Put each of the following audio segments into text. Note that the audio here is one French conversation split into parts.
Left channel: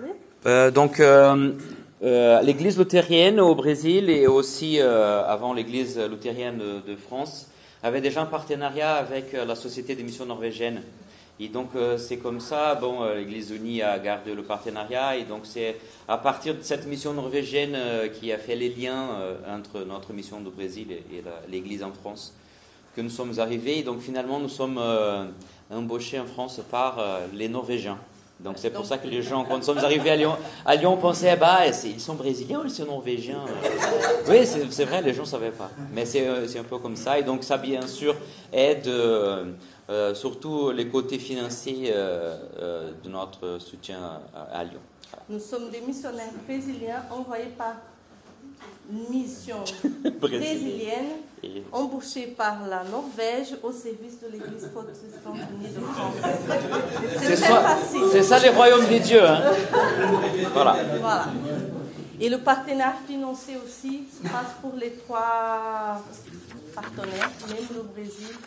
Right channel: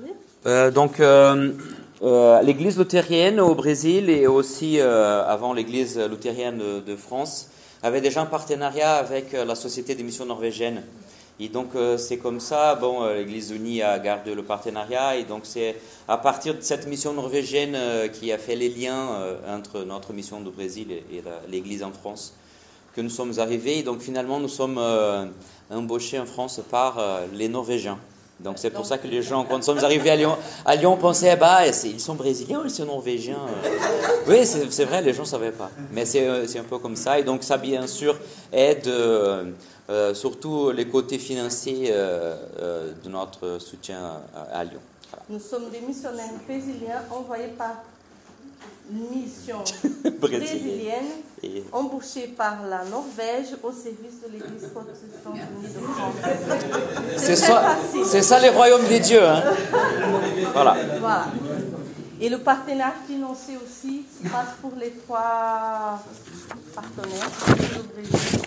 parler? L'église luthérienne au Brésil et aussi avant l'église luthérienne de France avait déjà un partenariat avec la Société des missions norvégiennes. Et donc c'est comme ça, l'Église unie a gardé le partenariat et donc c'est à partir de cette mission norvégienne qui a fait les liens entre notre mission du Brésil et l'Église en France que nous sommes arrivés. Et donc finalement nous sommes embauchés en France par les Norvégiens. Donc c'est pour ça que les gens, quand nous sommes arrivés à Lyon pensaient, ils sont brésiliens ou ils sont norvégiens? Oui, c'est vrai, les gens ne savaient pas. Mais c'est un peu comme ça. Et donc ça, bien sûr, aide surtout les côtés financiers de notre soutien à Lyon. Voilà. Nous sommes des missionnaires brésiliens envoyés par une mission brésilienne embauchée par la Norvège au service de l'Église protestante unie de France. C'est ça les royaumes des dieux. Hein. Voilà. Et le partenaire financier aussi se passe pour les 3 partenaires, le Brésil.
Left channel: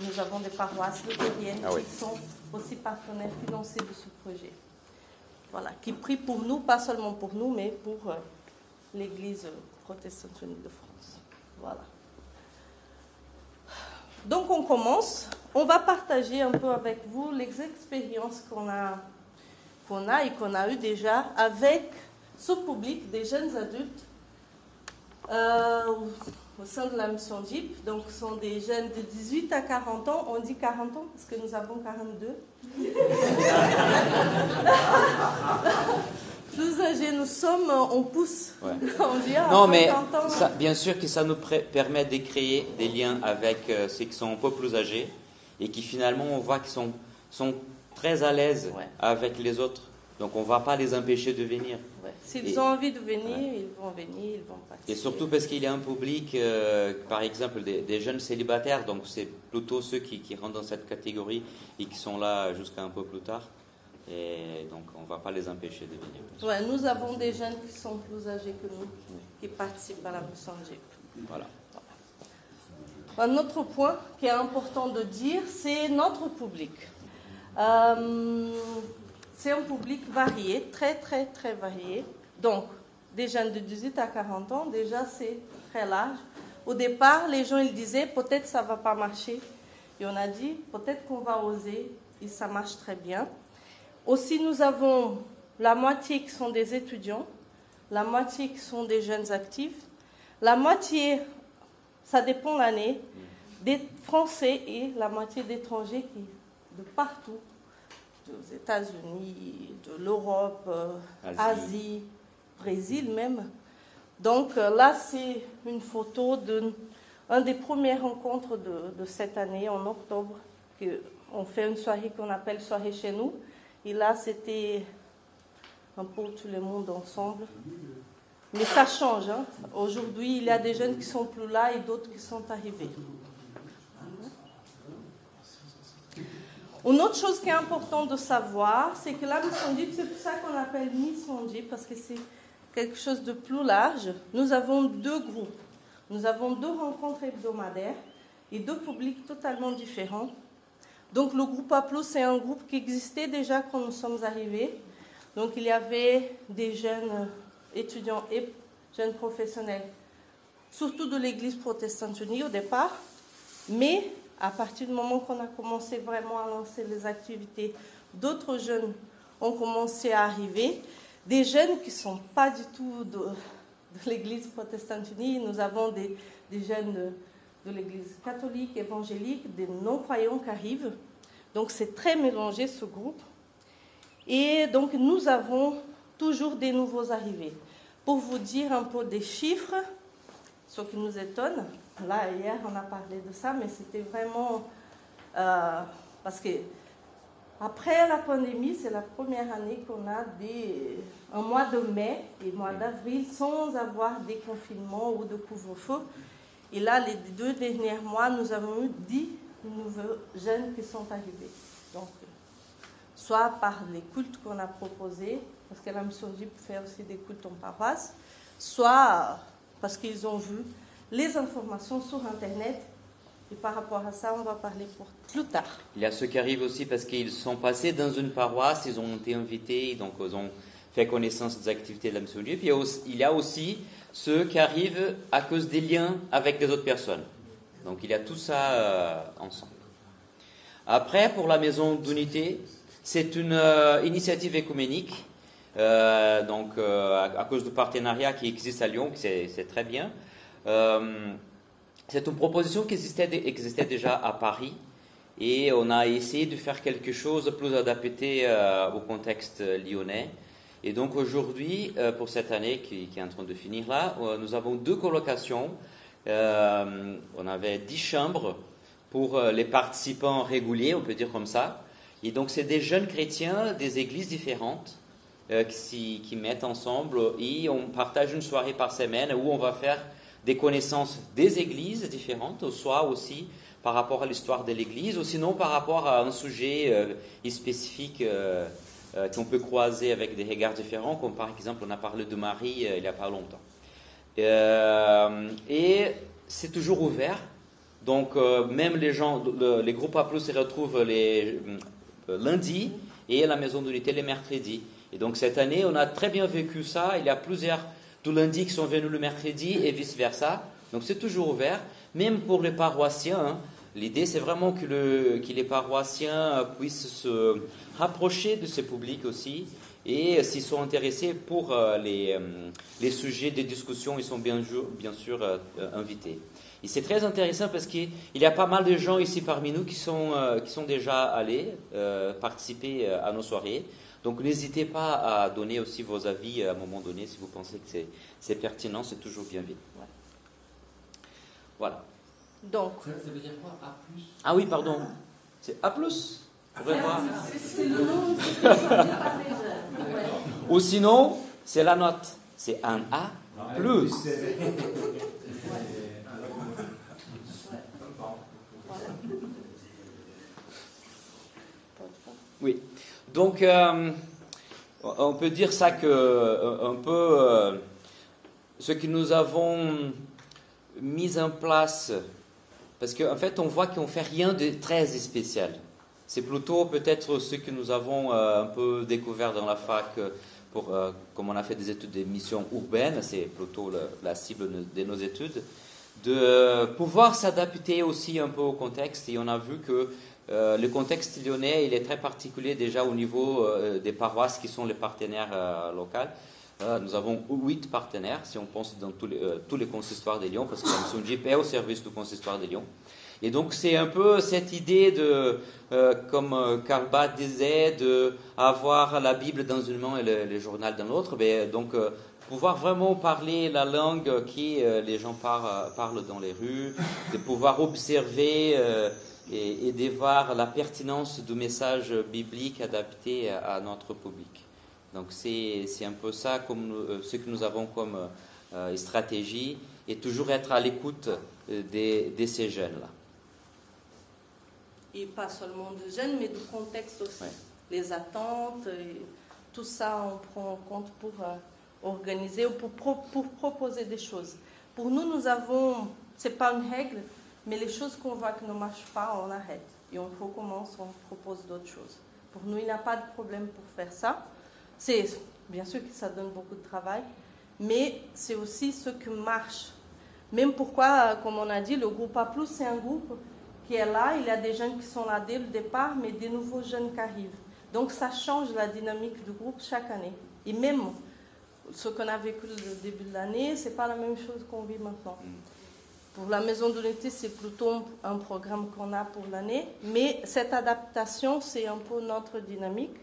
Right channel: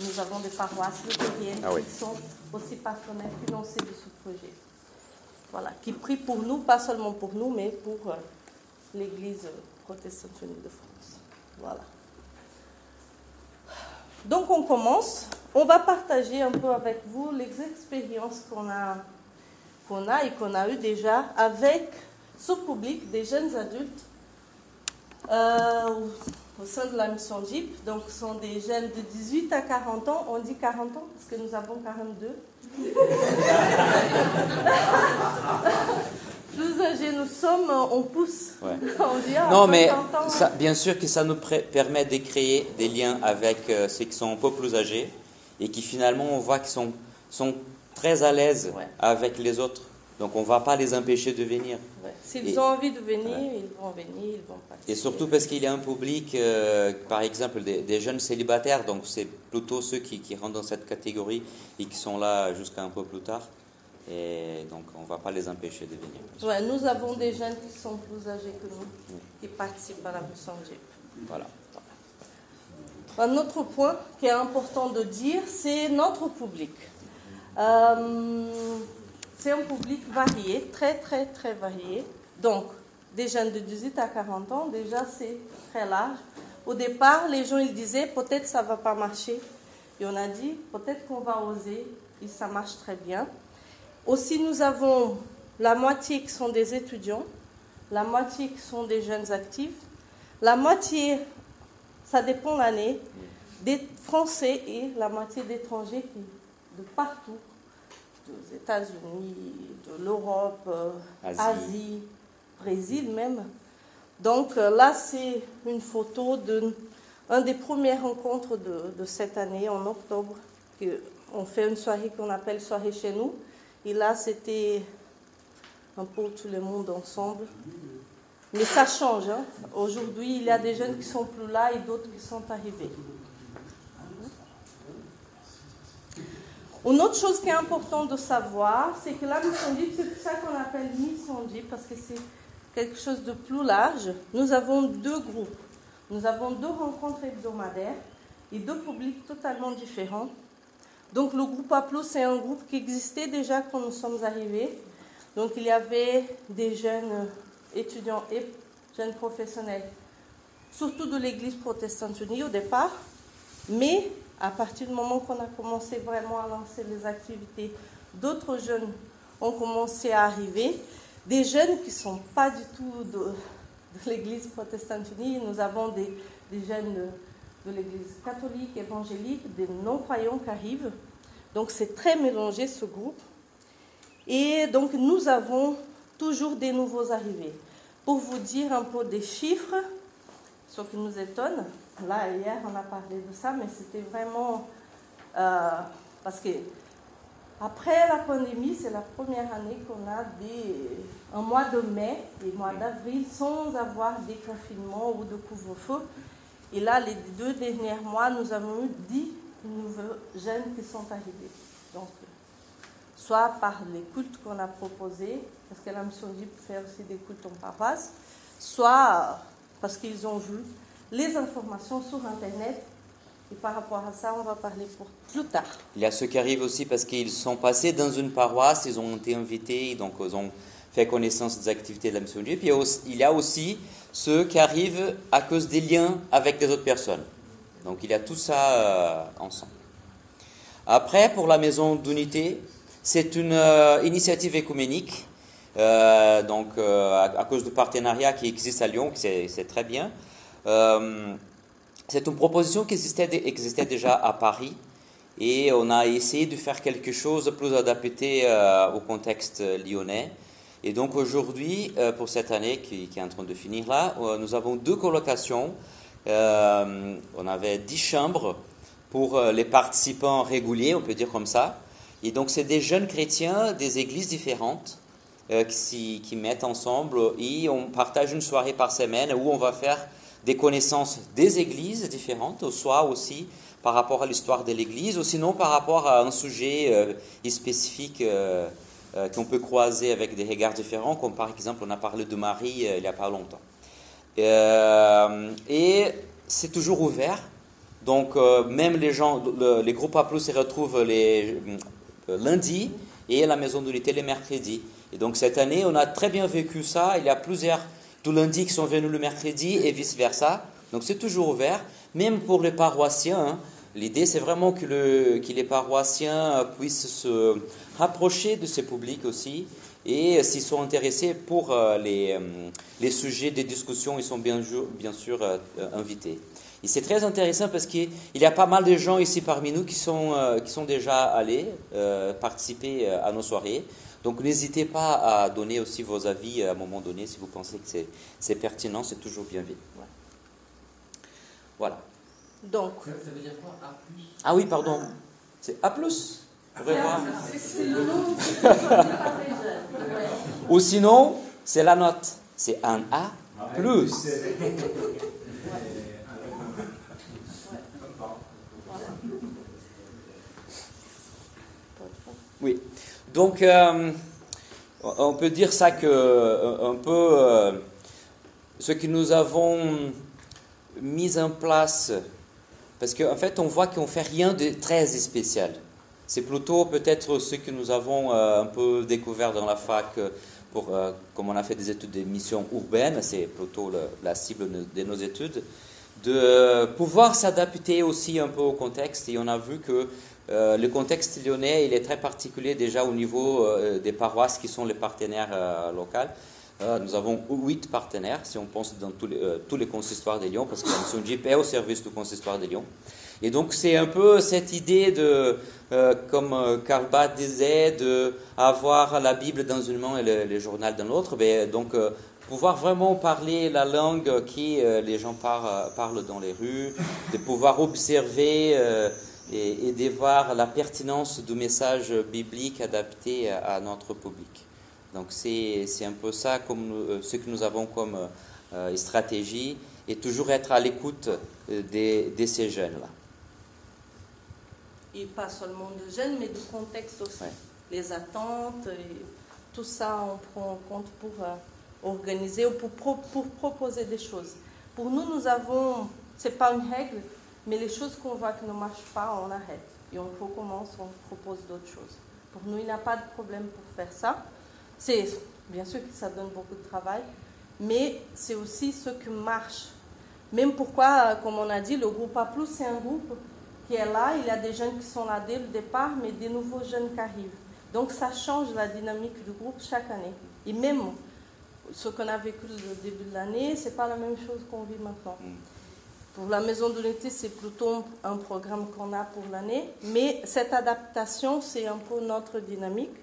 Nous avons des paroisses luthériennes qui sont aussi partenaires financiers de ce projet. Voilà, qui prient pour nous, pas seulement pour nous, mais pour l'Église protestante unie de France. Voilà. Donc on commence. On va partager un peu avec vous les expériences qu'on a eues déjà avec ce public des jeunes adultes au sein de la mission JIP. Donc ce sont des jeunes de 18 à 40 ans. On dit 40 ans parce que nous avons 42. Plus âgés nous sommes, on pousse. Ouais. Non, mais ça, bien sûr que ça nous permet de créer des liens avec ceux qui sont un peu plus âgés et qui finalement on voit qu'ils sont très à l'aise avec les autres. Donc on ne va pas les empêcher de venir. Ouais. S'ils ont envie de venir, ils vont venir, ils vont participer. Et surtout parce qu'il y a un public, par exemple, des jeunes célibataires, donc c'est plutôt ceux qui rentrent dans cette catégorie et qui sont là jusqu'à un peu plus tard. Et donc on ne va pas les empêcher de venir. Ouais, nous avons des jeunes qui sont plus âgés que nous, qui participent à la mission JIP. Voilà. Un autre point qui est important de dire, c'est notre public. C'est un public varié, très très très varié. Donc, des jeunes de 18 à 40 ans, déjà c'est très large. Au départ, les gens ils disaient peut-être ça ne va pas marcher. Et on a dit peut-être qu'on va oser, et ça marche très bien. Aussi, nous avons la moitié qui sont des étudiants, la moitié qui sont des jeunes actifs, la moitié, ça dépend l'année, des Français et la moitié d'étrangers de partout, des États-Unis, de l'Europe, Asie, Brésil même. Donc là, c'est une photo d'un des premières rencontres de cette année, en octobre, on fait une soirée qu'on appelle soirée chez nous. Et là, c'était un peu tout le monde ensemble. Mais ça change. Hein. Aujourd'hui, il y a des jeunes qui sont plus là et d'autres qui sont arrivés. Une autre chose qui est importante de savoir, c'est que la mission JIP, c'est pour ça qu'on appelle mission JIP, parce que c'est quelque chose de plus large. Nous avons 2 groupes. Nous avons 2 rencontres hebdomadaires et 2 publics totalement différents. Donc le groupe A+, c'est un groupe qui existait déjà quand nous sommes arrivés. Donc il y avait des jeunes étudiants et jeunes professionnels, surtout de l'Église protestante unie au départ. Mais à partir du moment qu'on a commencé vraiment à lancer les activités, d'autres jeunes ont commencé à arriver. Des jeunes qui ne sont pas du tout de l'Église protestante unie. Nous avons des jeunes de l'Église catholique, évangélique, des non-croyants qui arrivent. Donc c'est très mélangé ce groupe. Et donc nous avons toujours des nouveaux arrivés. Pour vous dire un peu des chiffres, ce qui nous étonne, là hier on a parlé de ça, mais c'était vraiment parce que après la pandémie, c'est la première année qu'on a un mois de mai et mois d'avril sans avoir des confinements ou de couvre-feu. Et là, les 2 derniers mois, nous avons eu 10 nouveaux jeunes qui sont arrivés. Donc, soit par les cultes qu'on a proposés, parce que la mission JIP fait aussi des cultes en paroisse, soit parce qu'ils ont vu les informations sur Internet Et par rapport à ça, on va parler pour plus tard. Il y a ceux qui arrivent aussi parce qu'ils sont passés dans une paroisse, ils ont été invités, donc ils ont fait connaissance des activités de la mission de Dieu. Puis il y a aussi ceux qui arrivent à cause des liens avec les autres personnes. Donc il y a tout ça ensemble. Après, pour la maison d'unité, c'est une initiative écuménique, à cause du partenariat qui existe à Lyon, c'est très bien. C'est une proposition qui existait déjà à Paris et on a essayé de faire quelque chose de plus adapté au contexte lyonnais. Et donc aujourd'hui, pour cette année qui est en train de finir là, nous avons 2 colocations. On avait 10 chambres pour les participants réguliers, on peut dire comme ça. Et donc c'est des jeunes chrétiens des églises différentes qui mettent ensemble et on partage une soirée par semaine où on va faire des connaissances des églises différentes, soit aussi par rapport à l'histoire de l'église, ou sinon par rapport à un sujet spécifique qu'on peut croiser avec des regards différents, comme par exemple on a parlé de Marie il n'y a pas longtemps. Et c'est toujours ouvert, donc même les groupes A+, se retrouvent les lundis et la maison d'unité les mercredis. Et donc cette année, on a très bien vécu ça, il y a plusieurs du lundi qui sont venus le mercredi et vice-versa. Donc c'est toujours ouvert, même pour les paroissiens. Hein. L'idée, c'est vraiment que les paroissiens puissent se rapprocher de ce public aussi. Et s'ils sont intéressés pour les sujets des discussions, ils sont bien sûr invités. Et c'est très intéressant parce qu'il y a pas mal de gens ici parmi nous qui sont déjà allés participer à nos soirées. Donc n'hésitez pas à donner aussi vos avis à un moment donné si vous pensez que c'est pertinent, c'est toujours bienvenu. Ouais. Voilà. Donc. Ça veut dire quoi, A+? Ah oui, pardon. C'est A+. On va voir. C'est le nom Ou sinon, c'est la note. C'est un A+. Oui. Donc, on peut dire ça que un peu ce que nous avons mis en place, parce qu'en fait, on voit qu'on ne fait rien de très spécial. C'est plutôt peut-être ce que nous avons un peu découvert dans la fac, comme on a fait des études de missions urbaines, c'est plutôt la cible de nos études, de pouvoir s'adapter aussi un peu au contexte. Et on a vu que le contexte lyonnais, il est très particulier déjà au niveau des paroisses qui sont les partenaires locaux. Nous avons 8 partenaires, si on pense dans tous les consistoires de Lyon, parce que la mission JP est au service du consistoire de Lyon. Et donc c'est un peu cette idée comme Karl Barth disait, d'avoir la Bible dans une main et le journal dans l'autre. Donc pouvoir vraiment parler la langue que les gens parlent dans les rues, de pouvoir observer et de voir la pertinence du message biblique adapté à notre public. Donc c'est un peu ça ce que nous avons comme stratégie, et toujours être à l'écoute de ces jeunes-là. Et pas seulement de jeunes, mais du contexte aussi. Ouais. Les attentes, tout ça on prend en compte pour organiser ou pour proposer des choses. Pour nous, c'est pas une règle, mais les choses qu'on voit qui ne marchent pas, on arrête. Et on recommence, on propose d'autres choses. Pour nous, il n'y a pas de problème pour faire ça. C'est bien sûr que ça donne beaucoup de travail, mais c'est aussi ce qui marche. Même pourquoi, comme on a dit, le groupe A+, c'est un groupe qui est là. Il y a des jeunes qui sont là dès le départ, mais des nouveaux jeunes qui arrivent. Donc ça change la dynamique du groupe chaque année. Et même ce qu'on a vécu au début de l'année, ce n'est pas la même chose qu'on vit maintenant. Pour la maison de l'été, c'est plutôt un programme qu'on a pour l'année, mais cette adaptation, c'est un peu notre dynamique.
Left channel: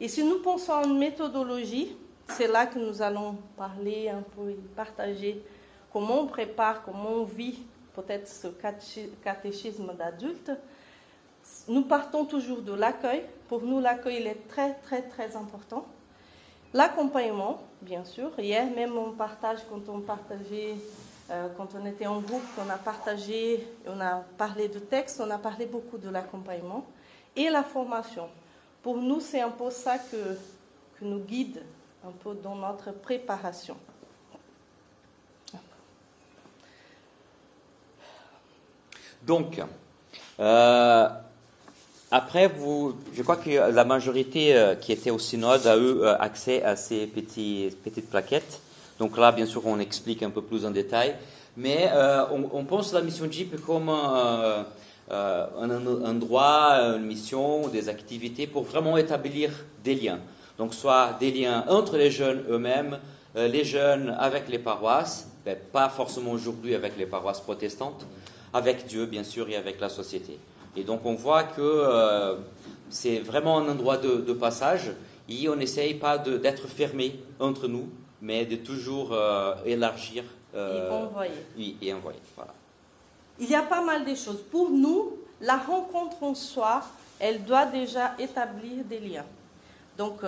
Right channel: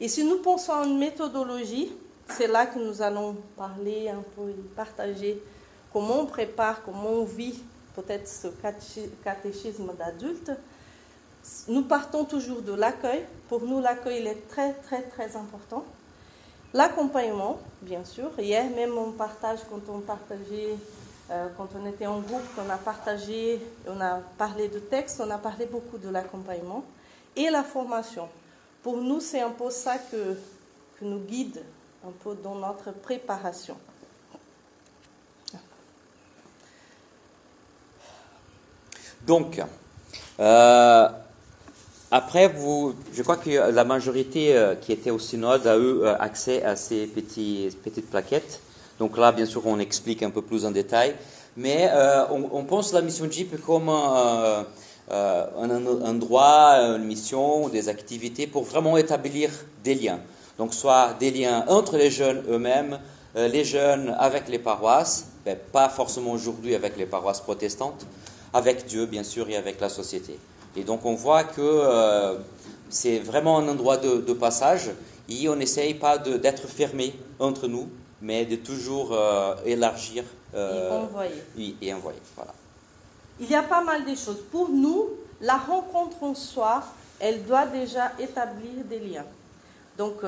Et si nous pensons à une méthodologie, c'est là que nous allons parler un peu, partager comment on prépare, comment on vit peut-être ce catéchisme d'adulte. Nous partons toujours de l'accueil. Pour nous, l'accueil il est très, très, très important. L'accompagnement, bien sûr. Hier même, on partage, quand on était en groupe, on a parlé de texte, on a parlé beaucoup de l'accompagnement. Et la formation. Pour nous, c'est un peu ça que nous guide un peu dans notre préparation. Donc, après, je crois que la majorité qui était au synode a eu accès à ces petites plaquettes. Donc là, bien sûr, on explique un peu plus en détail. Mais on pense la mission JIP comme un endroit, une mission, des activités pour vraiment établir des liens. Donc soit des liens entre les jeunes eux-mêmes, les jeunes avec les paroisses, mais pas forcément aujourd'hui avec les paroisses protestantes, avec Dieu bien sûr et avec la société. Et donc on voit que c'est vraiment un endroit de passage et on n'essaye pas d'être fermé entre nous, mais de toujours élargir. Et envoyer. Oui, et envoyer, voilà. Il y a pas mal de choses. Pour nous, la rencontre en soi, elle doit déjà établir des liens. Donc,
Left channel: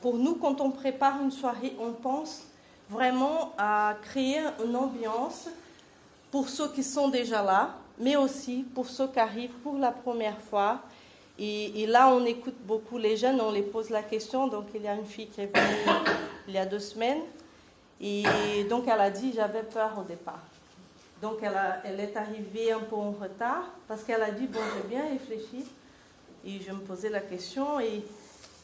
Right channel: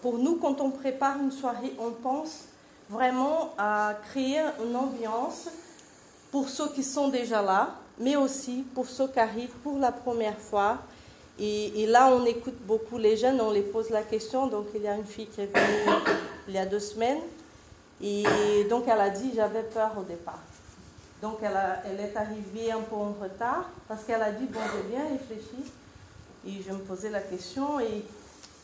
pour nous, quand on prépare une soirée, on pense vraiment à créer une ambiance pour ceux qui sont déjà là, mais aussi pour ceux qui arrivent pour la première fois. Et là, on écoute beaucoup les jeunes, on les pose la question. Donc, il y a une fille qui est venue il y a 2 semaines. Et donc, elle a dit, j'avais peur au départ. Donc, elle est arrivée un peu en retard parce qu'elle a dit, bon, j'ai bien réfléchi. Et je me posais la question et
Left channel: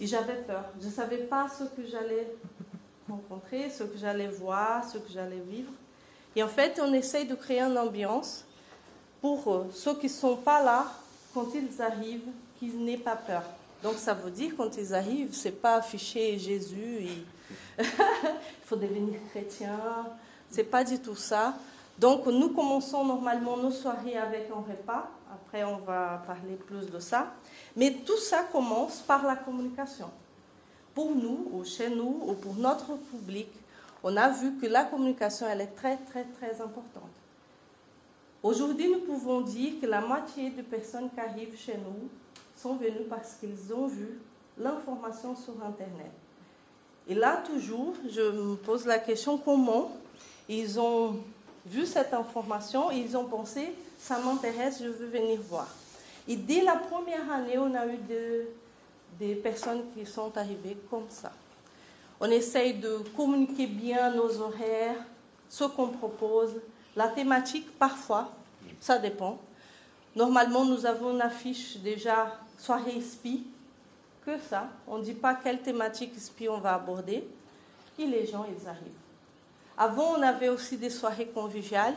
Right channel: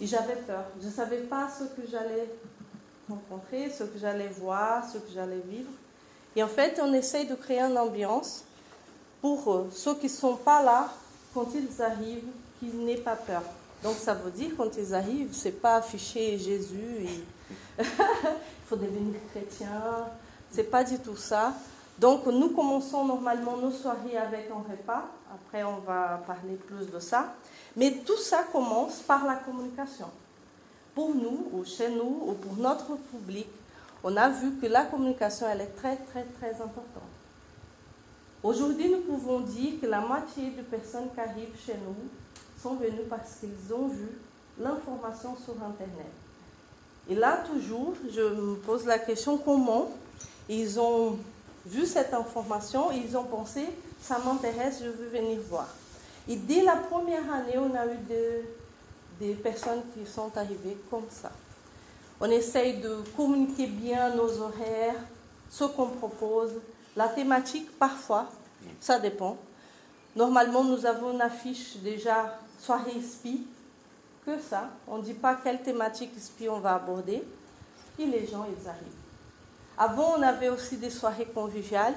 j'avais peur. Je ne savais pas ce que j'allais rencontrer, ce que j'allais voir, ce que j'allais vivre. Et en fait, on essaye de créer une ambiance pour ceux qui ne sont pas là, quand ils arrivent, qu'ils n'aient pas peur. Donc, ça veut dire, quand ils arrivent, ce n'est pas afficher Jésus et il faut devenir chrétien. Ce n'est pas du tout ça. Donc, nous commençons normalement nos soirées avec un repas. Après, on va parler plus de ça. Mais tout ça commence par la communication. Pour nous, ou chez nous, ou pour notre public, on a vu que la communication, elle est très, très, très importante. Aujourd'hui, nous pouvons dire que la moitié des personnes qui arrivent chez nous sont venues parce qu'ils ont vu l'information sur Internet. Et là, toujours, je me pose la question, comment ils ont vu cette information, ils ont pensé, ça m'intéresse, je veux venir voir. Et dès la première année, on a eu des personnes qui sont arrivées comme ça. On essaye de communiquer bien nos horaires, ce qu'on propose, la thématique parfois, ça dépend. Normalement, nous avons une affiche déjà soirée SPI, que ça. On ne dit pas quelle thématique SPI on va aborder. Et les gens, ils arrivent. Avant, on avait aussi des soirées conviviales,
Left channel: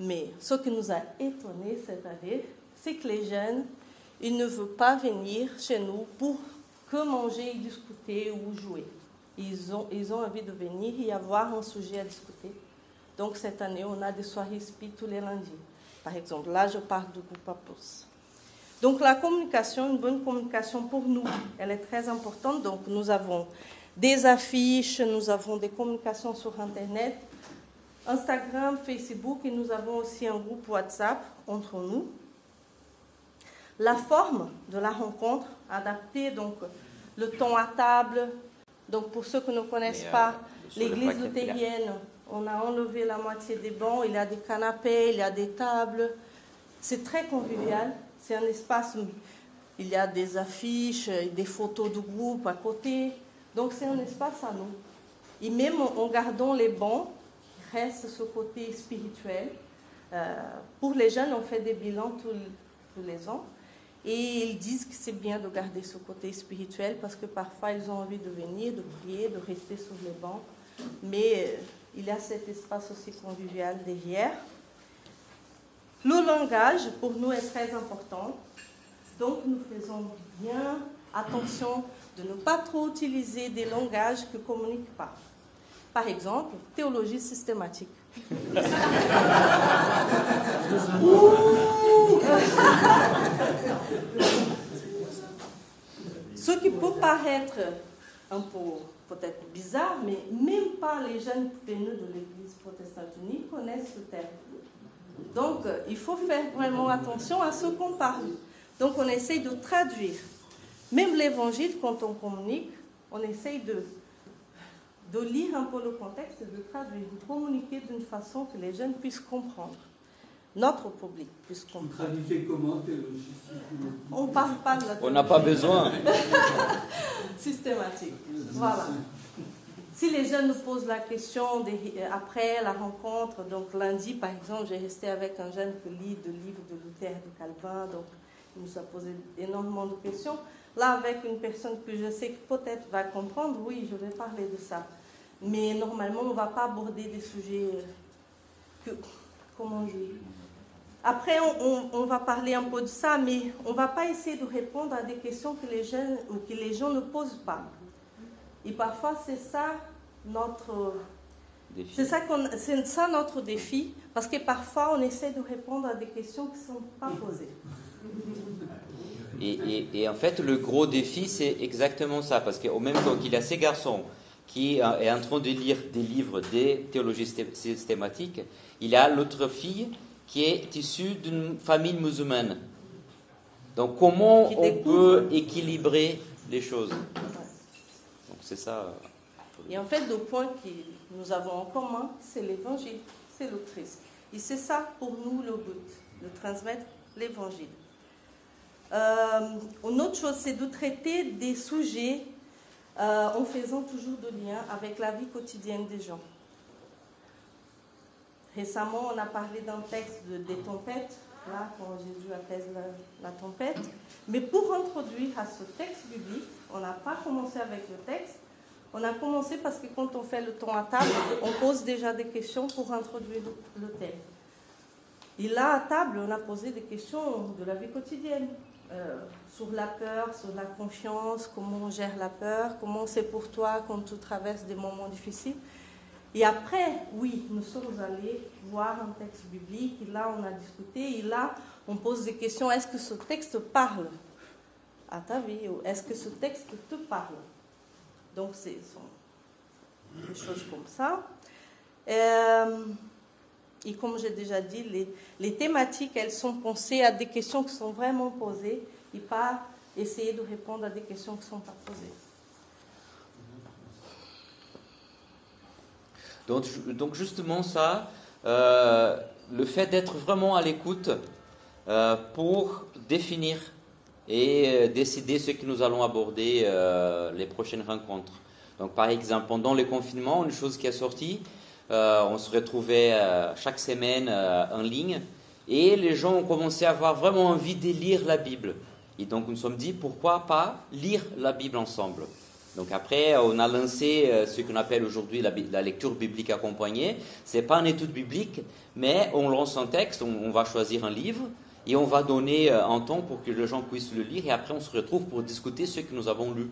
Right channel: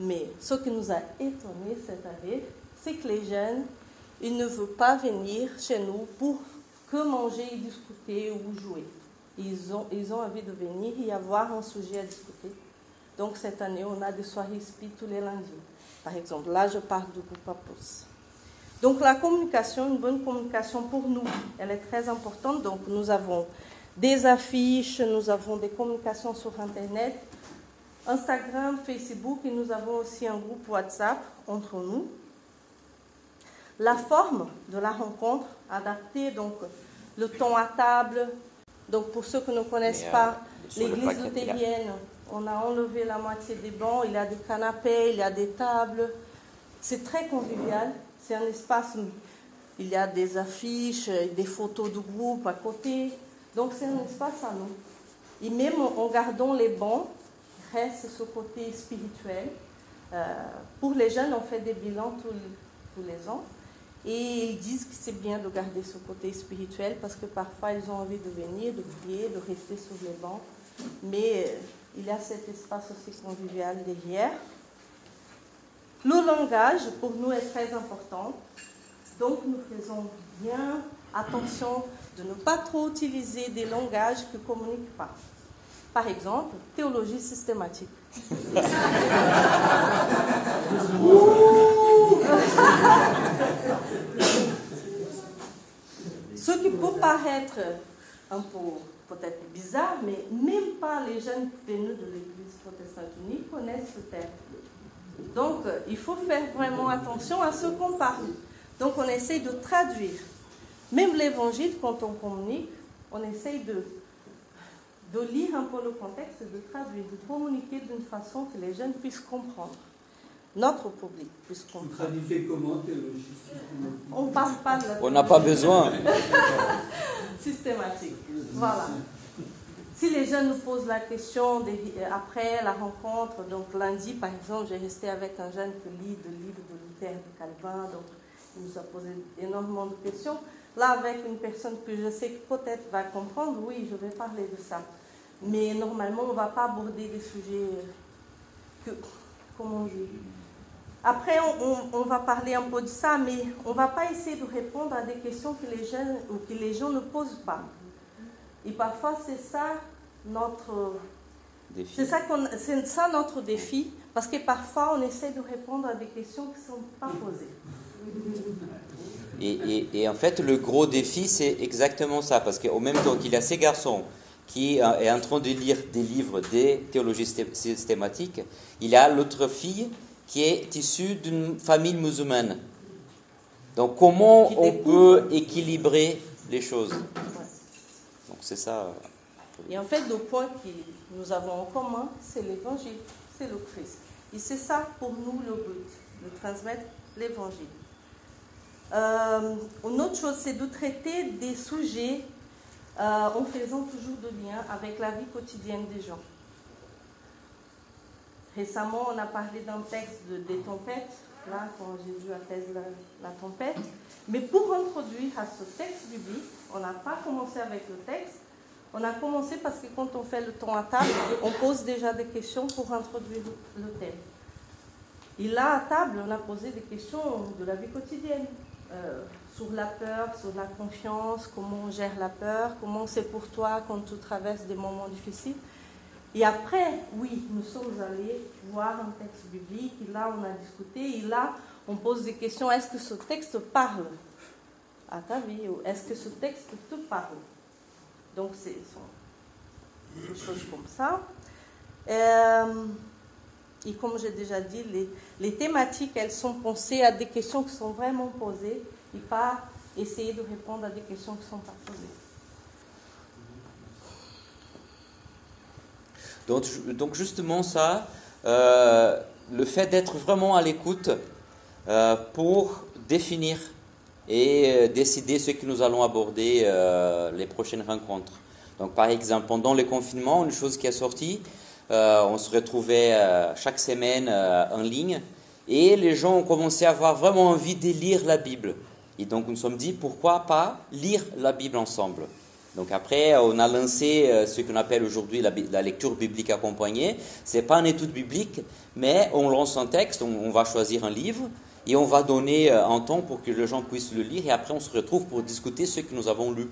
mais ce qui nous a étonnés cette année, c'est que les jeunes, ils ne veulent pas venir chez nous pour que manger et discuter ou jouer. Ils ont envie de venir et avoir un sujet à discuter. Donc cette année, on a des soirées SPI tous les lundis. Par exemple, là, je parle du groupe Apos. Donc la communication, une bonne communication pour nous, elle est très importante. Donc nous avons des affiches, nous avons des communications sur Internet, Instagram, Facebook, et nous avons aussi un groupe WhatsApp entre nous. La forme de la rencontre adaptée, donc le temps à table. Donc pour ceux qui ne connaissent pas l'église luthérienne, on a enlevé la moitié des bancs, il y a des canapés, il y a des tables. C'est très convivial, c'est un espace où il y a des affiches, des photos de groupe à côté. Donc c'est un espace à nous. Et même en gardant les bancs, il reste ce côté spirituel. Pour les jeunes, on fait des bilans tous les ans. Et ils disent que c'est bien de garder ce côté spirituel parce que parfois ils ont envie de venir, de prier, de rester sur les bancs. Mais il y a cet espace aussi convivial derrière. Le langage, pour nous, est très important. Donc nous faisons bien attention de ne pas trop utiliser des langages qui ne communiquent pas. Par exemple, théologie systématique. Ce qui peut paraître un peu peut-être bizarre, mais même pas les jeunes venus de l'Église protestante unie connaissent ce terme. Donc, il faut faire vraiment attention à ce qu'on parle. Donc, on essaye de traduire. Même l'Évangile, quand on communique, on essaye de lire un peu le contexte, de traduire, de communiquer d'une façon que les jeunes puissent comprendre. Notre public puisse comprendre. Vous traduisez comment théologie? On ne parle pas de la On n'a pas besoin. systématique. Voilà. Si les jeunes nous posent la question après la rencontre, donc lundi par exemple, j'ai resté avec un jeune qui lit le livre de Luther de Calvin, donc il nous a posé énormément de questions. Là, avec une personne que je sais que peut-être va comprendre, oui, je vais parler de ça. Mais normalement, on ne va pas aborder des sujets comment dire. Après, on va parler un peu de ça, mais on ne va pas essayer de répondre à des questions que les jeunes ou que les gens ne posent pas. Et parfois, c'est ça notre défi. C'est ça notre défi, parce que parfois, on essaie de répondre à des questions qui ne sont pas posées. Et en fait, le gros défi, c'est exactement ça, parce qu'au même temps qu'il y a ces garçons qui est en train de lire des livres des théologies systématiques, il y a l'autre fille qui est issue d'une famille musulmane. Donc, comment on peut équilibrer les choses? Donc, c'est ça. Et en fait, le point que nous avons en commun, c'est l'évangile, c'est le Christ. Et c'est ça pour nous le but, de transmettre l'évangile. Une autre chose, c'est de traiter des sujets en faisant toujours de lien avec la vie quotidienne des gens. Récemment, on a parlé d'un texte des tempêtes, là, quand Jésus apaise la tempête. Mais pour introduire à ce texte biblique, on n'a pas commencé avec le texte, on a commencé parce que quand on fait le temps à table, on pose déjà des questions pour introduire le thème. Et là, à table, on a posé des questions de la vie quotidienne. Sur la peur, sur la confiance, comment on gère la peur, comment c'est pour toi quand tu traverses des moments difficiles. Et après, oui, nous sommes allés voir un texte biblique, et là on a discuté, et là on pose des questions, est-ce que ce texte parle à ta vie, ou est-ce que ce texte te parle? Donc c'est des choses comme ça. Et comme j'ai déjà dit, les thématiques, elles sont pensées à des questions qui sont vraiment posées et pas essayer de répondre à des questions qui ne sont pas posées. Donc justement ça, le fait d'être vraiment à l'écoute pour définir et décider ce que nous allons aborder les prochaines rencontres. Donc par exemple, pendant le confinement, une chose qui est sortie, on se retrouvait chaque semaine en ligne et les gens ont commencé à avoir vraiment envie de lire la Bible. Et donc nous nous sommes dit, pourquoi pas lire la Bible ensemble? Donc après, on a lancé ce qu'on appelle aujourd'hui la lecture biblique accompagnée. Ce n'est pas une étude biblique, mais on lance un texte, on va choisir un livre et on va donner un temps pour que les gens puissent le lire et après on se retrouve pour discuter ce que nous avons lu.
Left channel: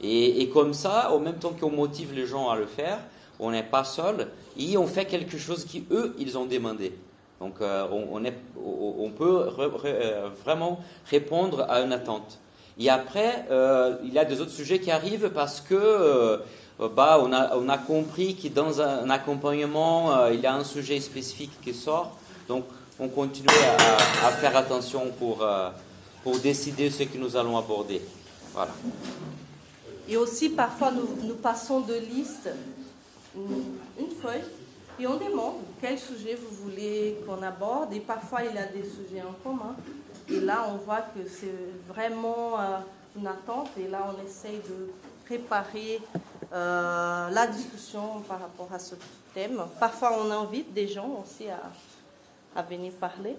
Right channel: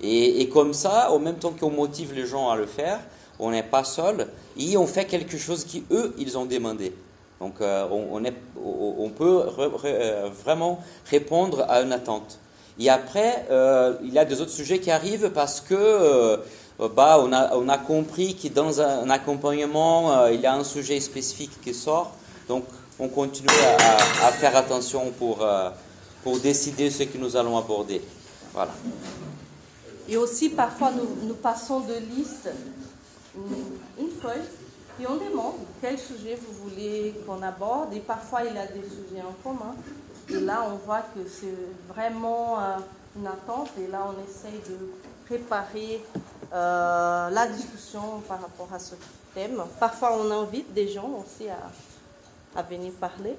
Et comme ça, en même temps qu'on motive les gens à le faire, on n'est pas seul et on fait quelque chose qu'eux, ils ont demandé. Donc on peut vraiment répondre à une attente. Et après, il y a des autres sujets qui arrivent parce que on a compris que dans un accompagnement, il y a un sujet spécifique qui sort. Donc on continue à faire attention pour décider ce que nous allons aborder. Voilà. Et aussi, parfois, nous passons de liste une feuille et on demande quel sujet vous voulez qu'on aborde. Et parfois, il y a des sujets en commun. Et là, on voit que c'est vraiment une attente. Et là, on essaye de préparer la discussion par rapport à ce thème. Parfois, on invite des gens aussi à venir parler.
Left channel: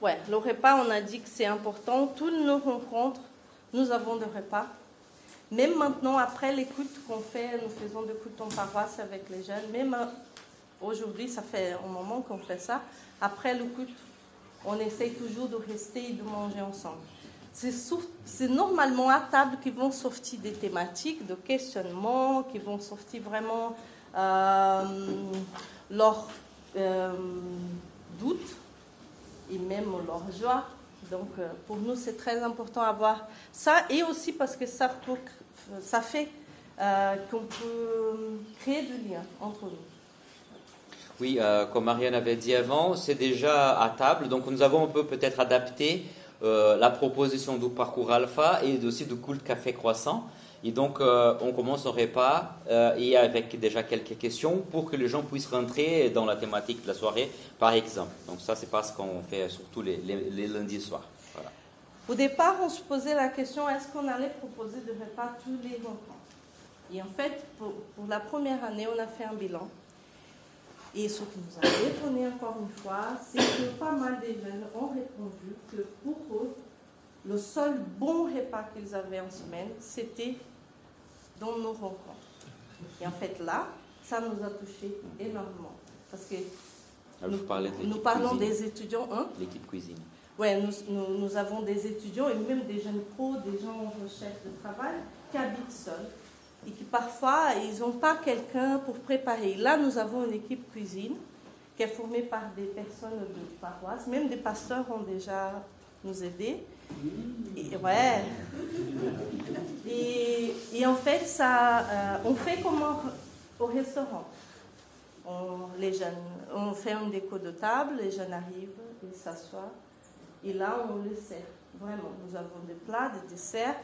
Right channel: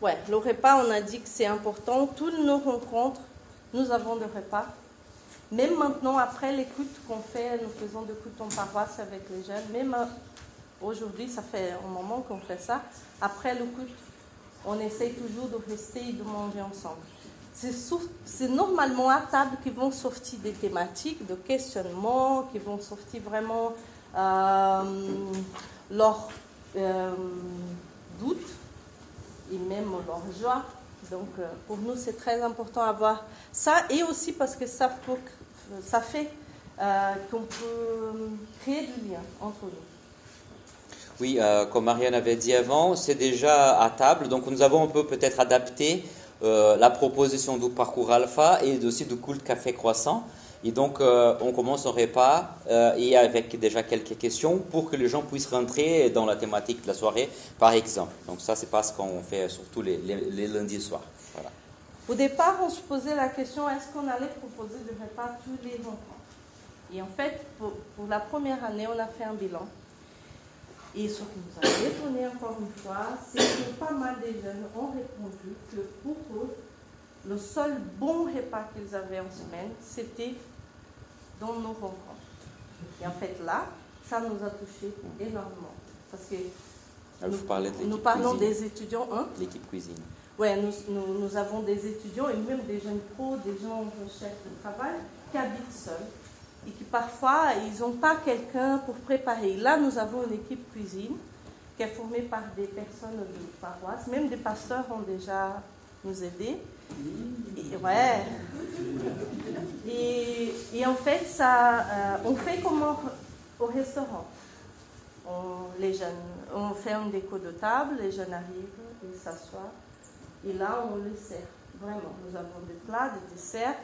Ouais, le repas, on a dit que c'est important. Toutes nos rencontres, nous avons des repas. Même maintenant, après les cultes qu'on fait, nous faisons des cultes en paroisse avec les jeunes. Même aujourd'hui, ça fait un moment qu'on fait ça. Après le culte, on essaie toujours de rester et de manger ensemble. C'est normalement à table qu'ils vont sortir des thématiques, de questionnements, qui vont sortir vraiment leurs doutes et même leur joie. Donc, pour nous, c'est très important d'avoir ça. Et aussi parce que ça fait qu'on peut créer du lien entre nous. Oui, comme Marianne avait dit avant, c'est déjà à table. Donc, nous avons un peu peut-être adapté la proposition du parcours alpha et aussi du culte café croissant. Et donc, on commence au repas et avec déjà quelques questions pour que les gens puissent rentrer dans la thématique de la soirée, par exemple. Donc, ça, c'est pas ce qu'on fait surtout les lundis soirs. Voilà. Au départ, on se posait la question, est-ce qu'on allait proposer des repas tous les enfants? Et en fait, pour la première année, on a fait un bilan. Et ce qui nous a étonné encore une fois, c'est que pas mal de jeunes ont répondu que pour eux, le seul bon repas qu'ils avaient en semaine, c'était dans nos rencontres. Et en fait, là, ça nous a touché énormément. Parce que nous parlons des étudiants. Hein? L'équipe cuisine. Oui, nous avons des étudiants et même des jeunes pros, des gens en recherche de travail qui habitent seuls et qui parfois, ils n'ont pas quelqu'un pour préparer. Là, nous avons une équipe cuisine qui est formée par des personnes de paroisse, même des pasteurs ont déjà nous aidé. Et en fait, ça, on fait comme au restaurant. Les jeunes, on fait un déco de table, les jeunes arrivent, ils s'assoient, et là, on les sert. Vraiment, nous avons des plats, des desserts.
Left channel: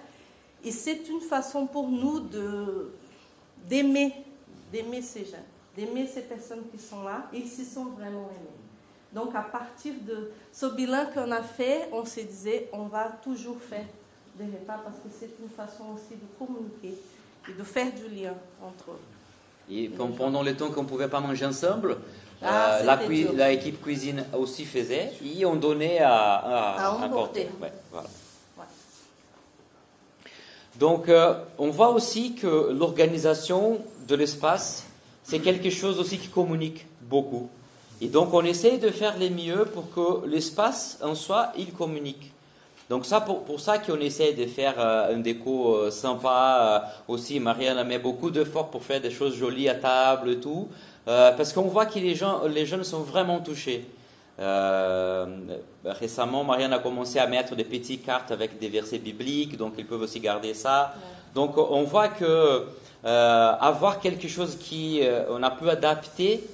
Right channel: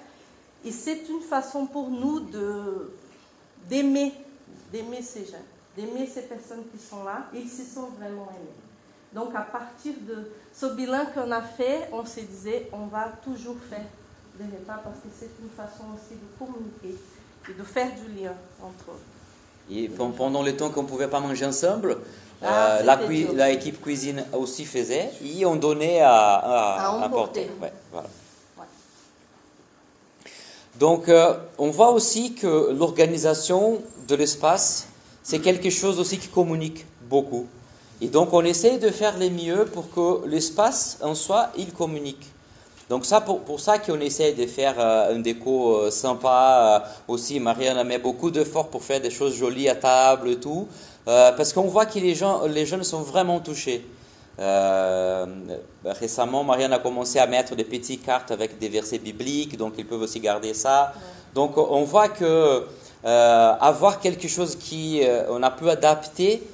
Et c'est une façon pour nous d'aimer ces jeunes, d'aimer ces personnes qui sont là. Ils s'y sont vraiment aimés. Donc, à partir de ce bilan qu'on a fait, on se disait, on va toujours faire des repas parce que c'est une façon aussi de communiquer et de faire du lien entre eux. Et pendant le temps qu'on ne pouvait pas manger ensemble, la équipe cuisine aussi faisait et on donnait à emporter. Ouais, voilà. Donc, on voit aussi que l'organisation de l'espace, c'est quelque chose aussi qui communique beaucoup. Et donc, on essaye de faire le mieux pour que l'espace en soi, il communique. Donc, ça, pour ça qu'on essaye de faire un déco sympa. Aussi, Marianne met beaucoup d'efforts pour faire des choses jolies à table et tout. Parce qu'on voit que les jeunes sont vraiment touchés. Récemment, Marianne a commencé à mettre des petites cartes avec des versets bibliques, donc ils peuvent aussi garder ça. Donc on voit que avoir quelque chose on a pu adapter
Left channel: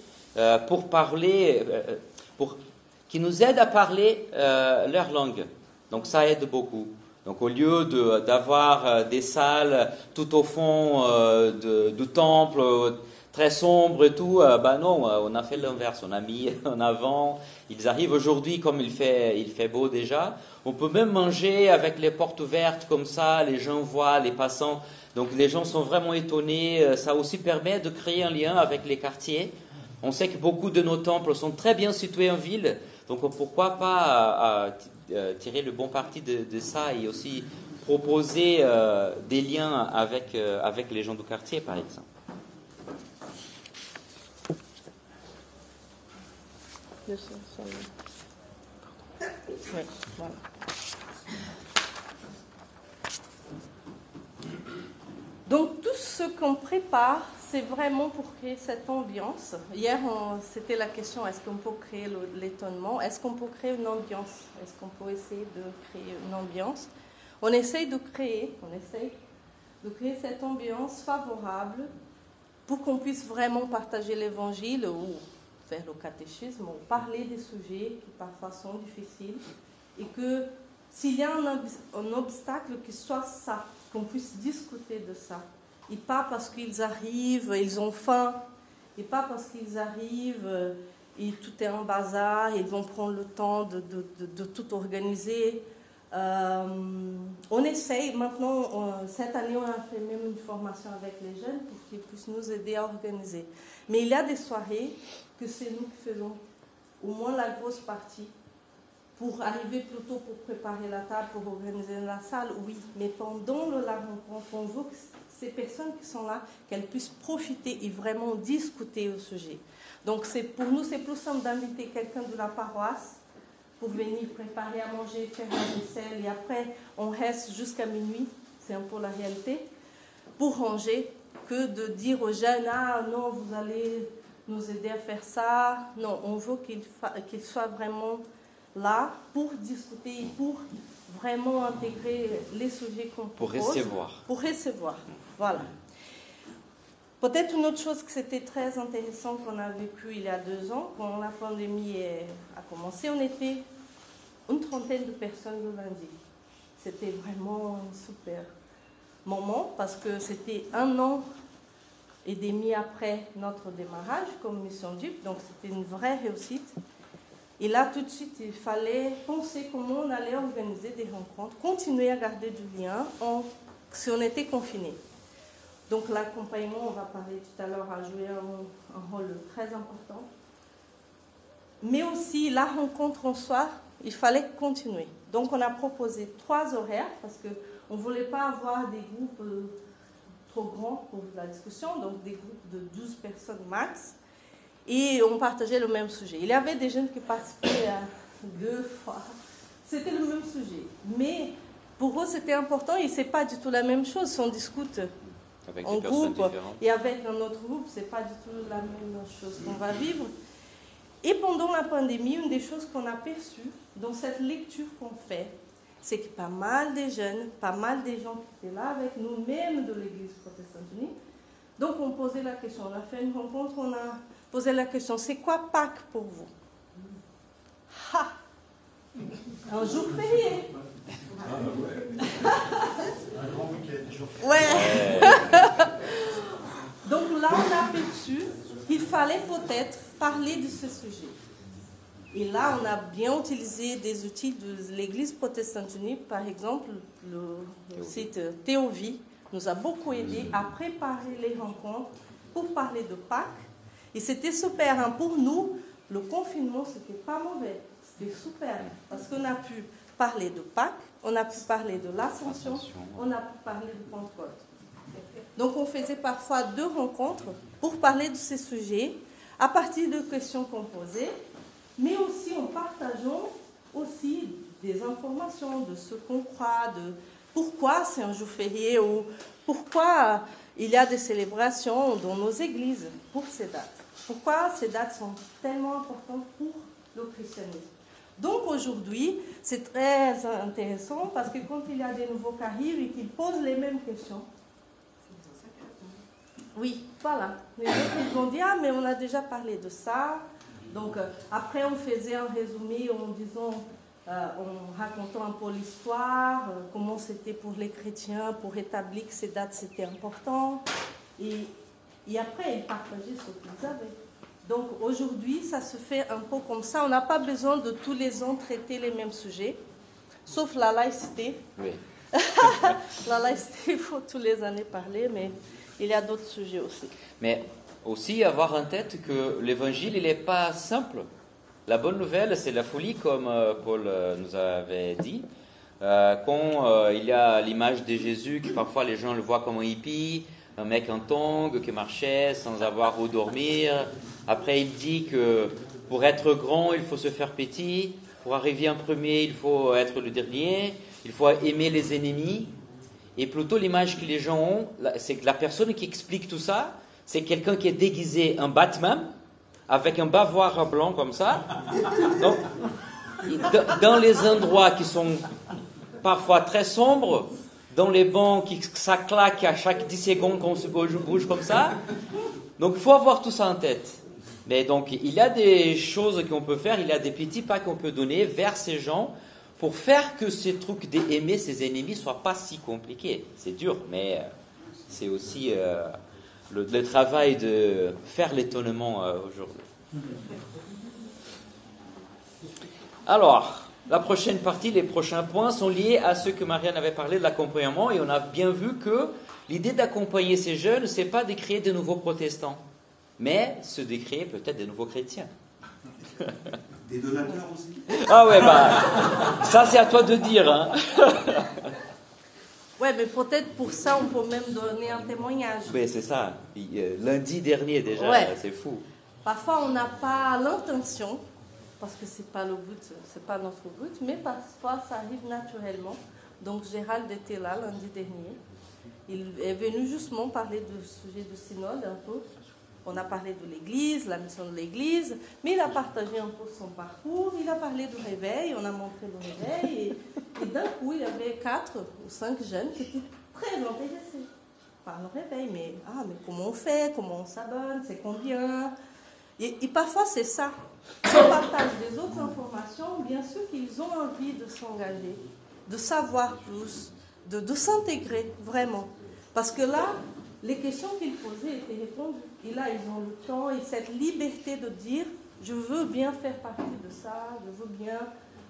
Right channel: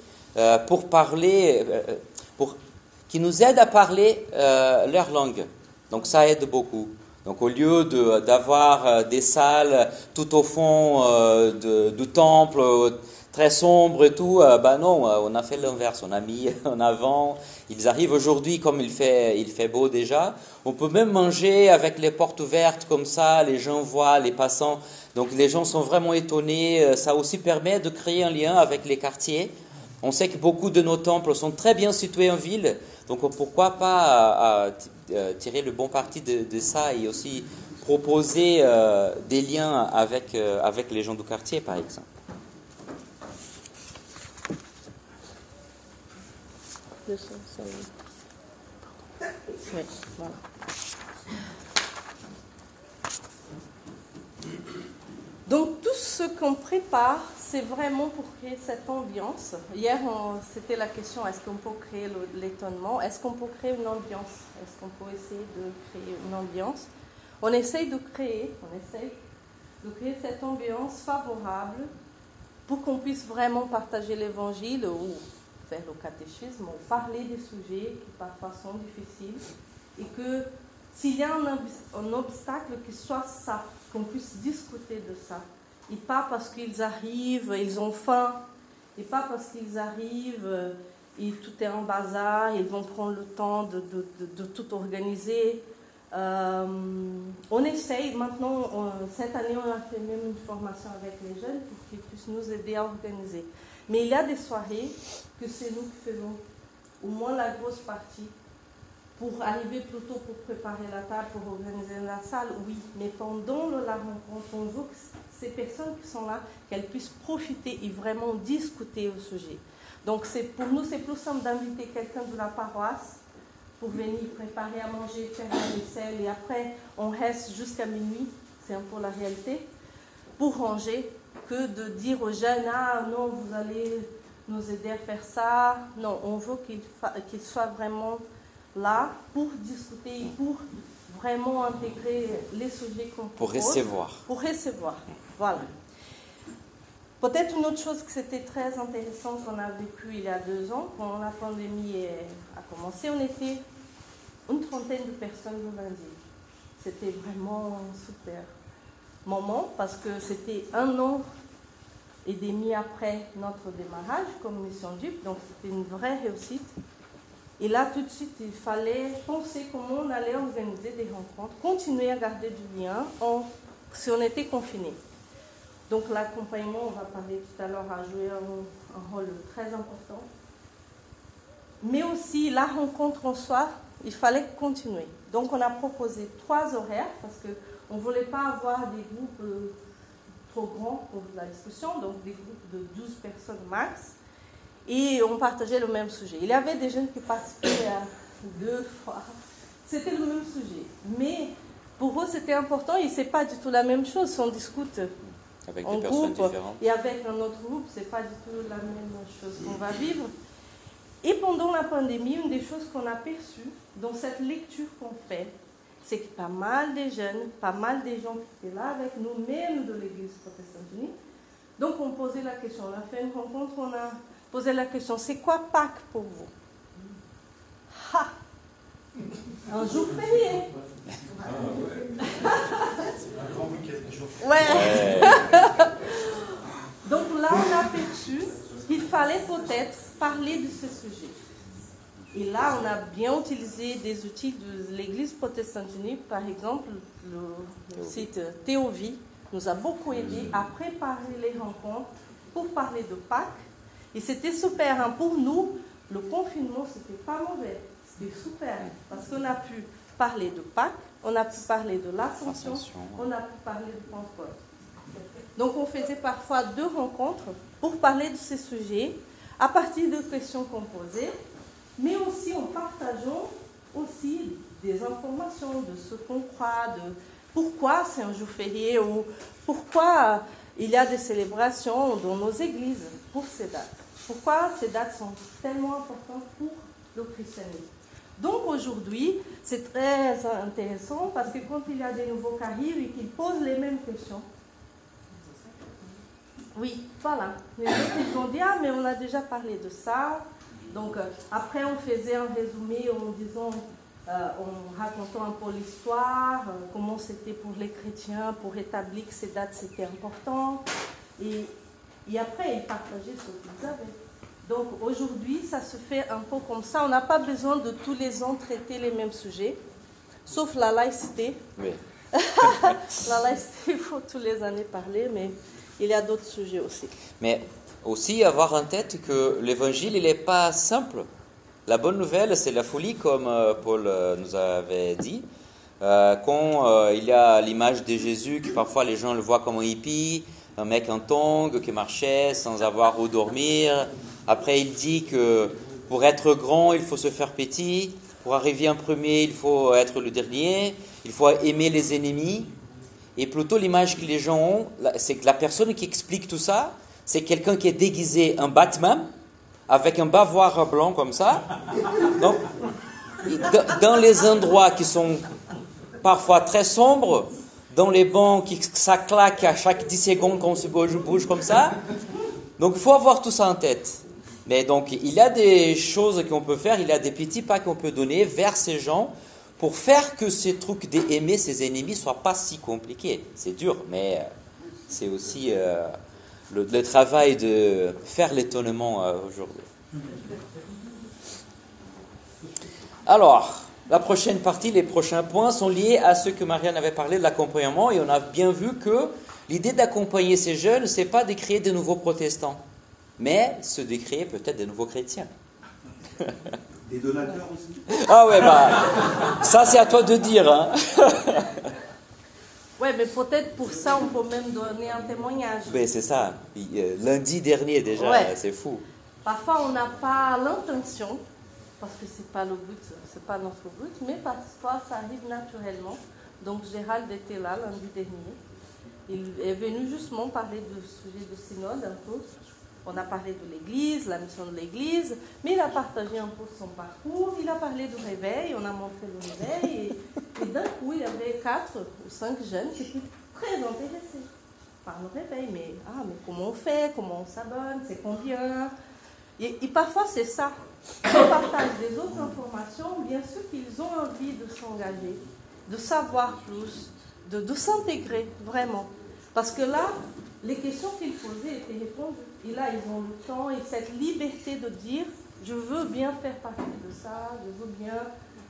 pour parler, qui nous aide à parler leur langue. Donc ça aide beaucoup. Donc au lieu d'avoir des salles tout au fond du temple, très sombre et tout, non, on a fait l'inverse, on a mis en avant. Ils arrivent aujourd'hui comme il fait beau déjà. On peut même manger avec les portes ouvertes comme ça, les gens voient, les passants. Donc les gens sont vraiment étonnés. Ça aussi permet de créer un lien avec les quartiers. On sait que beaucoup de nos temples sont très bien situés en ville. Donc pourquoi pas tirer le bon parti de ça et aussi proposer des liens avec les gens du quartier, par exemple. Oui, voilà. Donc tout ce qu'on prépare, c'est vraiment pour créer cette ambiance. Hier, c'était la question, est-ce qu'on peut créer l'étonnement? Est-ce qu'on peut créer une ambiance? Est-ce qu'on peut essayer de créer une ambiance? On essaye de créer cette ambiance favorable pour qu'on puisse vraiment partager l'évangile ou faire le catéchisme, ou parler des sujets qui parfois sont difficiles, et que s'il y a un obstacle, que soit ça, qu'on puisse discuter de ça, et pas parce qu'ils arrivent, ils ont faim, et pas parce qu'ils arrivent et tout est en bazar, ils vont prendre le temps de tout organiser. On essaye, maintenant, cette année on a fait même une formation avec les jeunes pour qu'ils puissent nous aider à organiser. Mais il y a des soirées que c'est nous qui faisons, au moins la grosse partie, pour arriver plus tôt pour préparer la table, pour organiser la salle, oui. Mais pendant la rencontre, on veut que ces personnes qui sont là, qu'elles puissent profiter et vraiment discuter au sujet. Donc pour nous, c'est plus simple d'inviter quelqu'un de la paroisse pour venir préparer à manger, faire la vaisselle, et après, on reste jusqu'à minuit, c'est un peu la réalité, pour ranger, que de dire aux jeunes, ah non, vous allez nous aider à faire ça. Non, on veut qu'ils soient vraiment là pour discuter, pour vraiment intégrer les sujets qu'on propose. Pour recevoir, voilà. Peut-être une autre chose que c'était très intéressant qu'on a vécu il y a 2 ans, quand la pandémie a commencé, on était une trentaine de personnes le lundi. C'était vraiment un super moment parce que c'était 1 an et demi après notre démarrage comme Mission DIP, donc c'était une vraie réussite. Et là, tout de suite, il fallait penser comment on allait organiser des rencontres, continuer à garder du lien si on était confiné. Donc l'accompagnement, on va parler tout à l'heure, a joué un rôle très important. Mais aussi la rencontre en soi, il fallait continuer. Donc on a proposé 3 horaires parce qu'on ne voulait pas avoir des groupes trop grands pour la discussion, donc des groupes de 12 personnes max. Et on partageait le même sujet. Il y avait des jeunes qui participaient 2 fois. C'était le même sujet. Mais pour eux, c'était important et ce n'est pas du tout la même chose. Si on discute avec en des personnes groupe différentes. et avec un autre groupe, ce n'est pas du tout la même chose qu'on va vivre. Et pendant la pandémie, une des choses qu'on a perçues dans cette lecture qu'on fait, c'est que pas mal de jeunes, pas mal de gens qui étaient là avec nous, même de l'Église protestante unie, donc on posait la question, on a fait une rencontre, on a posé la question, c'est quoi Pâques pour vous? Ha! Un jour férié. Un grand week-end. Ouais. Donc là, on a perçu qu'il fallait peut-être parler de ce sujet. Et là, on a bien utilisé des outils de l'Église protestante unie, par exemple, le site Théovie nous a beaucoup aidé à préparer les rencontres pour parler de Pâques. Et c'était super. Hein. Pour nous, le confinement, c'était pas mauvais. C'était super. Parce qu'on a pu parler de Pâques, on a pu parler de l'Ascension, on a pu parler de Pentecôte. Donc, on faisait parfois 2 rencontres pour parler de ces sujets à partir de questions qu'on posait, mais aussi en partageant aussi des informations de ce qu'on croit, de pourquoi c'est un jour férié ou pourquoi il y a des célébrations dans nos églises pour ces dates. Pourquoi ces dates sont tellement importantes pour le christianisme. Donc aujourd'hui, c'est très intéressant parce que quand il y a des nouveaux qui arrivent et qui posent les mêmes questions, oui, voilà. Les autres vont dire, ah, mais on a déjà parlé de ça. Donc, après, on faisait un résumé en disant, en racontant un peu l'histoire, comment c'était pour les chrétiens, pour établir que ces dates, c'était important. Et après, ils partageaient ce qu'ils avaient. Donc, aujourd'hui, ça se fait un peu comme ça. On n'a pas besoin de tous les ans traiter les mêmes sujets, sauf la laïcité. Oui. La laïcité, il faut tous les années parler, mais il y a d'autres sujets aussi. Mais aussi avoir en tête que l'évangile, il n'est pas simple. La bonne nouvelle, c'est la folie, comme Paul nous avait dit. Quand il y a l'image de Jésus, que parfois les gens le voient comme un hippie, un mec en tongs qui marchait sans avoir où dormir. Après, il dit que pour être grand, il faut se faire petit. Pour arriver en premier, il faut être le dernier. Il faut aimer les ennemis. Et plutôt, l'image que les gens ont, c'est que la personne qui explique tout ça, c'est quelqu'un qui est déguisé en Batman, avec un bavoir blanc comme ça. Donc, dans les endroits qui sont parfois très sombres, dans les bancs qui ça claque à chaque 10 secondes quand on se bouge comme ça. Donc, il faut avoir tout ça en tête. Mais donc, il y a des choses qu'on peut faire, il y a des petits pas qu'on peut donner vers ces gens pour faire que ces trucs d'aimer ses ennemis ne soient pas si compliqués. C'est dur, mais c'est aussi le travail de faire l'étonnement aujourd'hui. Alors, la prochaine partie, les prochains points sont liés à ce que Marianne avait parlé de l'accompagnement, et on a bien vu que l'idée d'accompagner ces jeunes, ce n'est pas de créer de nouveaux protestants, mais c'est de créer peut-être de nouveaux chrétiens. Des donateurs aussi. Ah ouais, ça c'est à toi de dire. Hein. Ouais, mais peut-être pour ça, on peut même donner un témoignage. Oui, c'est ça. Lundi dernier déjà, ouais. C'est fou. Parfois, on n'a pas l'intention, parce que c'est pas le but, c'est pas notre but, mais parfois, ça arrive naturellement. Donc, Gérald était là lundi dernier. Il est venu justement parler du sujet du synode un peu. On a parlé de l'Église, la mission de l'Église, mais il a partagé un peu son parcours, il a parlé du réveil, on a montré le réveil, et d'un coup, il y avait 4 ou 5 jeunes qui étaient très intéressés par le réveil. Mais comment on fait, comment on s'abonne, c'est combien? Et parfois, c'est ça. Si on partage des autres informations, bien sûr qu'ils ont envie de s'engager, de savoir plus, de s'intégrer vraiment. Parce que là, les questions qu'ils posaient étaient répondues. Et là, ils ont le temps et cette liberté de dire « je veux bien faire partie de ça, je veux bien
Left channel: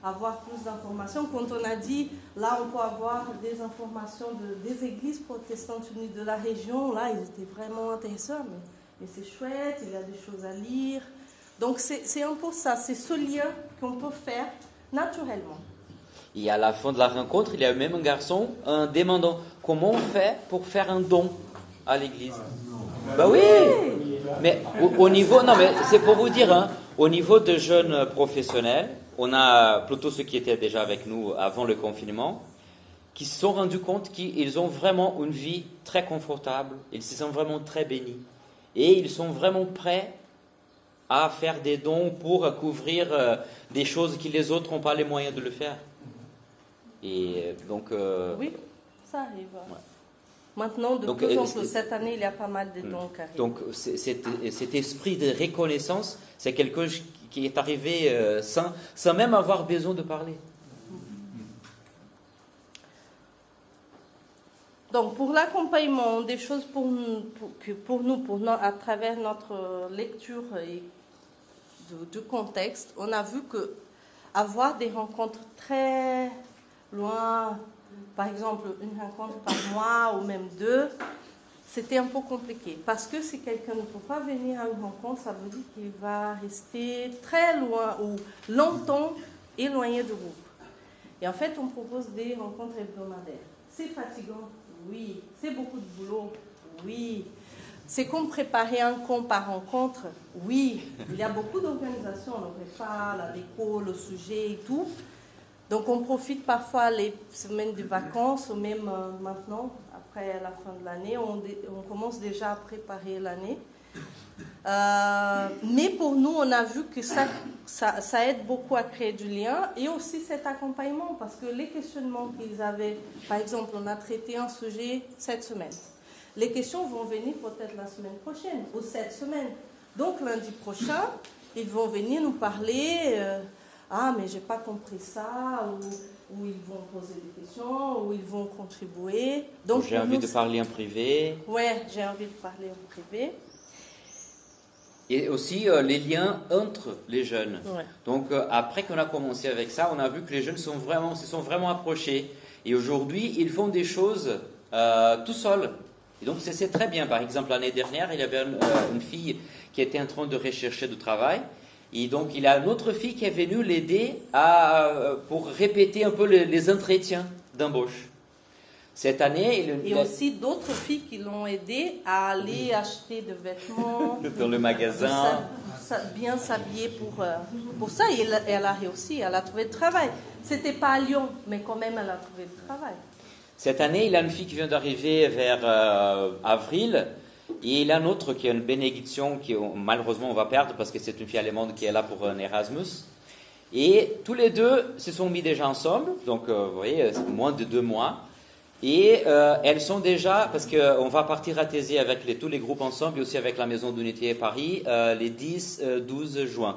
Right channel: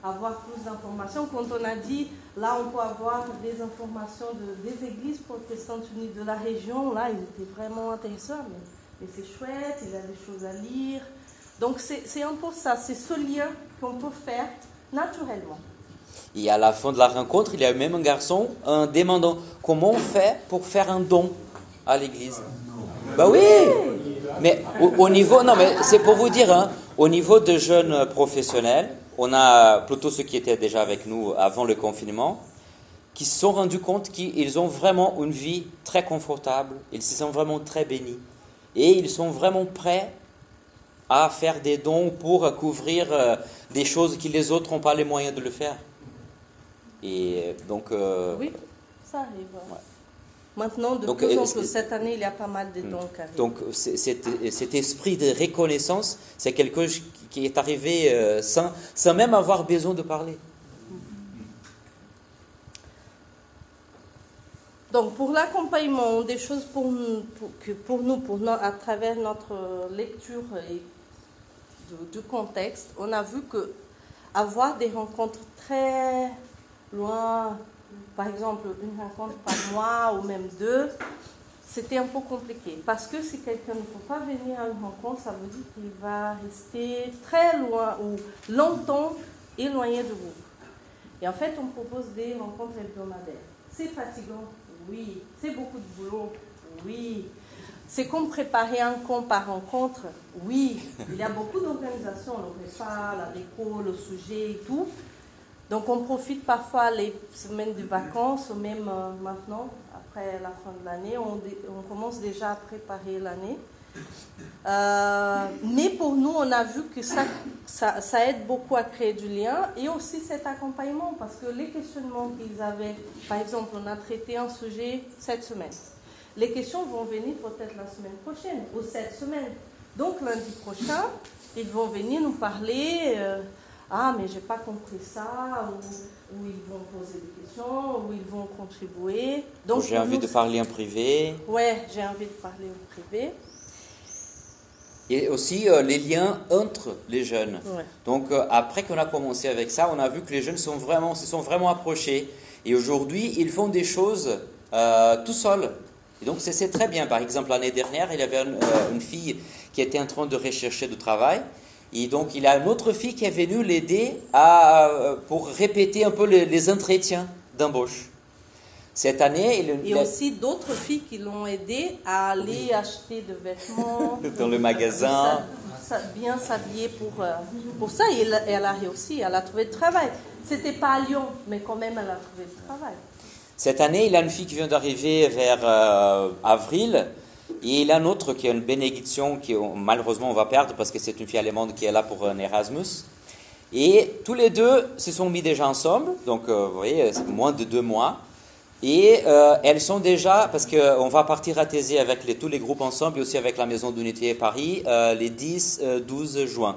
avoir plus d'informations ». Quand on a dit « là, on peut avoir des informations des églises protestants unis de la région, là, ils étaient vraiment intéressants. Mais c'est chouette, il y a des choses à lire. Donc c'est un peu ça, c'est ce lien qu'on peut faire naturellement. Et à la fin de la rencontre, il y a même un garçon demandant comment on fait pour faire un don à l'église. Bah oui, mais au niveau, non mais c'est pour vous dire, hein, au niveau de jeunes professionnels, on a plutôt ceux qui étaient déjà avec nous avant le confinement, qui se sont rendus compte qu'ils ont vraiment une vie très confortable, ils se sont vraiment très bénis et ils sont vraiment prêts à faire des dons pour couvrir des choses que les autres n'ont pas les moyens de le faire. Et donc... oui, ça arrive. Ouais. Maintenant, de plus en plus, cette année, il y a pas mal de dons qui arrivent. Donc cet esprit de reconnaissance, c'est quelque chose qui est arrivé sans même avoir besoin de parler. Donc, pour l'accompagnement, des choses pour nous, à travers notre lecture et du contexte, on a vu que avoir des rencontres très loin, par exemple une rencontre par mois ou même 2, c'était un peu compliqué. Parce que si quelqu'un ne peut pas venir à une rencontre, ça veut dire qu'il va rester très loin ou longtemps éloigné de vous. Et en fait, on propose des rencontres hebdomadaires. C'est fatigant, oui. C'est beaucoup de boulot, oui. C'est comme préparer un camp par rencontre, oui. Il y a beaucoup d'organisations, le repas, la déco, le sujet et tout. Donc on profite parfois les semaines de vacances, ou même maintenant, après la fin de l'année, on commence déjà à préparer l'année. Mais pour nous, on a vu que ça aide beaucoup à créer du lien et aussi cet accompagnement, parce que les questionnements qu'ils avaient, par exemple, on a traité un sujet cette semaine. Les questions vont venir peut-être la semaine prochaine ou cette semaine. Donc lundi prochain, ils vont venir nous parler, mais j'ai pas compris ça, ou ils vont poser des questions, ou ils vont contribuer. Donc j'ai envie de parler en privé. Ouais, j'ai envie de parler en privé. Et aussi les liens entre les jeunes. Ouais. Donc après qu'on a commencé avec ça, on a vu que les jeunes se sont vraiment approchés. Et aujourd'hui, ils font des choses tout seuls. Et donc c'est très bien. Par exemple, l'année dernière, il y avait une fille qui était en train de rechercher du travail. Et donc il y a une autre fille qui est venue l'aider pour répéter un peu les entretiens d'embauche. Cette année... Et aussi d'autres filles qui l'ont aidé à aller acheter des vêtements. Dans le magasin. Bien s'habiller pour ça. Et elle a réussi, elle a trouvé du travail. C'était pas à Lyon, mais quand même elle a trouvé du travail. Cette année, il y a une fille qui vient d'arriver vers avril. Et il y a une autre qui est une bénédiction qui malheureusement on va perdre parce que c'est une fille allemande qui est là pour un Erasmus. Et tous les deux se sont mis déjà ensemble. Donc vous voyez, c'est moins de 2 mois. Et elles sont déjà, parce qu'on va partir à Thésée avec tous les groupes ensemble et aussi avec la Maison d'Unité Paris les 10-12 juin.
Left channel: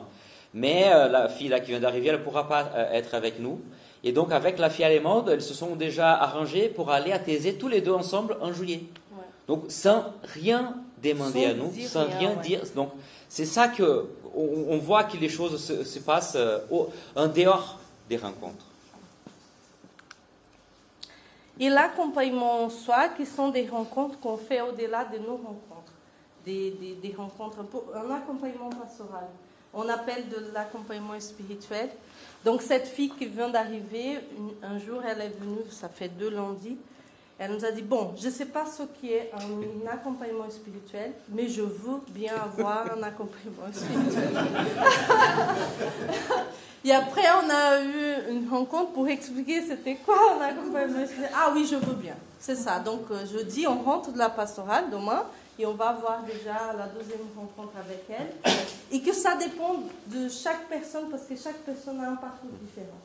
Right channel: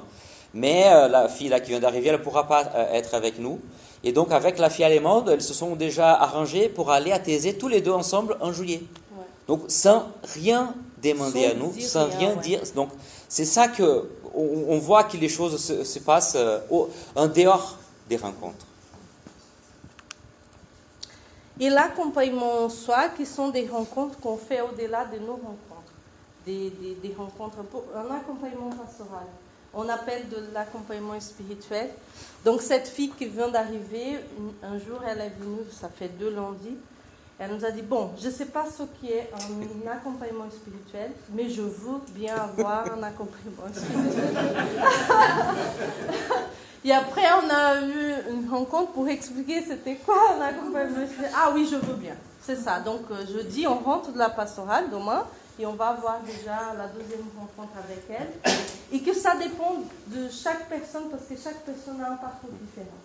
Mais la fille là qui vient d'arriver, elle ne pourra pas être avec nous. Et donc avec la fille allemande, elles se sont déjà arrangées pour aller à Thésée tous les deux ensemble en juillet. Ouais. Donc sans rien demander à nous, sans rien dire. Donc c'est ça qu'on voit que les choses se passent en dehors des rencontres. Et l'accompagnement en soi, qui sont des rencontres qu'on fait au-delà de nos rencontres. Des rencontres, un accompagnement pastoral. On appelle de l'accompagnement spirituel. Donc cette fille qui vient d'arriver, un jour elle est venue, ça fait 2 lundis, elle nous a dit, bon, je ne sais pas ce qui est un accompagnement spirituel, mais je veux bien avoir un accompagnement spirituel. Et après, on a eu une rencontre pour expliquer c'était quoi un accompagnement spirituel. Ah oui, je veux bien. C'est ça. Donc, jeudi, on rentre de la pastorale demain et on va avoir déjà la 2e rencontre avec elle. Et que ça dépend de chaque personne parce que chaque personne a un parcours différent.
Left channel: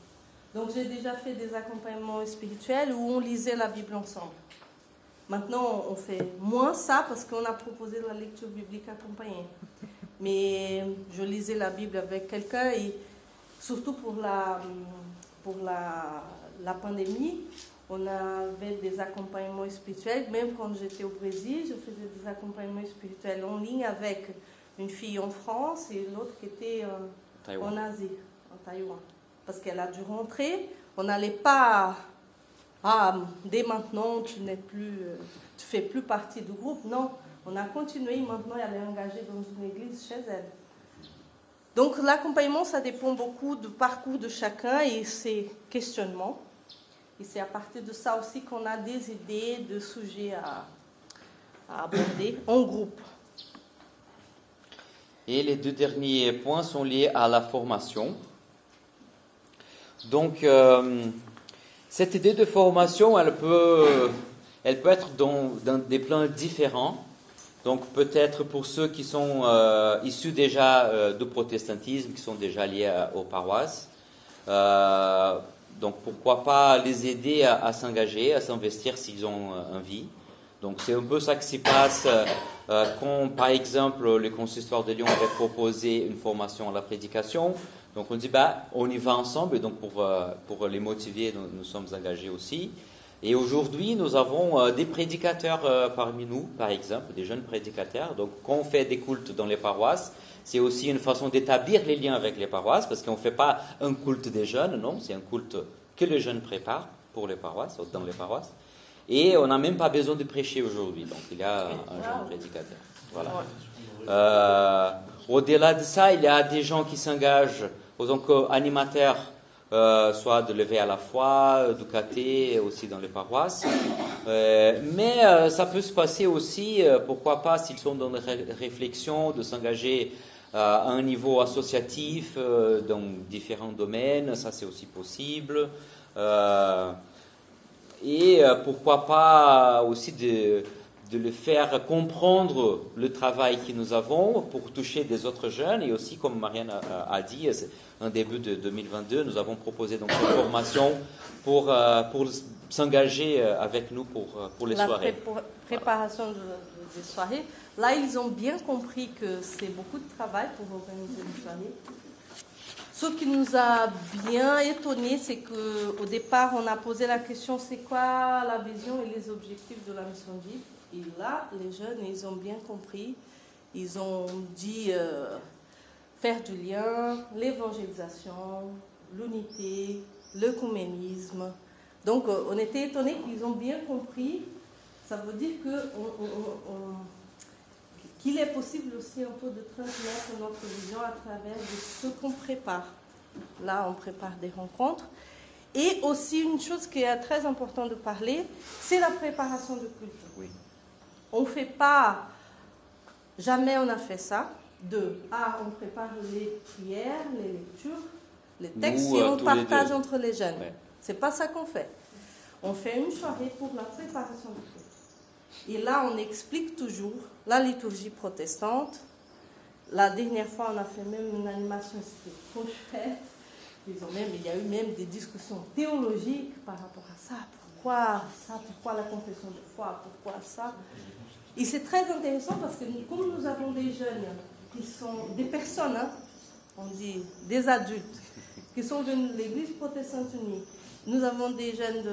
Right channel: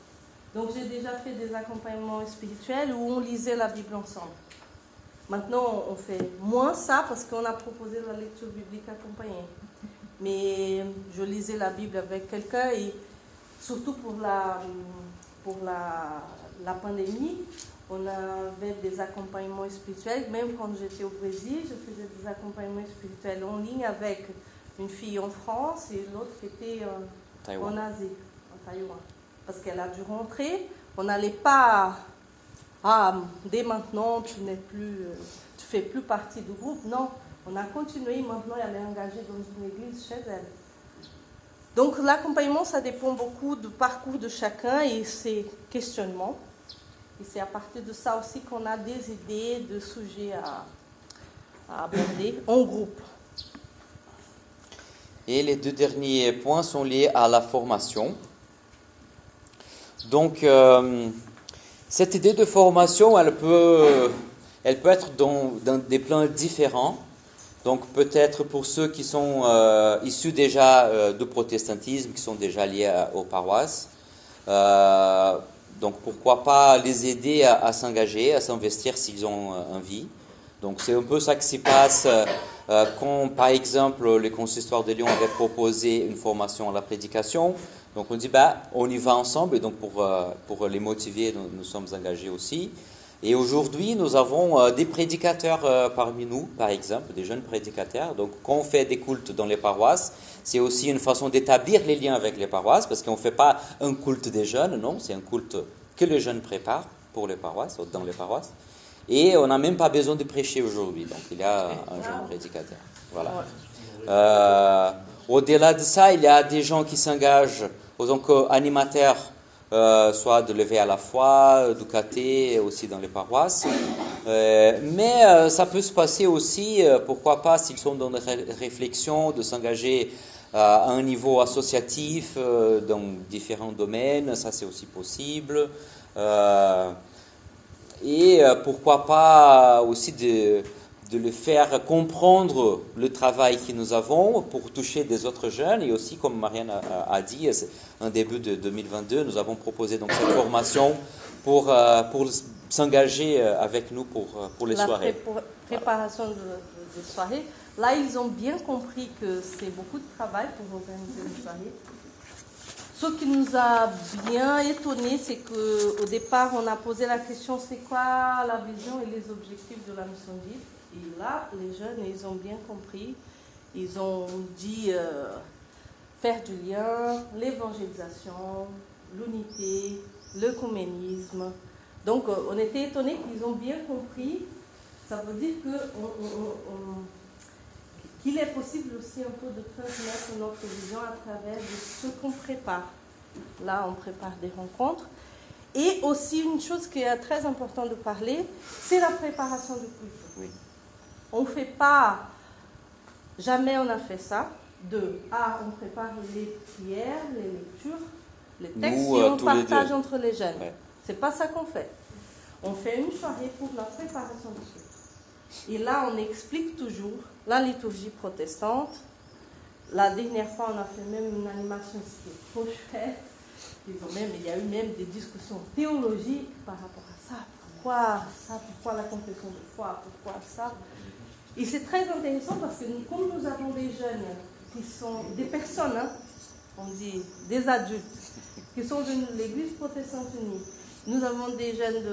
Donc, j'ai déjà fait des accompagnements spirituels où on lisait la Bible ensemble. Maintenant, on fait moins ça parce qu'on a proposé la lecture biblique accompagnée. Mais je lisais la Bible avec quelqu'un et surtout pour la pandémie, on avait des accompagnements spirituels. Même quand j'étais au Brésil, je faisais des accompagnements spirituels en ligne avec une fille en France et l'autre qui était en Asie, en Taïwan. Parce qu'elle a dû rentrer. On n'allait pas ah, dès maintenant, tu fais plus partie du groupe. Non, on a continué. Maintenant, elle est engagée dans une église chez elle. Donc, l'accompagnement, ça dépend beaucoup du parcours de chacun et ses questionnements. Et c'est à partir de ça aussi qu'on a des idées de sujets à aborder en groupe. Et les 2 derniers points sont liés à la formation. Donc, cette idée de formation, elle peut être dans des plans différents. Donc, peut-être pour ceux qui sont issus déjà du protestantisme, qui sont déjà liés aux paroisses. Donc, pourquoi pas les aider à s'engager, à s'investir s'ils ont envie. Donc, c'est un peu ça qui se passe quand, par exemple, le consistoire de Lyon avait proposé une formation à la prédication. Donc, on dit, on y va ensemble. Et donc, pour les motiver, nous sommes engagés aussi. Et aujourd'hui, nous avons des prédicateurs parmi nous, par exemple, des jeunes prédicateurs. Donc, quand on fait des cultes dans les paroisses, c'est aussi une façon d'établir les liens avec les paroisses, parce qu'on ne fait pas un culte des jeunes, non, c'est un culte que les jeunes préparent pour les paroisses, dans les paroisses. Et on n'a même pas besoin de prêcher aujourd'hui, donc il y a un jeune prédicateur. Voilà. Au-delà de ça, il y a des gens qui s'engagent en tant qu'animateurs, soit de l'éveil à la foi, du caté, aussi dans les paroisses. Mais ça peut se passer aussi, pourquoi pas, s'ils sont dans des réflexions, de s'engager à un niveau associatif dans différents domaines, ça c'est aussi possible. Et pourquoi pas aussi de le faire comprendre le travail que nous avons pour toucher des autres jeunes. Et aussi, comme Marianne a dit, en début de 2022, nous avons proposé donc cette formation pour s'engager avec nous pour les soirées. La préparation de soirée. Là, ils ont bien compris que c'est beaucoup de travail pour organiser une soirée. Ce qui nous a bien étonnés, c'est qu'au départ, on a posé la question, c'est quoi la vision et les objectifs de la mission Vive? Et là, les jeunes, ils ont bien compris. Ils ont dit faire du lien, l'évangélisation, l'unité, l'œcuménisme. Donc, on était étonnés qu'ils ont bien compris. Ça veut dire qu'il est possible aussi un peu de transmettre notre vision à travers ce qu'on prépare. Là, on prépare des rencontres. Et aussi, une chose qui est très importante de parler, c'est la préparation du culte. Oui. On ne fait pas, jamais on a fait ça, on prépare les prières, les lectures, les textes, et on partage entre les jeunes. Ouais. C'est pas ça qu'on fait. On fait une soirée pour la préparation du culte. Et là, on explique toujours la liturgie protestante. La dernière fois, on a fait même une animation qui est trop chouette. Il y a eu même des discussions théologiques par rapport à ça. Pourquoi ça? Pourquoi la confession de foi? Pourquoi ça? Et c'est très intéressant parce que comme nous avons des jeunes qui sont des personnes, on dit des adultes, qui sont de l'Église protestante unie, nous avons des jeunes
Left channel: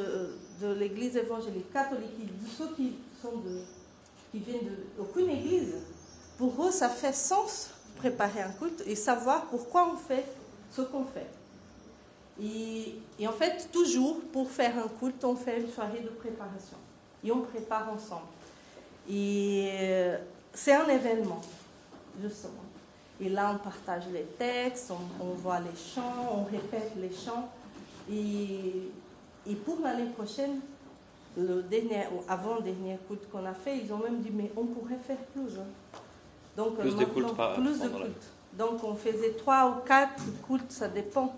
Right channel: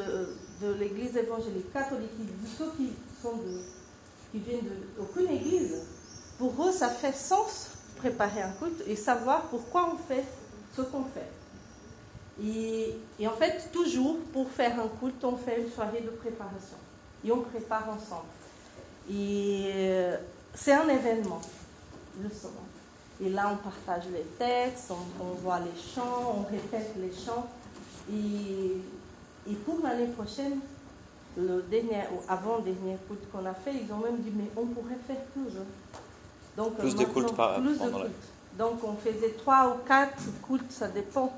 de l'Église évangélique catholique, ceux qui viennent d'aucune église. Pour eux, ça fait sens préparer un culte et savoir pourquoi on fait ce qu'on fait. Et en fait, toujours pour faire un culte, on fait une soirée de préparation. Et on prépare ensemble. Et c'est un événement, justement. Et là, on partage les textes, on voit les chants, on répète les chants. Et pour l'année prochaine, avant-dernier culte qu'on a fait, ils ont même dit, mais on pourrait faire plus. Donc, plus de cultes Donc, on faisait 3 ou 4 cultes, ça dépend.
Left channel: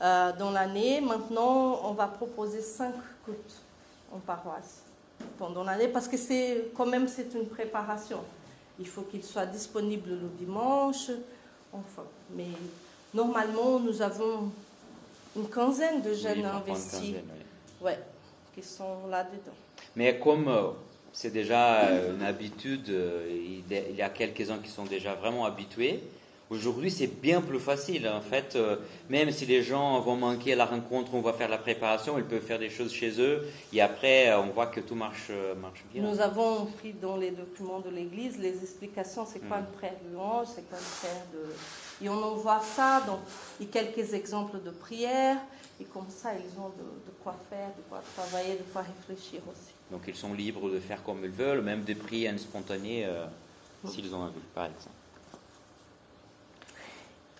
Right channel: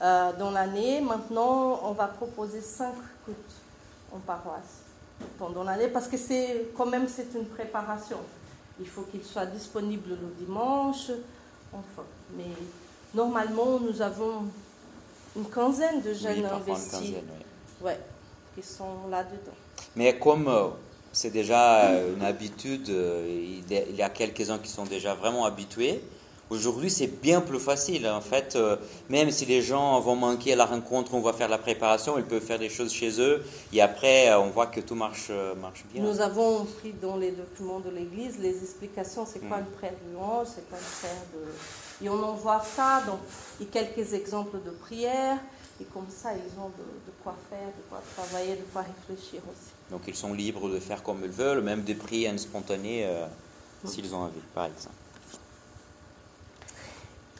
Dans l'année, maintenant, on va proposer 5 cultes en paroisse pendant l'année, parce que c'est une préparation. Il faut qu'il soit disponible le dimanche, enfin. Mais normalement, nous avons une quinzaine de jeunes investis, qui sont là-dedans. Mais comme c'est déjà une habitude, il y a quelques-uns qui sont déjà vraiment habitués. Aujourd'hui, c'est bien plus facile. En fait, même si les gens vont manquer la rencontre, on va faire la préparation, ils peuvent faire des choses chez eux. Et après, on voit que tout marche bien. Nous avons pris dans les documents de l'Église les explications. C'est quoi une prière de louange, c'est quoi une prière de... Et on en voit ça. Donc, il y a quelques exemples de prières. Et comme ça, ils ont de quoi faire, de quoi travailler, de quoi réfléchir aussi. Donc ils sont libres de faire comme ils veulent, même des prières spontanées, s'ils ont envie, par exemple.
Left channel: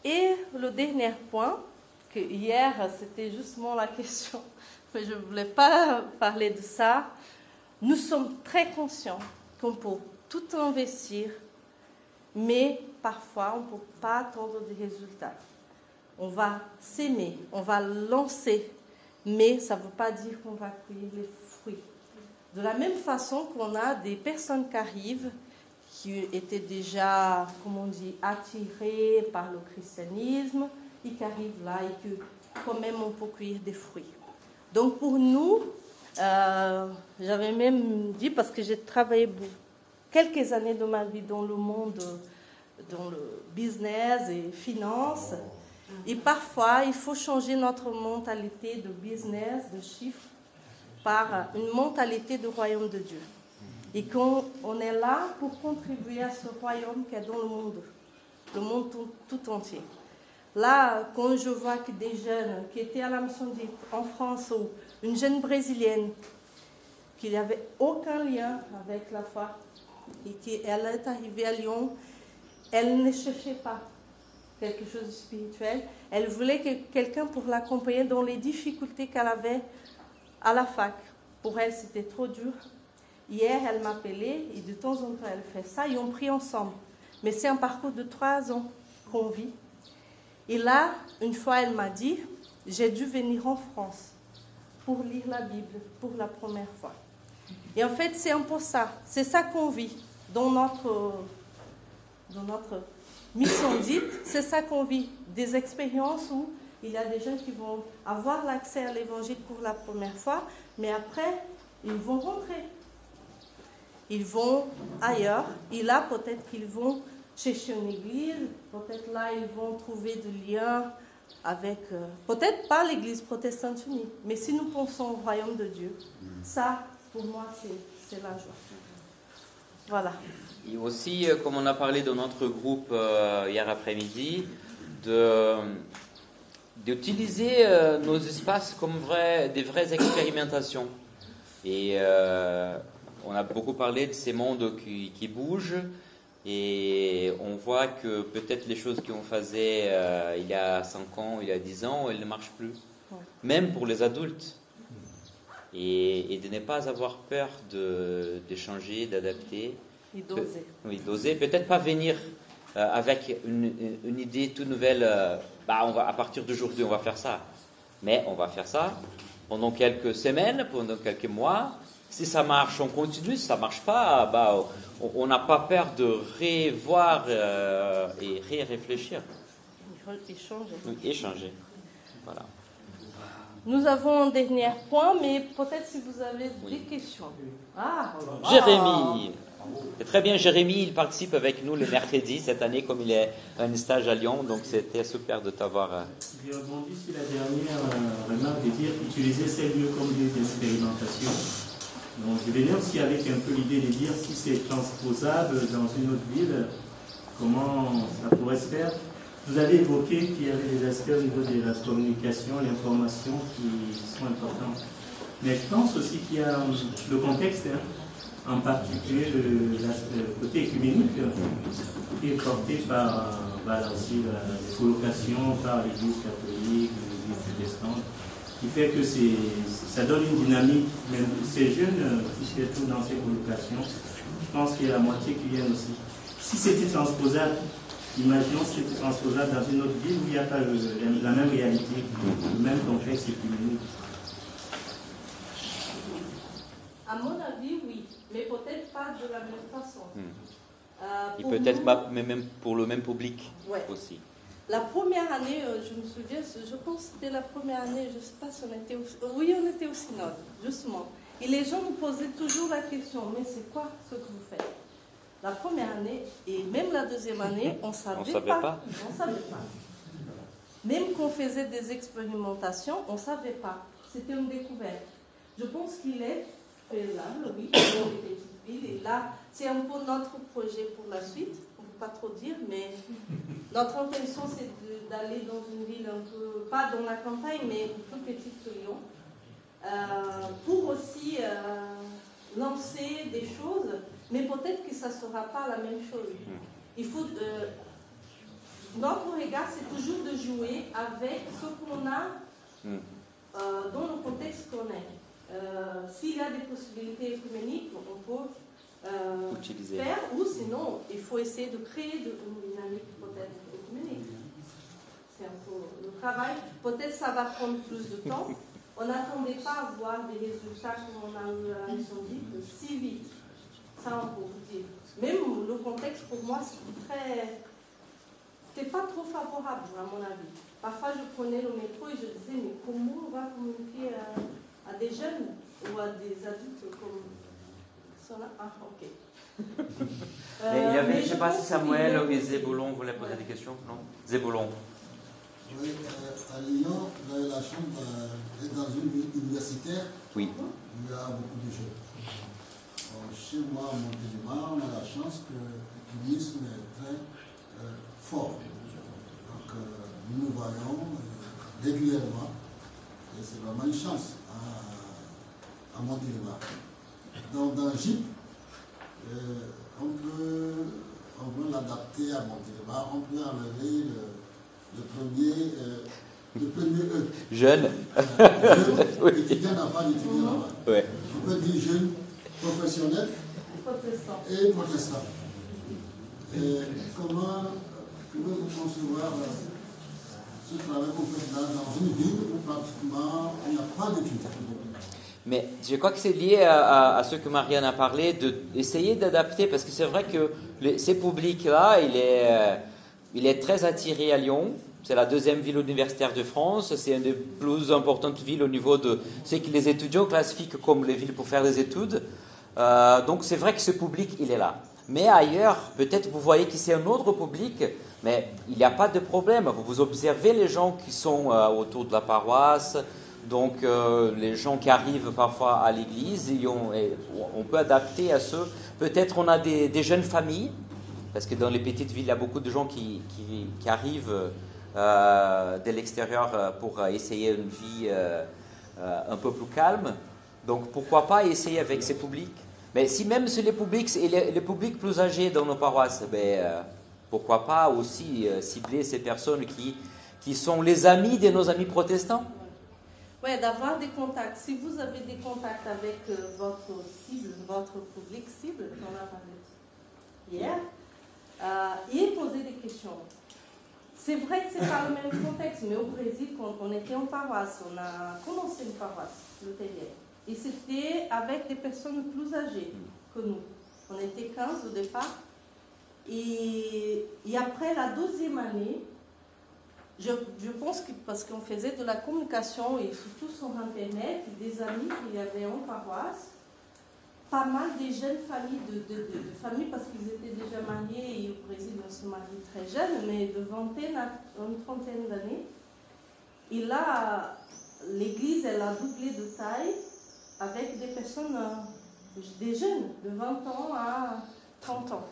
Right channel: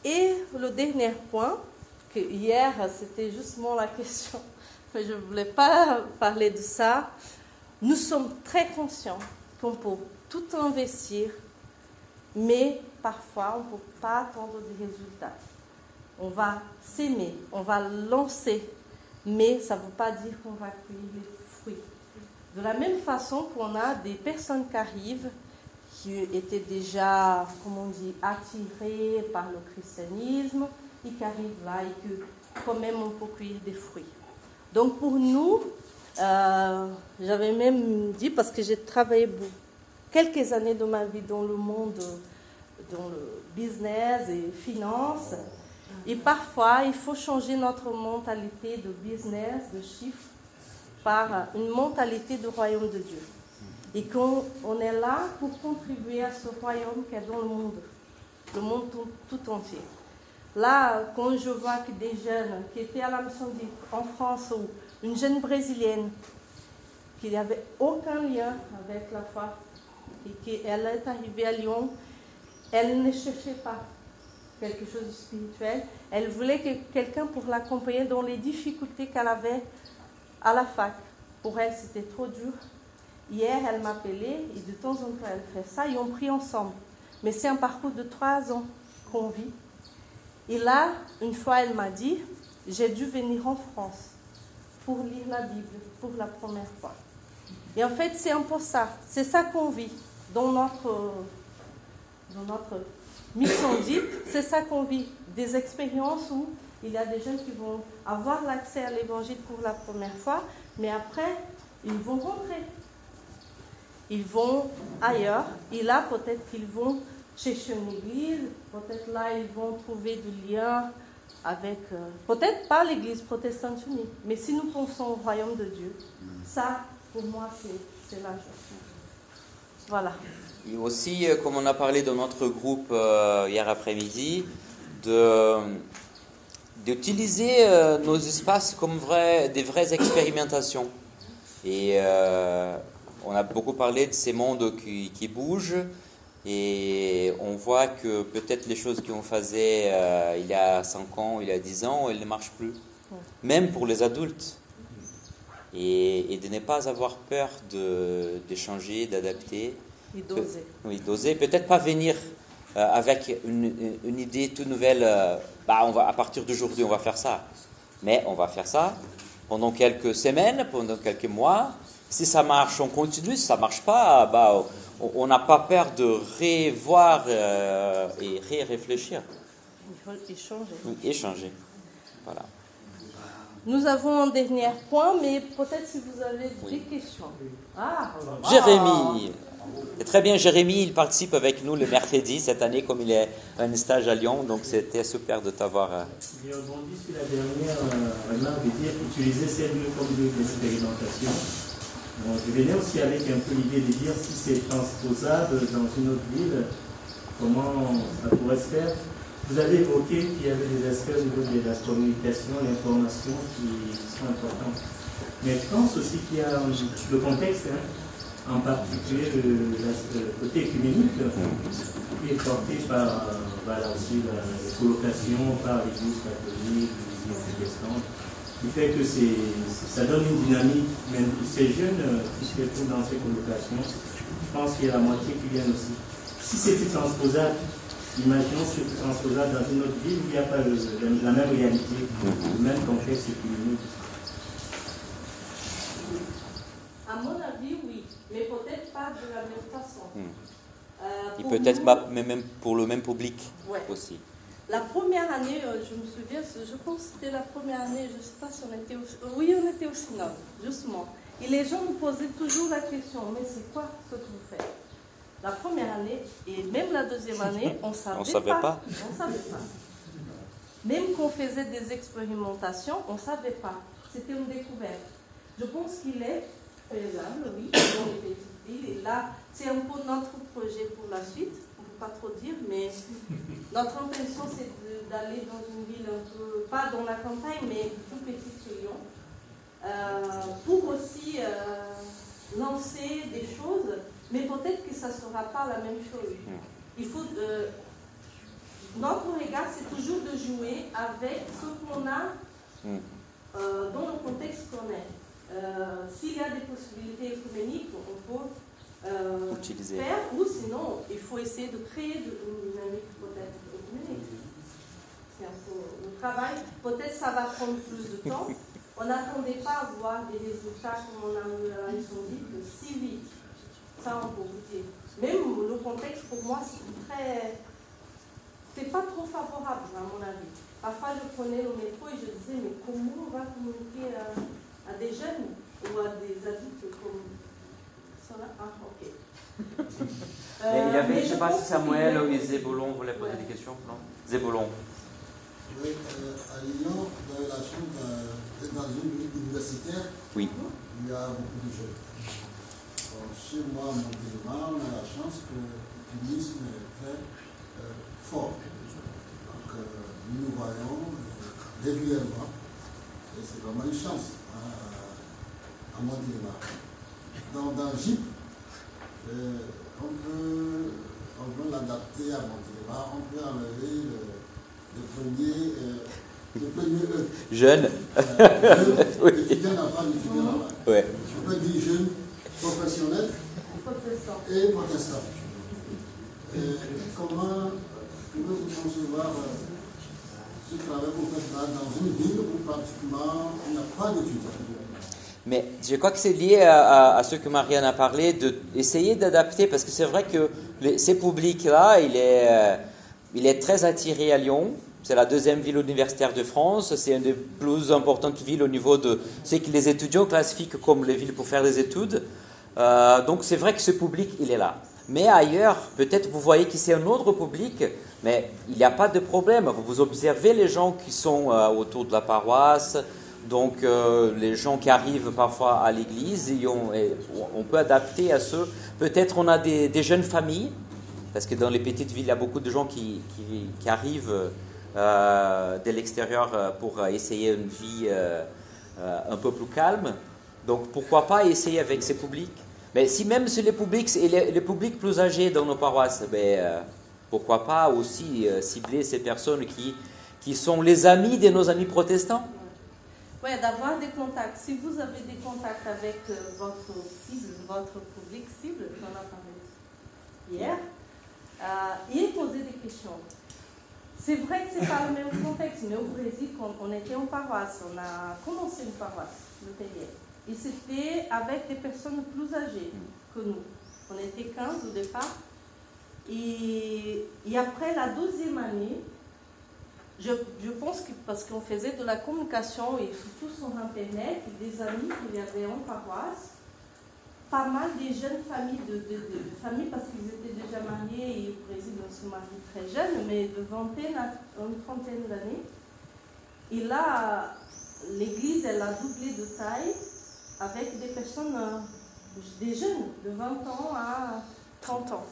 Et le dernier point, que hier c'était justement la question, mais je ne voulais pas parler de ça. Nous sommes très conscients qu'on peut tout investir, mais parfois on ne peut pas attendre des résultats. On va s'aimer, on va lancer, mais ça ne veut pas dire qu'on va cueillir les fruits. De la même façon qu'on a des personnes qui arrivent, qui étaient déjà, comme on dit, attirées par le christianisme, et qui arrivent là et que quand même on peut cueillir des fruits. Donc pour nous, j'avais même dit, parce que j'ai travaillé quelques années de ma vie dans le monde, dans le business et finance, et parfois il faut changer notre mentalité de business, de chiffres, par une mentalité de royaume de Dieu. Et qu'on est là pour contribuer à ce royaume qui est dans le monde tout entier. Là, quand je vois que des jeunes qui étaient à la mission en France, ou une jeune brésilienne qui n'avait aucun lien avec la foi, et qu'elle est arrivée à Lyon, elle ne cherchait pas quelque chose de spirituel, elle voulait quelqu'un pour l'accompagner dans les difficultés qu'elle avait à la fac. Pour elle, c'était trop dur. Hier, elle m'appelait et de temps en temps, elle fait ça et on prie ensemble. Mais c'est un parcours de 3 ans qu'on vit. Et là, une fois, elle m'a dit, j'ai dû venir en France pour lire la Bible pour la première fois. Et en fait, c'est un peu ça. C'est ça qu'on vit dans notre mission dite. C'est ça qu'on vit. Des expériences où il y a des gens qui vont avoir l'accès à l'évangile pour la première fois, mais après, ils vont rentrer. Ils vont ailleurs, et là, peut-être qu'ils vont chercher une église, peut-être là, ils vont trouver du lien avec, peut-être pas l'église protestante unie, mais si nous pensons au royaume de Dieu, ça, pour moi, c'est la joie. Voilà. Et aussi, comme on a parlé dans notre groupe hier après-midi, d'utiliser nos espaces comme des vraies expérimentations. Et on a beaucoup parlé de ces mondes qui bougent et on voit que peut-être les choses qu'on faisait il y a 5 ans, il y a 10 ans, elles ne marchent plus. Ouais. Même pour les adultes. Et de ne pas avoir peur d'échanger, d'adapter. Et d'oser. Oui, d'oser. Peut-être pas venir avec une idée toute nouvelle. À partir d'aujourd'hui, on va faire ça. Mais on va faire ça pendant quelques semaines, pendant quelques mois. Si ça marche, on continue. Si ça ne marche pas, on n'a pas peur de revoir et réfléchir. Échanger. Oui, échanger. Voilà. Nous avons un dernier point, mais peut-être si vous avez des questions. Jérémy. Et très bien, Jérémy, il participe avec nous le mercredi cette année, comme il est à un stage à Lyon, donc c'était super de t'avoir. J'ai rebondi sur la dernière remarque de dire utiliser ces lieux comme lieux d'expérimentation. Donc, je venais aussi avec un peu l'idée de dire si c'est transposable dans une autre ville, comment ça pourrait se faire. Vous avez évoqué qu'il y avait des aspects au niveau de la communication, l'information qui sont importants. Mais je pense aussi qu'il y a le contexte, en particulier le côté écuménique, qui est porté par aussi la colocation par l'Église catholique, l'Église protestante, qui fait que ça donne une dynamique. Mais ces jeunes qui se retrouvent dans ces colocations, je pense qu'il y a la moitié qui viennent aussi. Si c'était transposable, imaginons que c'est transposable dans une autre ville où il n'y a pas la même réalité, le même contexte écuménique. À mon avis, oui, mais peut-être pas de la même façon. Et peut-être pas, mais même pour le même public aussi. La première année, je me souviens, je pense que c'était la première année, je ne sais pas si on était on était au synode, justement. Et les gens nous posaient toujours la question, mais c'est quoi ce que vous faites? La première année, et même la deuxième année, on ne savait pas. On ne savait pas. Même qu'on faisait des expérimentations, on ne savait pas. C'était une découverte. Je pense qu'il est faisable, oui. Et là, c'est un peu notre projet pour la suite, peux pas trop dire, mais notre intention c'est d'aller dans une ville un peu, pas dans la campagne, mais plus petite que Lyon, pour aussi lancer des choses, mais peut-être que ça ne sera pas la même chose. Il faut, notre regard c'est toujours de jouer avec ce qu'on a dans le contexte qu'on est. S'il y a des possibilités économiques, on peut faire, ou sinon, il faut essayer de créer une dynamique peut-être économique. C'est un peu le travail. Peut-être ça va prendre plus de temps. On n'attendait pas à voir des résultats comme on a eu à l'incendie si vite. Ça, on peut vous dire. Même le contexte, pour moi, c'était pas trop favorable, à mon avis. Parfois, je prenais le métro et je disais, mais comment on va communiquer à des jeunes ou à des adultes comme ça là? Ah, ok. Je ne sais pas si Samuel ou Zébolon voulaient poser des questions. Non, Zébolon. Oui, à Lyon, vous avez la chance d'être dans une ville universitaire. Oui. Il y a beaucoup de jeunes. Bon, chez moi, à Montélimar, on a la chance que l'utilisme est très fort. Donc, nous voyons régulièrement, et c'est vraiment une chance à Montélimar. Donc, dans le GIP, on peut l'adapter à Montélimar, on peut enlever le premier E. Jeune. Jeune, étudiant d'avant, étudiant d'avant. Ouais. Je peux dire jeune, professionnel et protestant. Comment pouvez-vous concevoir ce travail que vous faites là dans une ville où pratiquement il n'y a pas d'étudiants? Mais je crois que c'est lié à ce que Marianne a parlé, d'essayer d'adapter, parce que c'est vrai que ces publics-là, il est très attiré à Lyon. C'est la deuxième ville universitaire de France. C'est une des plus importantes villes au niveau de ce que les étudiants classifient comme les villes pour faire des études. Donc c'est vrai que ce public, il est là. Mais ailleurs, peut-être vous voyez qu'ici un autre public, mais il n'y a pas de problème. Vous observez les gens qui sont autour de la paroisse, donc les gens qui arrivent parfois à l'église, on peut adapter à ceux. Peut-être on a des jeunes familles, parce que dans les petites villes, il y a beaucoup de gens qui arrivent de l'extérieur pour essayer une vie un peu plus calme. Donc pourquoi pas essayer avec ces publics? Mais si même c'est les publics plus âgés dans nos paroisses, pourquoi pas aussi cibler ces personnes qui sont les amis de nos amis protestants? Oui, d'avoir des contacts. Si vous avez des contacts avec votre cible, votre public cible, j'en ai parlé hier, et poser des questions. C'est vrai que ce n'est pas le même contexte, mais au Brésil, quand on était en paroisse, on a commencé une paroisse, le Tellier. Et c'était avec des personnes plus âgées que nous. On était 15 au départ. Et après la 12e année, je pense que parce qu'on faisait de la communication et surtout sur Internet, des amis qu'il y avait en paroisse, pas mal des jeunes familles, de familles parce qu'ils étaient déjà mariés et au Brésil on se marie très jeunes, mais de vingtaine à une trentaine d'années. Et là, l'église, elle a doublé de taille avec des personnes, des jeunes, de 20 ans à 30 ans.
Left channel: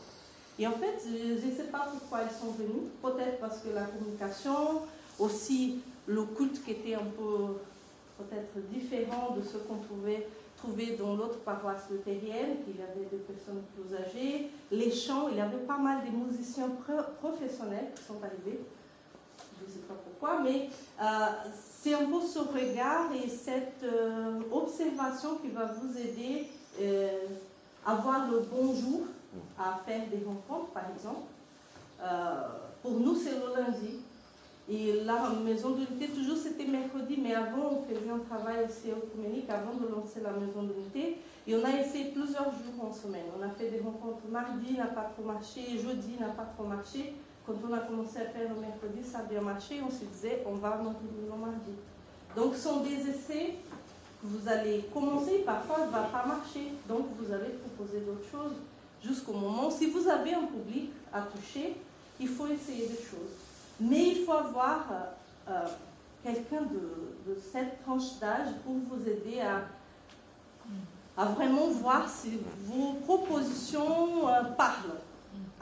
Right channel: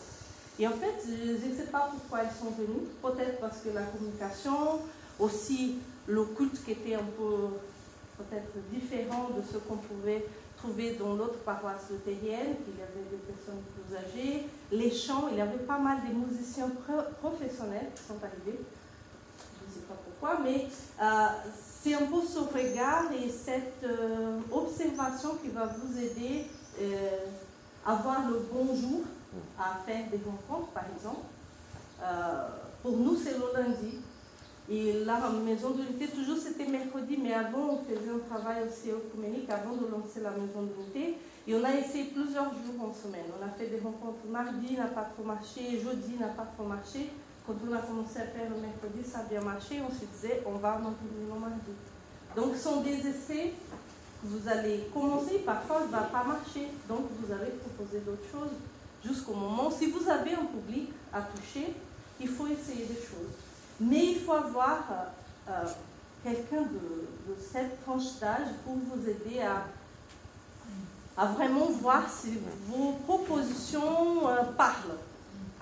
Et en fait, je ne sais pas pourquoi elles sont venues, peut-être parce que la communication, aussi le culte qui était un peu peut-être différent de ce qu'on pouvait trouver dans l'autre paroisse luthérienne, qu'il y avait des personnes plus âgées, les chants, il y avait pas mal de musiciens professionnels qui sont arrivés, je ne sais pas pourquoi, mais c'est un peu ce regard et cette observation qui va vous aider à avoir le bon jour, à faire des rencontres, par exemple. Pour nous, c'est le lundi. Et la maison d'unité, toujours c'était mercredi, mais avant, on faisait un travail aussi œcuménique avant de lancer la maison d'unité. Et on a essayé plusieurs jours en semaine. On a fait des rencontres mardi, n'a pas trop marché, jeudi, n'a pas trop marché. Quand on a commencé à faire le mercredi, ça a bien marché. On se disait, on va maintenir le mardi. Donc, ce sont des essais. Vous allez commencer, parfois, ça ne va pas marcher. Donc, vous allez proposer d'autres choses jusqu'au moment. Si vous avez un public à toucher, il faut essayer des choses. Mais il faut avoir quelqu'un de cette tranche d'âge pour vous aider à vraiment voir si vos propositions parlent.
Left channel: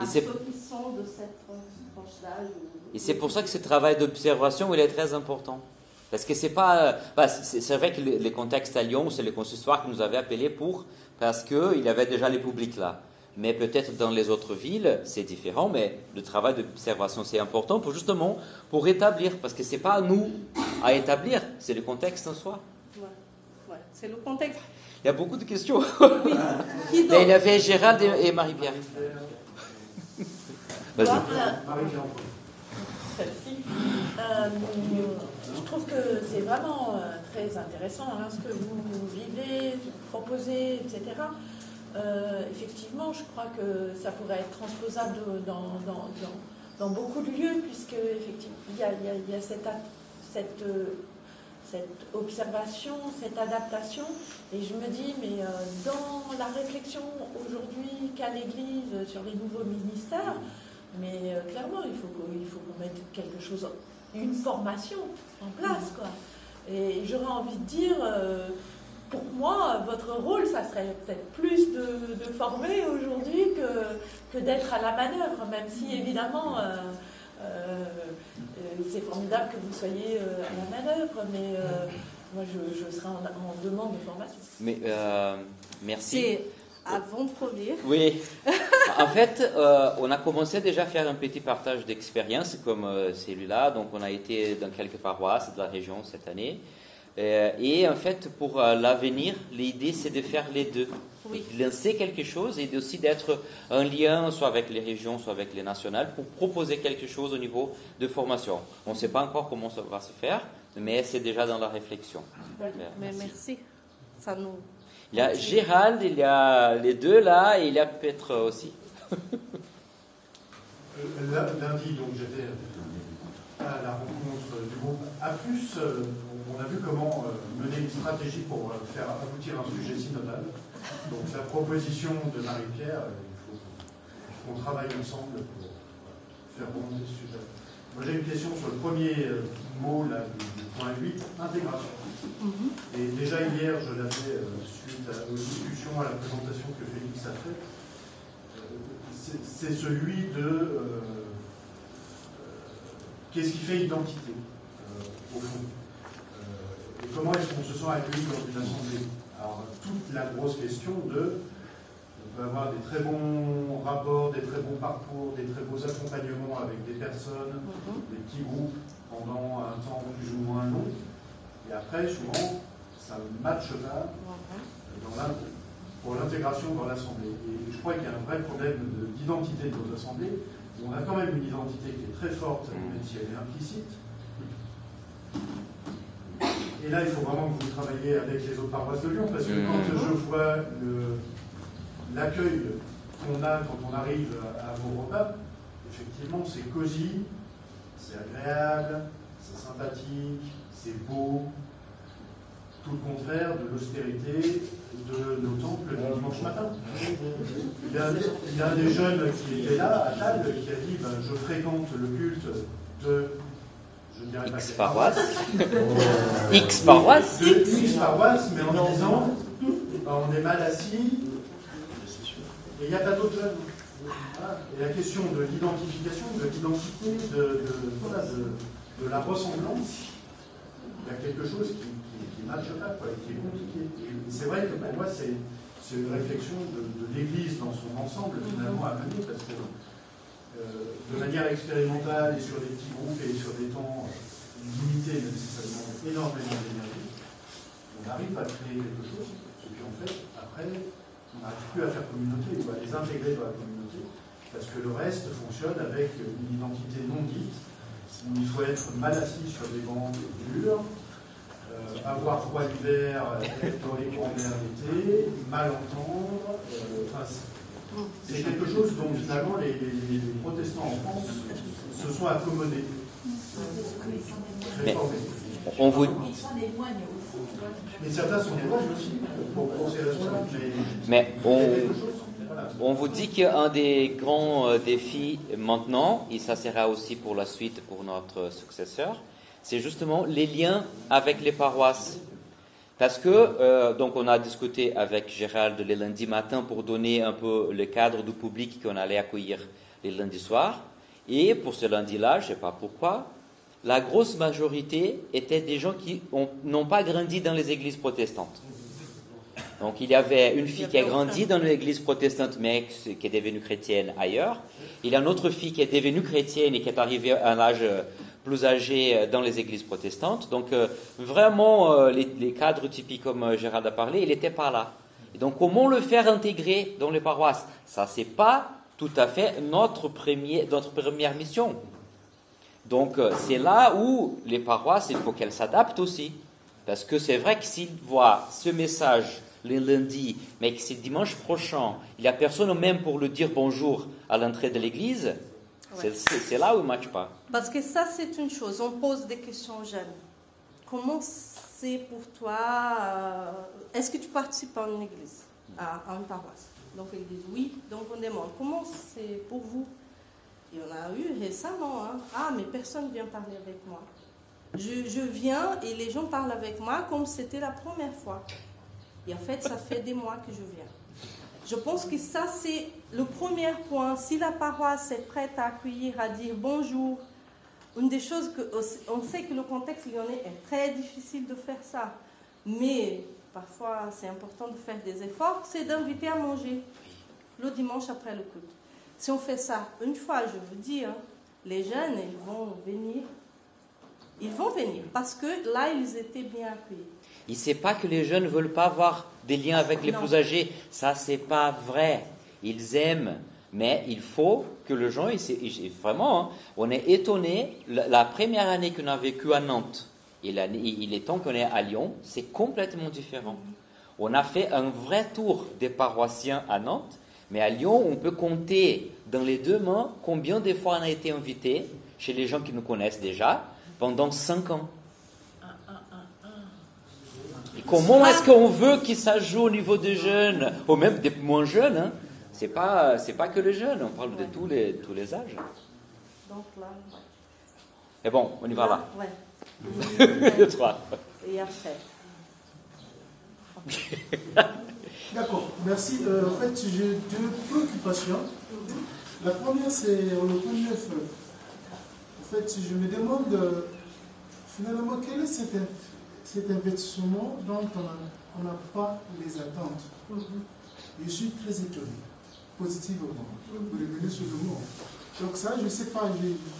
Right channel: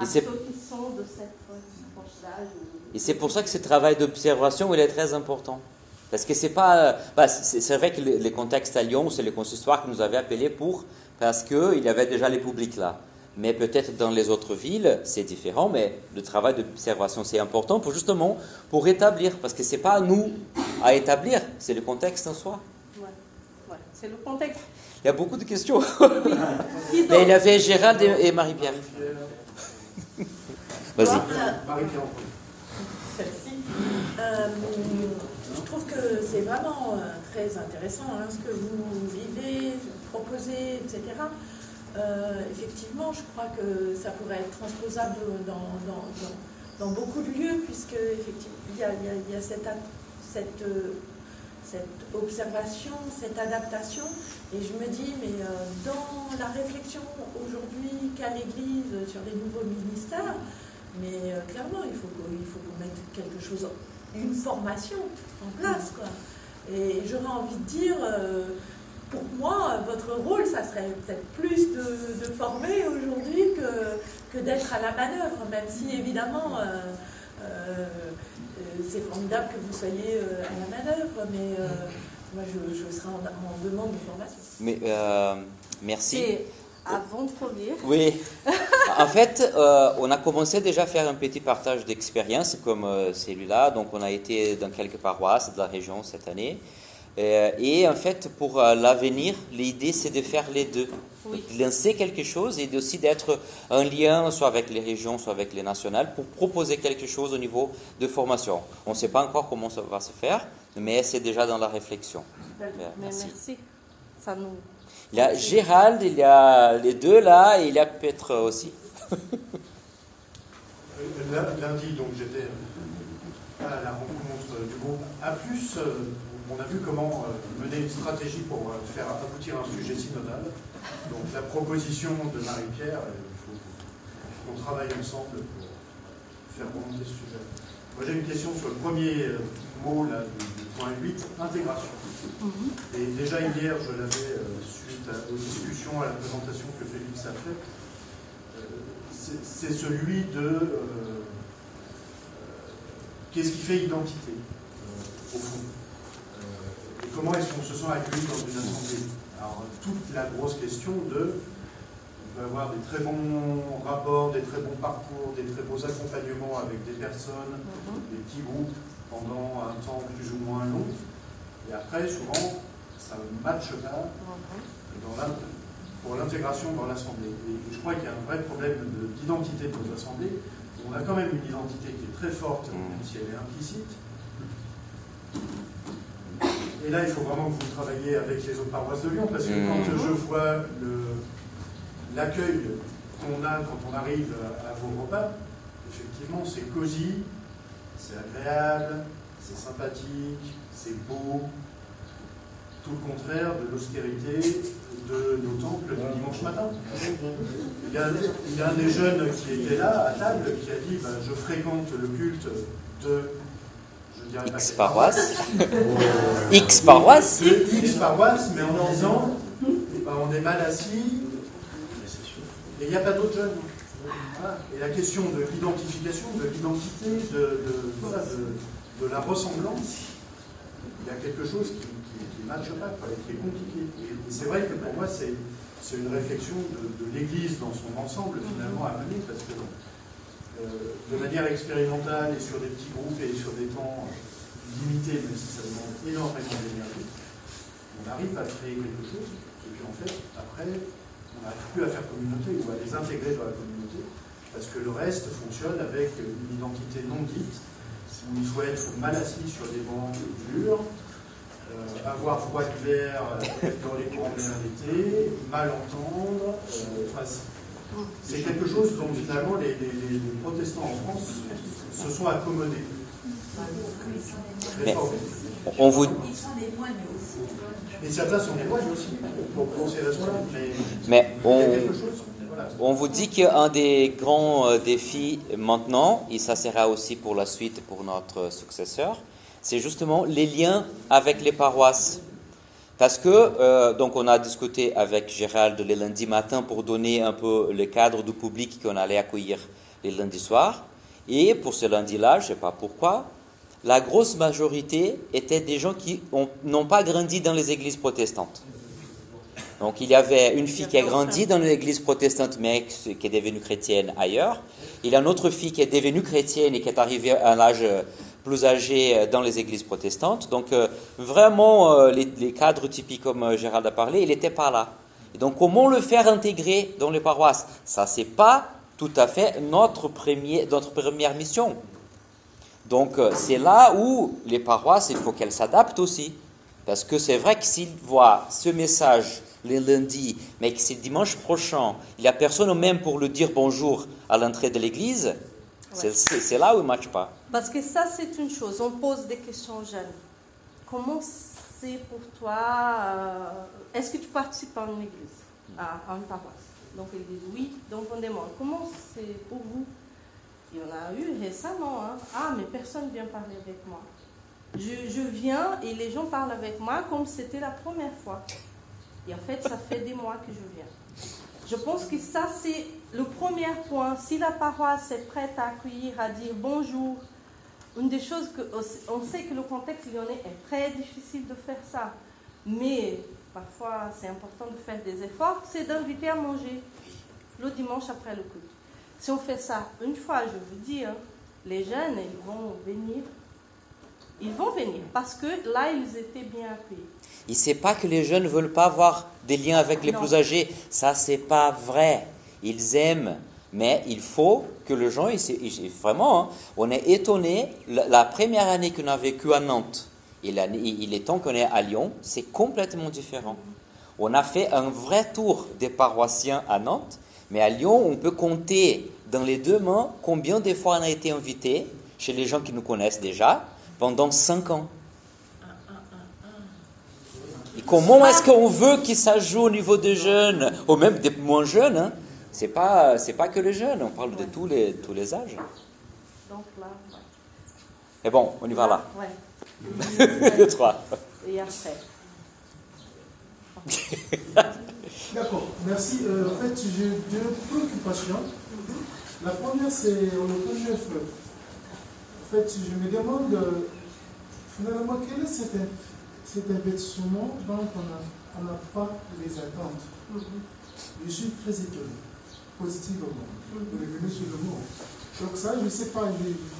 Et à c'est- ceux qui sont de cette tranche d'âge. Et c'est pour ça que ce travail d'observation, il est très important. Parce que c'est pas... c'est vrai que les contextes à Lyon, c'est le consistoire qui nous avait appelés parce qu'il y avait déjà les publics là. Mais peut-être dans les autres villes, c'est différent, mais le travail d'observation, c'est important justement pour établir, parce que c'est pas à nous à établir, c'est le contexte en soi. Ouais, c'est le contexte. Il y a beaucoup de questions. Qui Mais il y donc avait Gérald et Marie-Pierre. Vas-y. Marie-Pierre. Celle-ci. Je trouve que c'est vraiment très intéressant ce que vous vivez, proposez, etc. Effectivement, je crois que ça pourrait être transposable dans beaucoup de lieux, puisque effectivement, il y a cette observation, cette adaptation, et je me dis, mais dans la réflexion aujourd'hui qu'a l'Église sur les nouveaux ministères, mais clairement, il faut qu'on mette quelque chose, une formation en place, quoi. Et j'aurais envie de dire, pour moi, votre rôle, ça serait peut-être plus de former aujourd'hui que d'être à la manœuvre, même si évidemment c'est formidable que vous soyez à la manœuvre, mais moi je serais en demande de formation. Mais, merci. C'est avant-première. Oui. En fait, on a commencé déjà à faire un petit partage d'expérience comme celui-là. Donc, on a été dans quelques paroisses de la région cette année. Et en fait, pour l'avenir, l'idée, c'est de faire les deux. Oui. De lancer quelque chose et aussi d'être un lien soit avec les régions, soit avec les nationales pour proposer quelque chose au niveau de formation. On ne sait pas encore comment ça va se faire, mais c'est déjà dans la réflexion. Mais merci. Ça nous... Il y a Gérald, il y a les deux là, et il y a Petre aussi. Lundi, donc j'étais à la rencontre du groupe A+. On a vu comment mener une stratégie pour faire aboutir un sujet synodal. Donc la proposition de Marie-Pierre, il faut qu'on travaille ensemble pour faire remonter ce sujet. Moi j'ai une question sur le premier mot là, du point 8, intégration. Et déjà hier, je l'avais, suite aux discussions, à la présentation que Félix a faite, c'est celui de qu'est-ce qui fait identité, au fond. Et comment est-ce qu'on se sent accueilli dans une assemblée? Alors, toute la grosse question de, on peut avoir des très bons rapports, des très bons parcours, des très beaux accompagnements avec des personnes, des petits groupes pendant un temps plus ou moins long. Et après, souvent, ça ne matche pas pour l'intégration dans l'Assemblée. Et je crois qu'il y a un vrai problème d'identité de notre Assemblée. On a quand même une identité qui est très forte, même si elle est implicite. Et là, il faut vraiment que vous travailliez avec les autres paroisses de Lyon, parce que quand je vois l'accueil qu'on a quand on arrive à vos repas, effectivement, c'est cosy, c'est agréable, c'est sympathique, c'est beau. Tout le contraire de l'austérité de nos temples du dimanche matin. Il y a un des jeunes qui était là, à table, qui a dit je fréquente le culte de... Je dirais pas X paroisse. X paroisse. X paroisse, mais en disant on est mal assis et il n'y a pas d'autres jeunes. Voilà. Et la question de l'identification, de l'identité, de la ressemblance, il y a quelque chose qui ne matche pas, qui est compliqué. Et c'est vrai que pour moi, c'est une réflexion de l'Église dans son ensemble, finalement, à mener, parce que de manière expérimentale et sur des petits groupes et sur des temps limités, même si ça demande énormément d'énergie, on arrive à créer quelque chose, et puis en fait, après, on n'arrive plus à faire communauté ou à les intégrer dans la communauté, parce que le reste fonctionne avec une identité non dite, où il faut être mal assis sur des bancs durs, avoir froid l'hiver, être dans les courants d'air l'été, mal entendre. C'est quelque chose dont finalement les protestants en France se sont accommodés. Mais on vous... Et certains sont éloignés aussi pour penser la soirée. Mais on vous dit qu'un des grands défis maintenant, et ça sera aussi pour la suite pour notre successeur, c'est justement les liens avec les paroisses. Parce que, donc on a discuté avec Gérald le lundi matin pour donner un peu le cadre du public qu'on allait accueillir les lundis soirs. Et pour ce lundi-là, je ne sais pas pourquoi, la grosse majorité étaient des gens qui n'ont pas grandi dans les églises protestantes. Donc il y avait une fille qui a grandi dans l'église protestante, mais qui est devenue chrétienne ailleurs. Il y a une autre fille qui est devenue chrétienne et qui est arrivée à un âge plus âgé dans les églises protestantes. Donc vraiment, les cadres typiques comme Gérald a parlé, il n'était pas là. Et donc comment le faire intégrer dans les paroisses? Ça, c'est pas tout à fait notre première mission. Donc c'est là où les paroisses, il faut qu'elles s'adaptent aussi. Parce que c'est vrai que s'ils voient ce message le lundi, mais que c'est dimanche prochain, il n'y a personne même pour le dire bonjour à l'entrée de l'église, c'est là où il ne matche pas. Parce que ça, c'est une chose. On pose des questions aux jeunes. Comment c'est pour toi est-ce que tu participes à une église, à une paroisse? Donc ils disent oui. Donc on demande comment c'est pour vous? Il y en a eu récemment. Ah, mais personne ne vient parler avec moi. Je viens et les gens parlent avec moi comme si c'était la première fois. Et en fait, ça fait des mois que je viens. Je pense que ça, c'est le premier point. Si la paroisse est prête à accueillir, à dire bonjour, une des choses on sait que le contexte lyonnais est très difficile de faire ça. Mais parfois, c'est important de faire des efforts, c'est d'inviter à manger le dimanche après le culte. Si on fait ça une fois, je vous dis, les jeunes, ils vont venir. Ils vont venir parce que là, ils étaient bien accueillis. Il ne sait pas que les jeunes ne veulent pas avoir des liens avec les plus âgés. Ça, ce n'est pas vrai. Ils aiment. Mais il faut que les gens, vraiment, on est étonné. La première année qu'on a vécu à Nantes, et il est temps qu'on est à Lyon, c'est complètement différent. On a fait un vrai tour des paroissiens à Nantes, mais à Lyon, on peut compter dans les deux mains combien de fois on a été invité chez les gens qui nous connaissent déjà pendant 5 ans. Et comment est-ce qu'on veut que ça joue au niveau des jeunes, ou même des moins jeunes, hein? C'est pas que les jeunes, on parle de tous les âges. Donc là, Et bon, on y va là. Ouais. 2, 3. Et après. D'accord, merci. En fait, j'ai 2 préoccupations. La première, c'est le point 9. En fait, je me demande finalement quel est cet investissement dont on n'a pas les attentes. Je suis très étonné, positivement. Vous revenez sur le mot. Donc ça, je ne sais pas,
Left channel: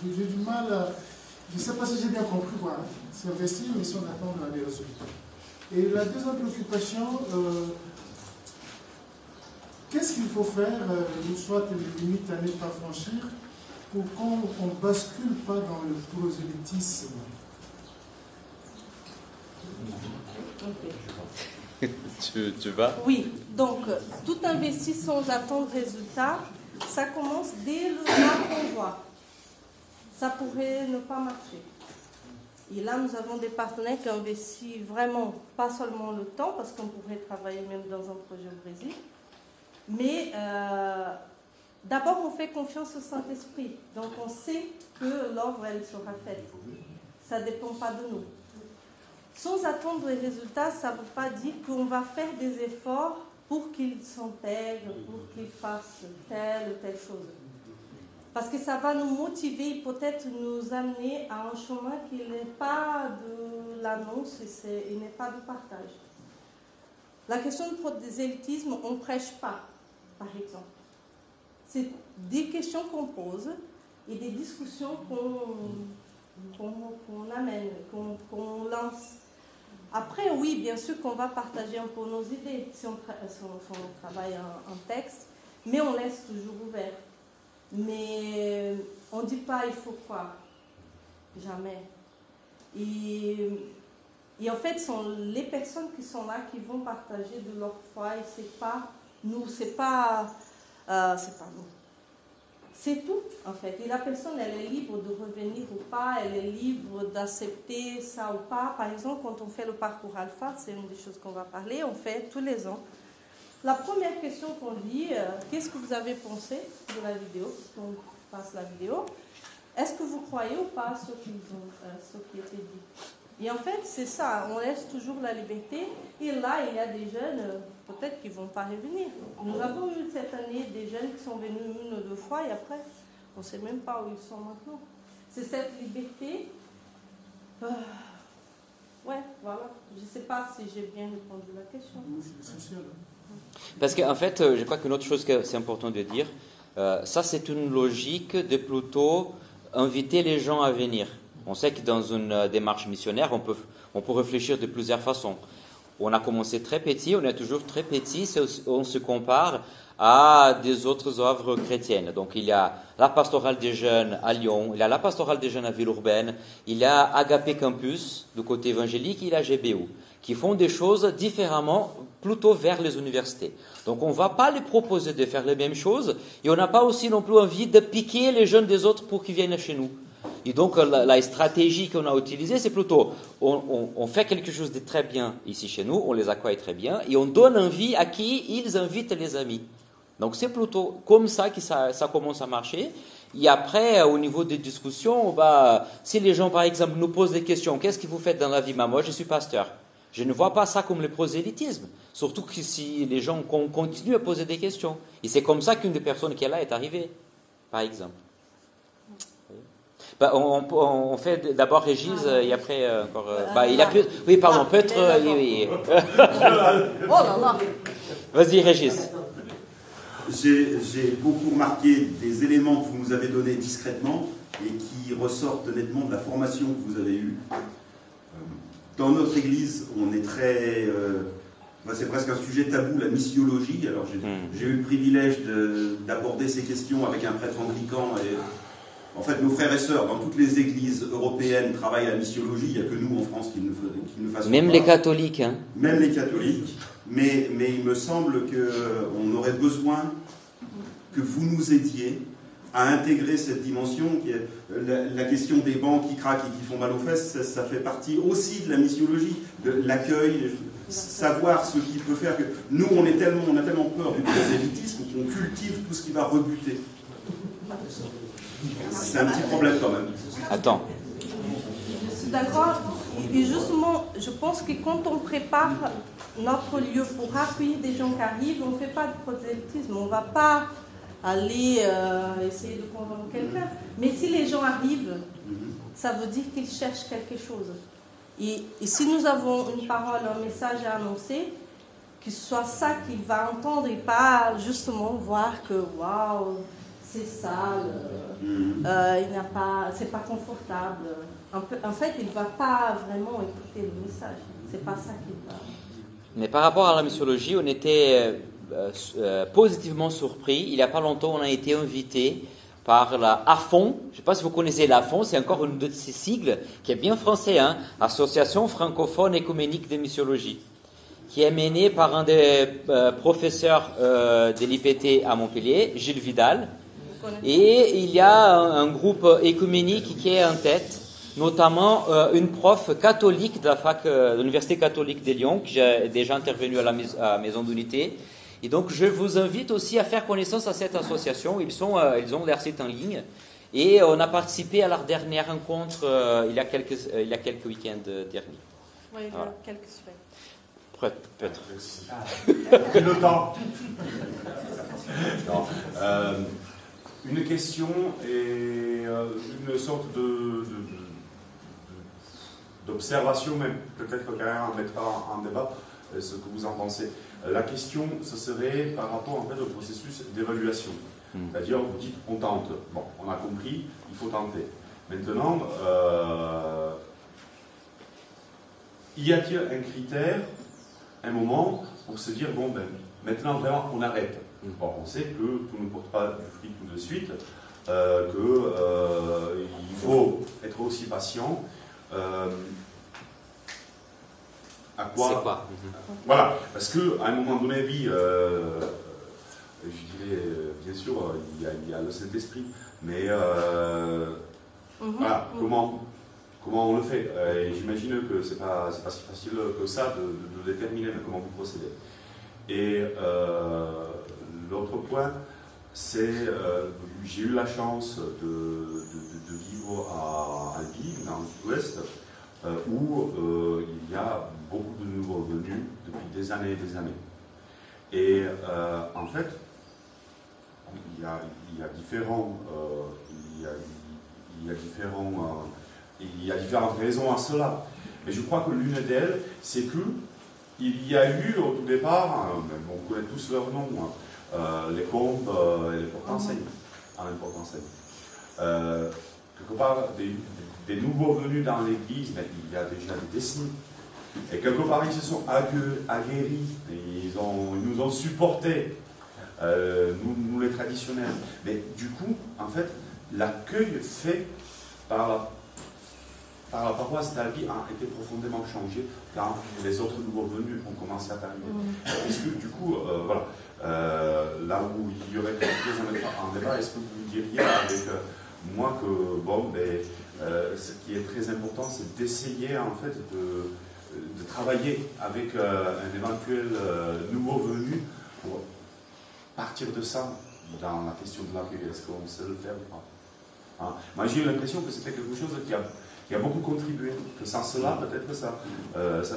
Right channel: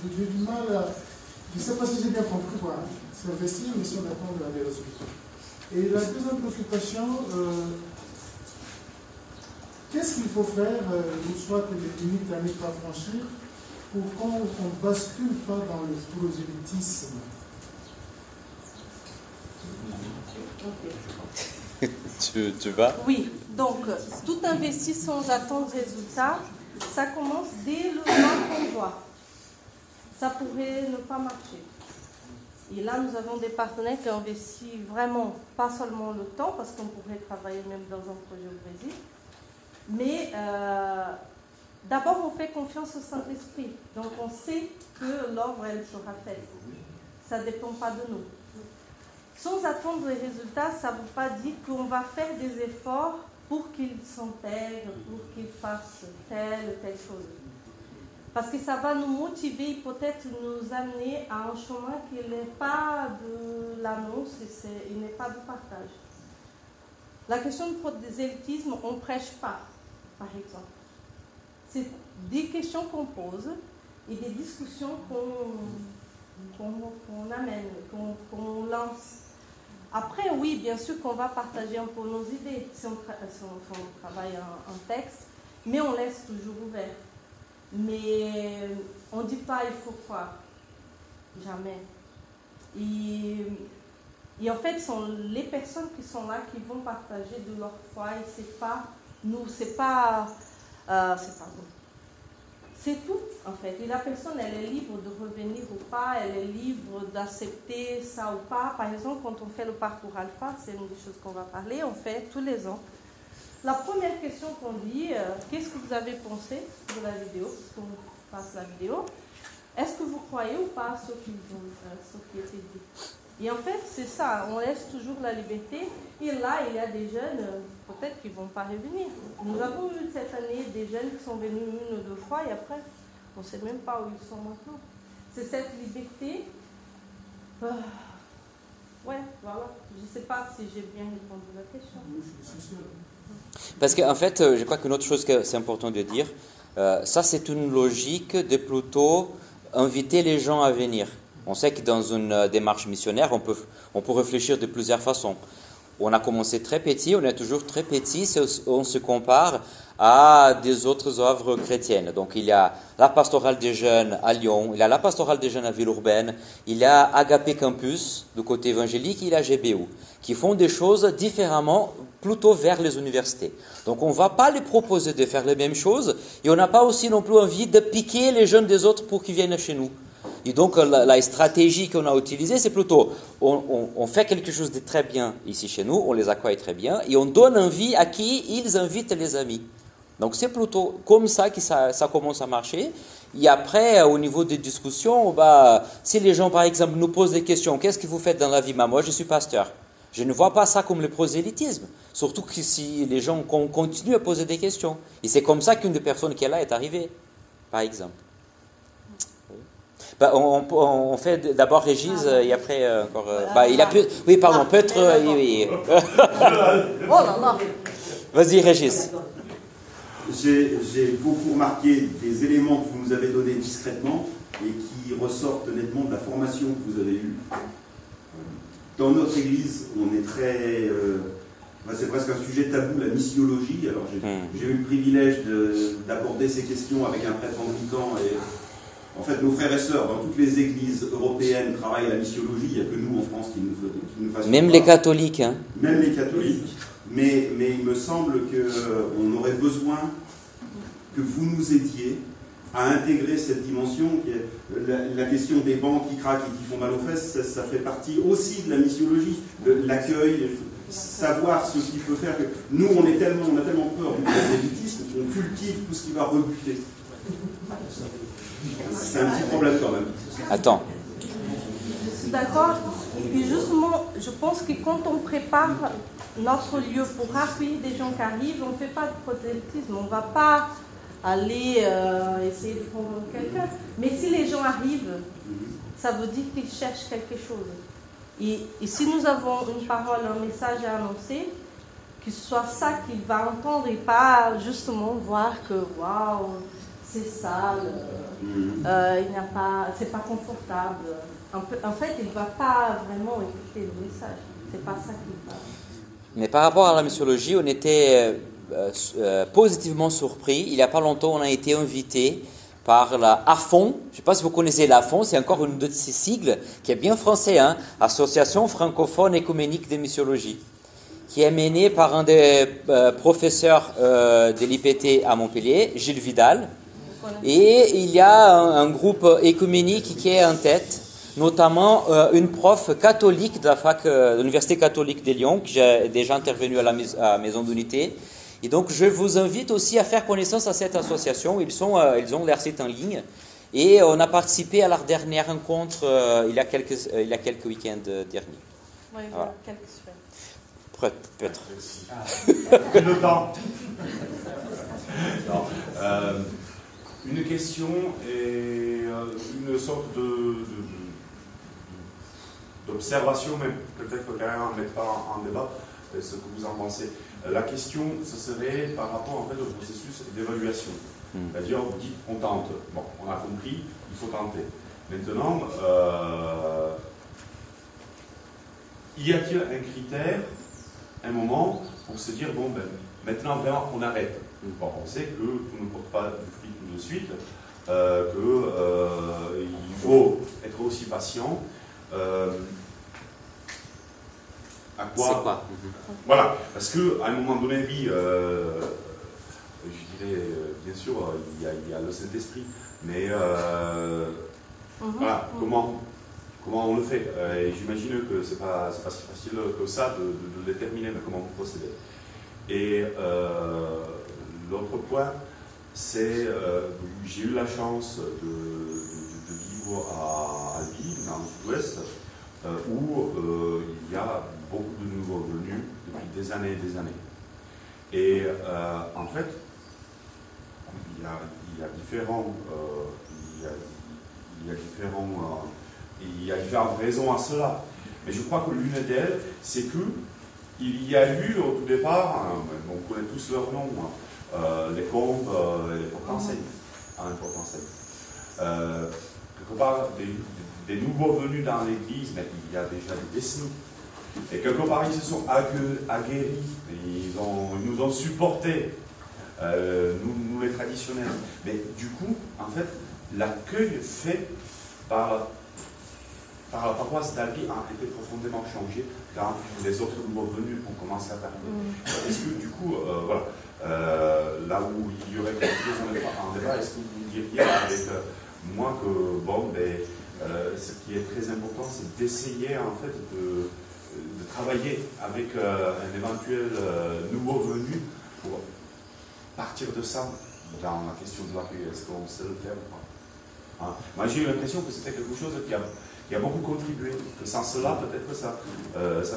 j'ai du mal à... Je ne sais pas si j'ai bien compris quoi. C'est investir, mais si on attend des résultats. Et la deuxième préoccupation, qu'est-ce qu'il faut faire, une fois que les limites à ne pas franchir, pour qu'on ne bascule pas dans le prosélytisme? Tu vas? Oui, donc tout investir sans attendre résultat, ça commence dès le temps qu'on voit. Ça pourrait ne pas marcher. Et là, nous avons des partenaires qui investissent vraiment, pas seulement le temps, parce qu'on pourrait travailler même dans un projet au Brésil, mais d'abord, on fait confiance au Saint-Esprit. Donc, on sait que l'œuvre, elle sera faite. Ça ne dépend pas de nous. Sans attendre les résultats, ça ne veut pas dire qu'on va faire des efforts pour qu'ils s'intègrent, pour qu'ils fassent telle ou telle chose. Parce que ça va nous motiver, peut-être nous amener à un chemin qui n'est pas de l'annonce, il n'est pas de partage. La question du prosélytisme, on ne prêche pas, par exemple. C'est des questions qu'on pose et des discussions qu'on amène, qu'on lance. Après, oui, bien sûr qu'on va partager un peu nos idées si on travaille un texte, mais on laisse toujours ouvert. Mais on ne dit pas il faut croire. Jamais. Et en fait, ce sont les personnes qui sont là qui vont partager de leur foi et c'est pas nous, c'est pas nous. C'est tout, en fait. Et la personne, elle est libre de revenir ou pas, elle est libre d'accepter ça ou pas. Par exemple, quand on fait le parcours alpha, c'est une des choses qu'on va parler, on fait tous les ans. La première question qu'on dit, qu'est-ce que vous avez pensé de la vidéo, qu'on passe la vidéo? Est-ce que vous croyez ou pas ce qui était dit? Et en fait, c'est ça, on laisse toujours la liberté. Et là, il y a des jeunes, peut-être qui ne vont pas revenir. Nous avons eu cette année des jeunes qui sont venus 1 ou 2 fois et après, on ne sait même pas où ils sont maintenant. C'est cette liberté. Ouais, voilà. Je ne sais pas si j'ai bien répondu à la question. Parce qu'en fait, je crois qu'une autre chose que c'est important de dire, ça c'est une logique de plutôt inviter les gens à venir. On sait que dans une démarche missionnaire, on peut réfléchir de plusieurs façons. On a commencé très petit, on est toujours très petit, on se compare à des autres œuvres chrétiennes. Donc il y a la pastorale des jeunes à Lyon, il y a la pastorale des jeunes à Villeurbanne, il y a Agapé Campus du côté évangélique, il y a GBO, qui font des choses différemment, plutôt vers les universités. Donc on ne va pas les proposer de faire les mêmes choses, et on n'a pas aussi non plus envie de piquer les jeunes des autres pour qu'ils viennent chez nous. Et donc la stratégie qu'on a utilisée, c'est plutôt, on fait quelque chose de très bien ici chez nous, on les accueille très bien, et on donne envie à qui ils invitent les amis. Donc c'est plutôt comme ça que ça commence à marcher. Et après, au niveau des discussions, si les gens, par exemple, nous posent des questions, qu'est-ce que vous faites dans la vie? Moi, je suis pasteur. Je ne vois pas ça comme le prosélytisme. Surtout que si les gens continuent à poser des questions. Et c'est comme ça qu'une des personnes qui est là est arrivée, par exemple. On fait d'abord Régis et après encore. Il a plus. Oui, pardon, peut-être. Oui. Oh là là. Vas-y, Régis. J'ai beaucoup remarqué des éléments que vous nous avez donnés discrètement et qui ressortent nettement de la formation que vous avez eue. Dans notre église, on est très. C'est presque un sujet tabou, la missiologie. Alors j'ai eu le privilège d'aborder ces questions avec un prêtre anglican. Et en fait, nos frères et sœurs dans toutes les églises européennes travaillent à la missiologie. Il n'y a que nous en France qui ne fassons même pas. Les catholiques. Hein. Même les catholiques. Mais il me semble qu'on aurait besoin que vous nous aidiez à intégrer cette dimension qui est la question des bancs qui craquent et qui font mal aux fesses. Ça fait partie aussi de la missiologie, de l'accueil, savoir ce qui peut faire que nous on a tellement peur du prosélytisme qu'on cultive tout ce qui va rebuter. C'est un petit problème quand même. Attends. Je suis d'accord. Et justement, je pense que quand on prépare notre lieu pour accueillir des gens qui arrivent, on ne fait pas de prosélytisme. On ne va pas aller essayer de convaincre quelqu'un. Mais si les gens arrivent, ça veut dire qu'ils cherchent quelque chose. Et si nous avons une parole, un message à annoncer, que ce soit ça qu'il va entendre et pas justement voir que waouh, c'est sale, c'est pas confortable. En fait, il ne va pas vraiment écouter le message. C'est pas ça qu'il va. Mais par rapport à la missiologie, on était positivement surpris. Il n'y a pas longtemps, on a été invité par la AFON. Je ne sais pas si vous connaissez l'AFON, c'est encore une de ces sigles qui est bien français, hein, Association francophone écuménique de missiologie, qui est menée par un des professeurs de l'IPT à Montpellier, Gilles Vidal. Et il y a un groupe écuménique qui est en tête, notamment une prof catholique de l'Université catholique de Lyon, qui est déjà intervenue à la Maison d'Unité. Et donc, je vous invite aussi à faire connaissance à cette association. Ils ont leur site en ligne. Et on a participé à leur dernière rencontre il y a quelques week-ends derniers. Oui, il y a quelques semaines. Peut-être. Le temps. Une question et une sorte d'observation, mais peut-être que carrément on ne met pas en débat ce que vous en pensez. La question, ce serait par rapport en fait, au processus d'évaluation. C'est-à-dire, vous dites, on tente. Bon, on a compris, il faut tenter. Maintenant, y a-t-il un critère, un moment, pour se dire, bon, ben, maintenant, vraiment, on arrête. Bon, on sait que tout ne porte pas de fruits tout de suite, qu'il faut être aussi patient. À quoi? C'est quoi? Voilà, parce qu'à un moment donné de vie, je dirais, bien sûr, il y a le Saint-Esprit, mais voilà, comment on le fait? Et j'imagine que c'est pas si facile que ça de déterminer comment vous procédez. Et l'autre point, c'est j'ai eu la chance de vivre à Albi, dans le sud-ouest, où il y a beaucoup de nouveaux venus depuis des années et des années. Et en fait, il y a différentes raisons à cela. Mais je crois que l'une d'elles, c'est qu'il y a eu au tout départ, on connaît tous leurs noms, les pompes et les porte-enseignes, en porte-enseignes. Quelque part, des nouveaux venus dans l'Église, mais il y a déjà des décennies. Et quelque part, ils se sont aguerris, ils nous ont supportés, nous les traditionnels. Mais du coup, en fait, l'accueil fait par la paroisse d'Albi a été profondément changé quand les autres nouveaux venus ont commencé à arriver. Est-ce que du coup, voilà, là où il y aurait quelque chose en débat, est-ce que vous diriez avec moi que, bon, ce qui est très important, c'est d'essayer en fait de travailler avec un éventuel nouveau venu pour partir de ça dans la question de l'accueil. Est-ce qu'on sait le faire ou pas, hein? Moi, j'ai eu l'impression que c'était quelque chose qui a beaucoup contribué, que sans cela, peut-être que ça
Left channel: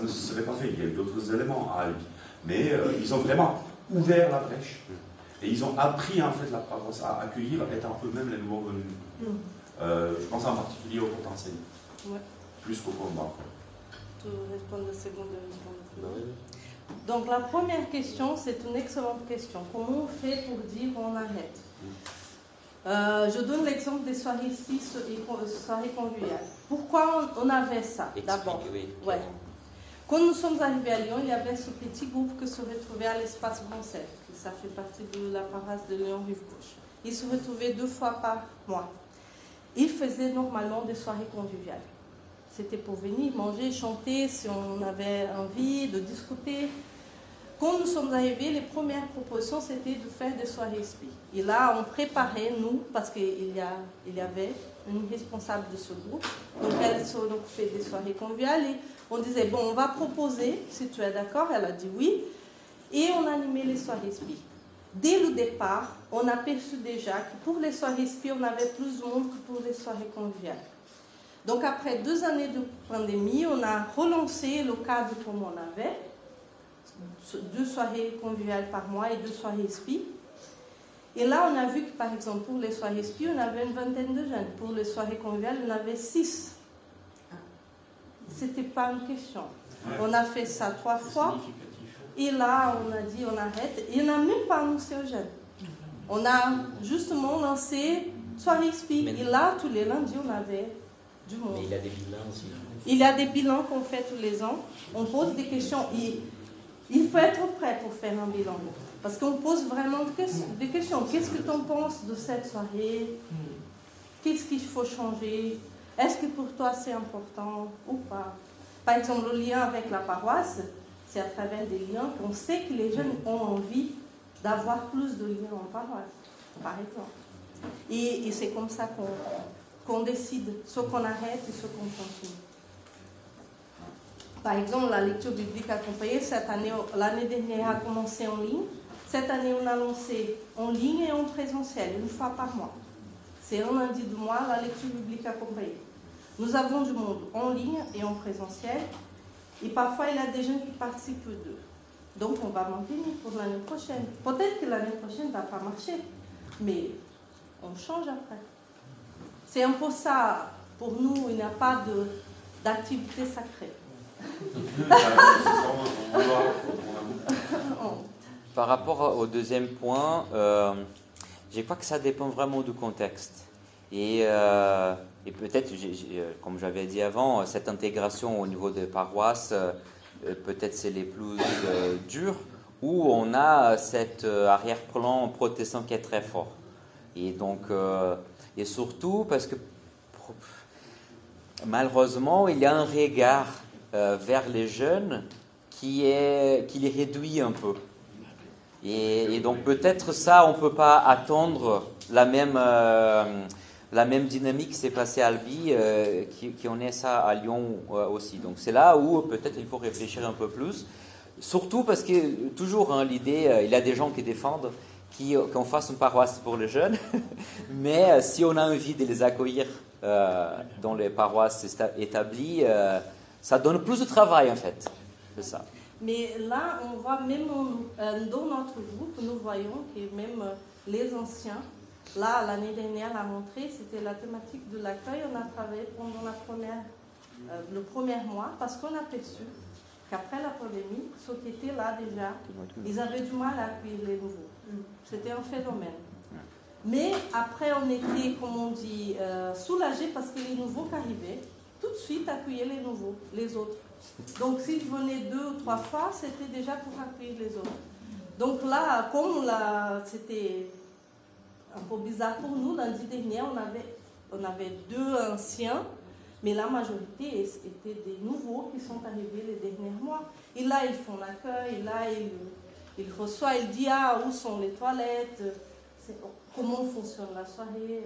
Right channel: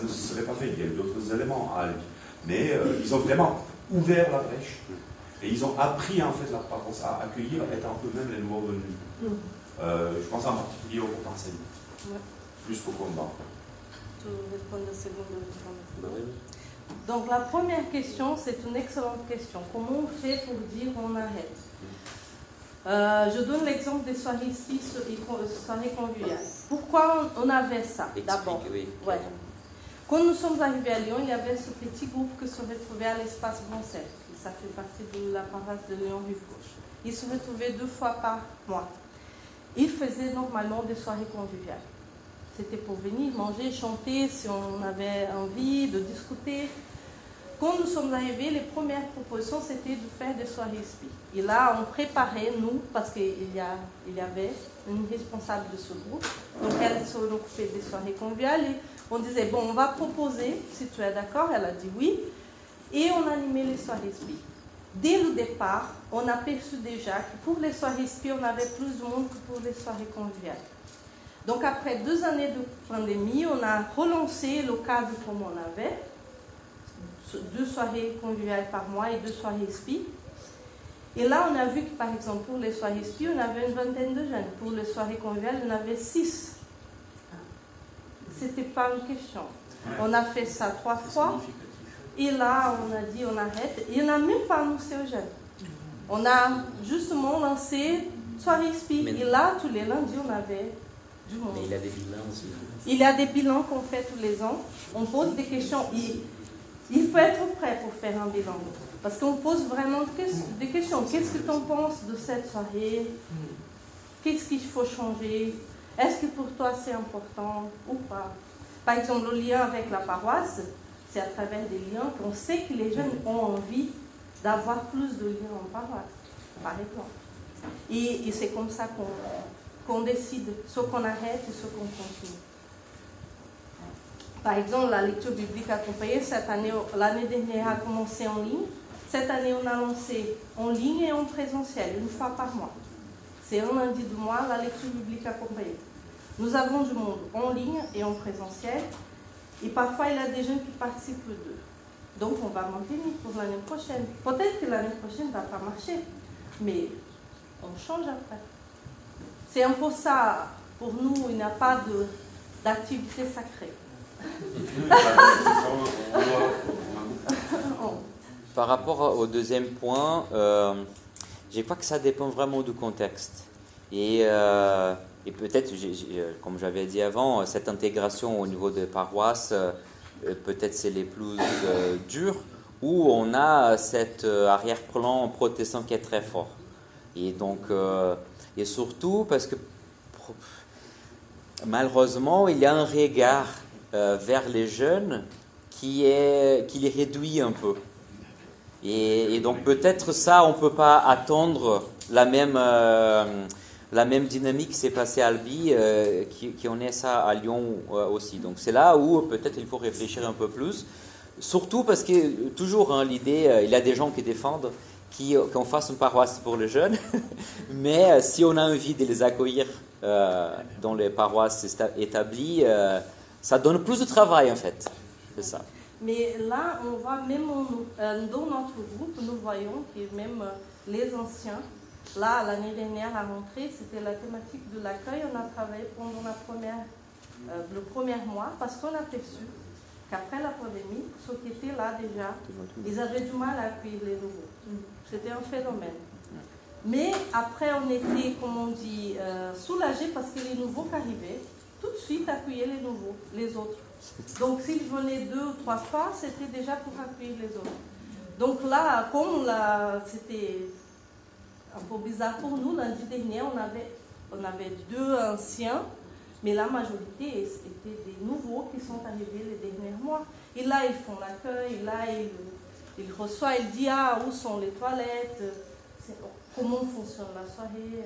ne se serait pas fait. Il y a eu d'autres éléments à Albi. Mais ils ont vraiment ouvert la brèche et ils ont appris en fait la paroisse à accueillir étant eux-mêmes les nouveaux venus. Je pense en particulier au potentiel, plus qu'au combat. Tu réponds de seconde. Donc la première question, c'est une excellente question. Comment on fait pour dire on arrête? Je donne l'exemple des soirées spistes et soirées conviviales. Pourquoi on avait ça d'abord? Ouais. Quand nous sommes arrivés à Lyon, il y avait ce petit groupe qui se retrouvait à l'espace Broncel, qui ça fait partie de la paroisse de Lyon-Rive-Gauche. Ils se retrouvaient 2 fois par mois. Ils faisaient normalement des soirées conviviales. C'était pour venir manger, chanter, si on avait envie de discuter. Quand nous sommes arrivés, les premières propositions, c'était de faire des soirées spi. Et là, on préparait, nous, parce qu'il y avait une responsable de ce groupe, donc elle se occupait des soirées conviviales, et on disait, bon, on va proposer, si tu es d'accord, elle a dit oui, et on animait les soirées spi. Dès le départ, on a perçu déjà que pour les soirées spi, on avait plus de monde que pour les soirées conviviales. Donc après 2 années de pandémie, on a relancé le cadre comme on avait, 2 soirées conviviales par mois et 2 soirées spi. Et là, on a vu que, par exemple, pour les soirées spi, on avait une vingtaine de jeunes. Pour les soirées conviviales, on avait 6. C'était pas une question. On a fait ça 3 fois. Et là, on a dit, on arrête. Et on n'a même pas annoncé aux jeunes. On a justement lancé soirée spi. Et là, tous les lundis, on avait du monde. Mais il y a des bilans aussi. Il y a des bilans qu'on fait tous les ans. On pose des questions. Il faut être prêt pour faire un bilan. Parce qu'on pose vraiment des questions. Qu'est-ce que tu en penses de cette soirée? Qu'est-ce qu'il faut changer? Est-ce que pour toi c'est important ou pas? Par exemple, le lien avec la paroisse, c'est à travers des liens qu'on sait que les jeunes ont envie d'avoir plus de liens en paroisse, par exemple. Et c'est comme ça qu'on décide ce qu'on arrête et ce qu'on continue. Par exemple, la lecture biblique accompagnée, cette année, l'année dernière a commencé en ligne. Cette année, on a lancé en ligne et en présentiel, 1 fois par mois. C'est un lundi du mois, la lecture biblique accompagnée. Nous avons du monde en ligne et en présentiel. Et parfois, il y a des gens qui participent les 2. Donc, on va maintenir pour l'année prochaine. Peut-être que l'année prochaine ne va pas marcher, mais on change après. C'est un peu ça. Pour nous, il n'y a pas d'activité sacrée. Par rapport au deuxième point, je crois que ça dépend vraiment du contexte. Et peut-être, comme j'avais dit avant, cette intégration au niveau des paroisses, peut-être c'est les plus dures, où on a cet arrière-plan protestant qui est très fort. Et donc, et surtout parce que malheureusement, il y a un regard vers les jeunes qui les réduit un peu. Et donc peut-être ça, on ne peut pas attendre la même dynamique qui s'est passée à Albi, qui en est ça à Lyon aussi. Donc c'est là où peut-être il faut réfléchir un peu plus. Surtout parce que toujours l'idée, il y a des gens qui défendent qu'on fasse une paroisse pour les jeunes, mais si on a envie de les accueillir dans les paroisses établies, Ça donne plus de travail, en fait. C'est ça. Mais là, on voit même dans notre groupe, nous voyons que même les anciens, là, l'année dernière, a montré, c'était la thématique de l'accueil. On a travaillé pendant le premier mois parce qu'on a perçu qu'après la pandémie, ceux qui étaient là déjà, ils avaient du mal à accueillir les nouveaux. C'était un phénomène. Mais après, on était, comme on dit, soulagés parce que les nouveaux qui arrivaient, tout de suite accueillaient les nouveaux, les autres. Donc, s'ils venaient 2 ou 3 fois, c'était déjà pour accueillir les autres. Donc là, comme c'était un peu bizarre pour nous, lundi dernier, on avait 2 anciens, mais la majorité étaient des nouveaux qui sont arrivés les derniers mois. Et là, ils font l'accueil, là, ils reçoivent, ils disent où sont les toilettes, comment fonctionne la soirée.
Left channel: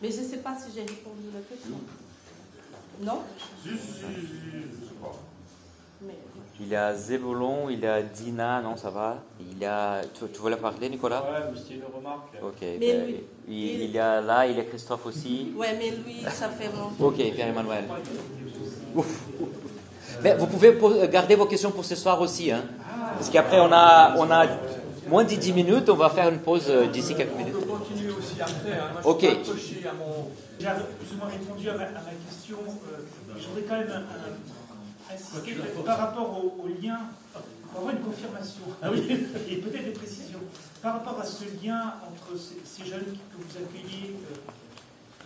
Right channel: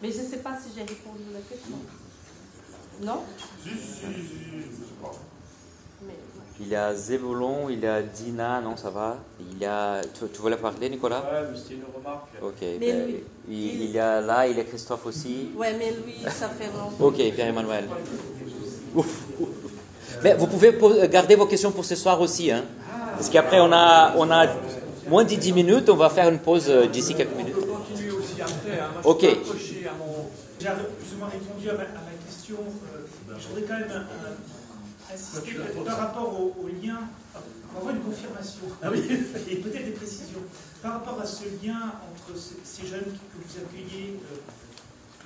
Mais je ne sais pas si j'ai répondu à la question. Non? Je sais pas. Il y a Zébulon, il y a Dina, non, ça va. Il y a... Tu voulais parler, Nicolas? Ouais, mais c'était une remarque. Ok. Mais il y a là, il y a Christophe aussi. Ouais, mais lui, ça fait longtemps. Ok, Pierre-Emmanuel. Mais vous pouvez garder vos questions pour ce soir aussi, hein? Parce qu'après, on a moins de 10 minutes, on va faire une pause d'ici quelques minutes. On peut continuer aussi après. Hein. Moi, Ok. J'avais plus ou moins répondu à ma question. Je voudrais quand même insister par rapport au lien, pour avoir une confirmation, et peut-être des précisions. Par rapport à ce lien entre ces jeunes que vous accueillez,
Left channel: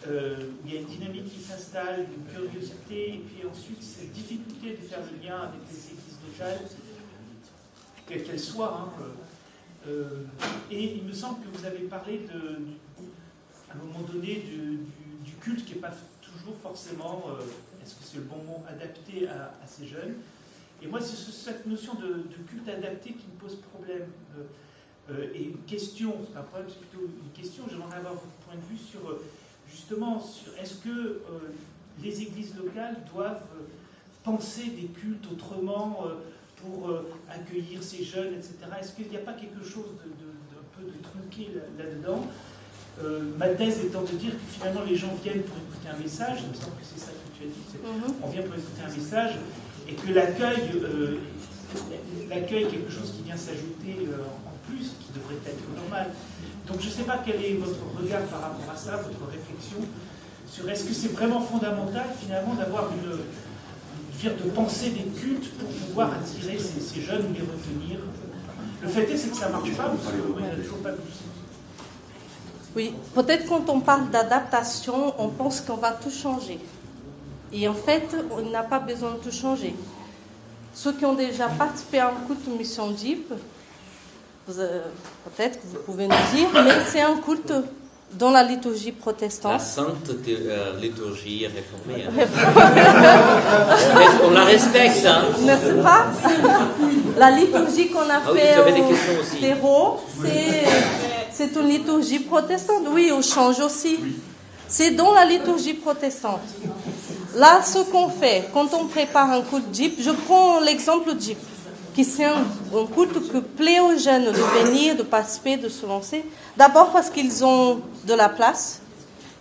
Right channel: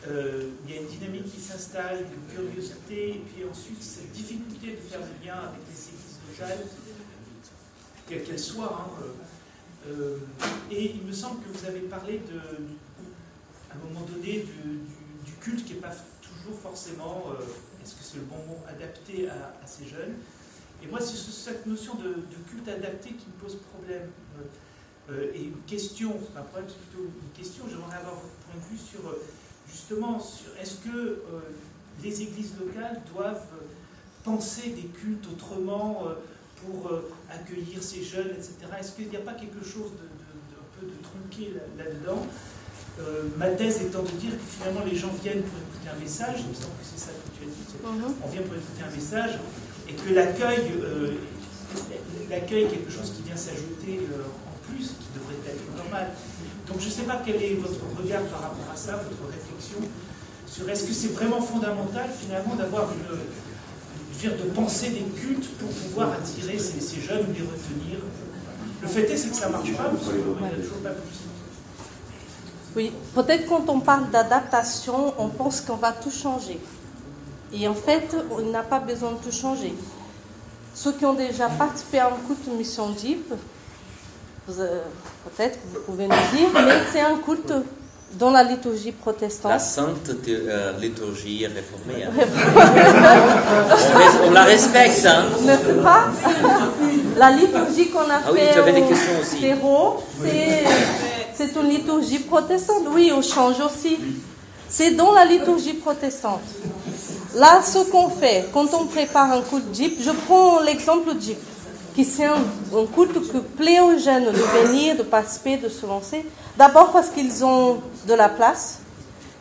il y a une dynamique qui s'installe, une curiosité, et puis ensuite cette difficulté de faire le lien avec les églises locales, quelles qu'elles soient. Et il me semble que vous avez parlé à un moment donné du culte qui n'est pas toujours forcément, est-ce que c'est le bon mot, adapté à ces jeunes. Et moi, c'est cette notion de culte adapté qui me pose problème. Et une question, c'est pas un problème, c'est plutôt une question, j'aimerais avoir votre point de vue sur, justement, est-ce que les églises locales doivent penser des cultes autrement pour accueillir ces jeunes, etc. Est-ce qu'il n'y a pas quelque chose un peu de tronqué là-dedans? Ma thèse étant de dire que finalement les gens viennent pour écouter un message, il me semble que c'est ça que tu as dit, on vient pour écouter un message, et que l'accueil est quelque chose qui vient s'ajouter en plus, qui devrait être normal. Donc je ne sais pas quel est votre regard par rapport à ça, votre réflexion, sur est-ce que c'est vraiment fondamental finalement d'avoir de penser des cultes pour pouvoir attirer ces jeunes ou les retenir. Le fait est, c'est que ça ne marche pas, parce qu'il n'y a toujours pas plus. Oui, peut-être quand on parle d'adaptation, on pense qu'on va tout changer. Et en fait, on n'a pas besoin de tout changer. Ceux qui ont déjà participé à un culte Mission Deep, peut-être que vous pouvez nous dire, mais c'est un culte dans la liturgie protestante. La sainte liturgie réformée. On la respecte, hein. N'est-ce pas? La liturgie qu'on a fait au terreau, c'est une liturgie protestante. Oui, au change aussi. C'est dans la liturgie protestante. Là, ce qu'on fait, quand on prépare un culte Jeep, je prends l'exemple Jeep, qui c'est un culte qui plaît aux jeunes de venir, de participer, de se lancer. D'abord parce qu'ils ont de la place,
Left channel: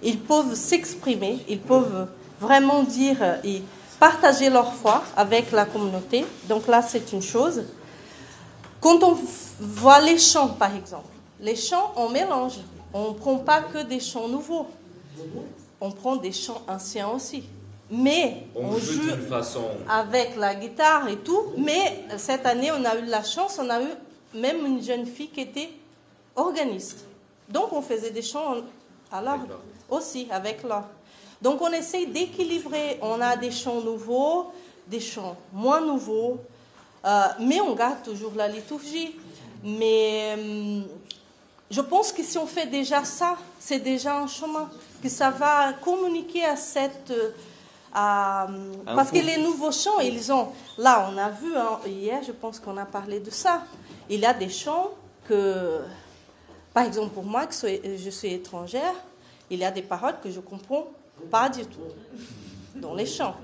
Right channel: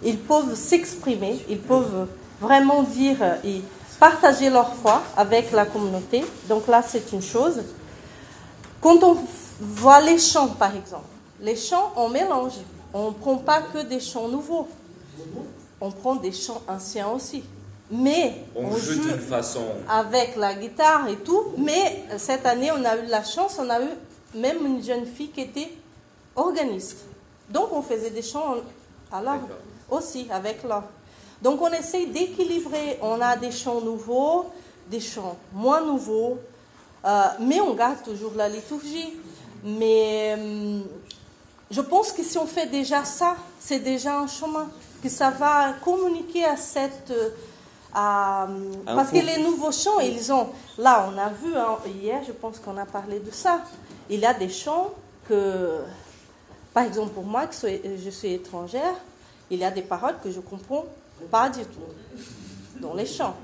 ils peuvent s'exprimer, ils peuvent vraiment dire et partager leur foi avec la communauté. Donc là, c'est une chose. Quand on voit les chants, par exemple, les chants, on mélange. On ne prend pas que des chants nouveaux. On prend des chants anciens aussi. Mais on joue avec la guitare et tout. Mais cette année, on a eu la chance, on a eu même une jeune fille qui était organiste. Donc, on faisait des chants à l'orgue aussi, avec l'orgue. Donc, on essaye d'équilibrer. On a des chants nouveaux, des chants moins nouveaux, mais on garde toujours la liturgie. Mais je pense que si on fait déjà ça, c'est déjà un chemin. Que ça va communiquer à cette... parce que les nouveaux chants, ils ont... Là, on a vu, hier, je pense qu'on a parlé de ça. Il y a des chants que... Par exemple, pour moi, que je suis étrangère, il y a des paroles que je ne comprends pas du tout dans les chants.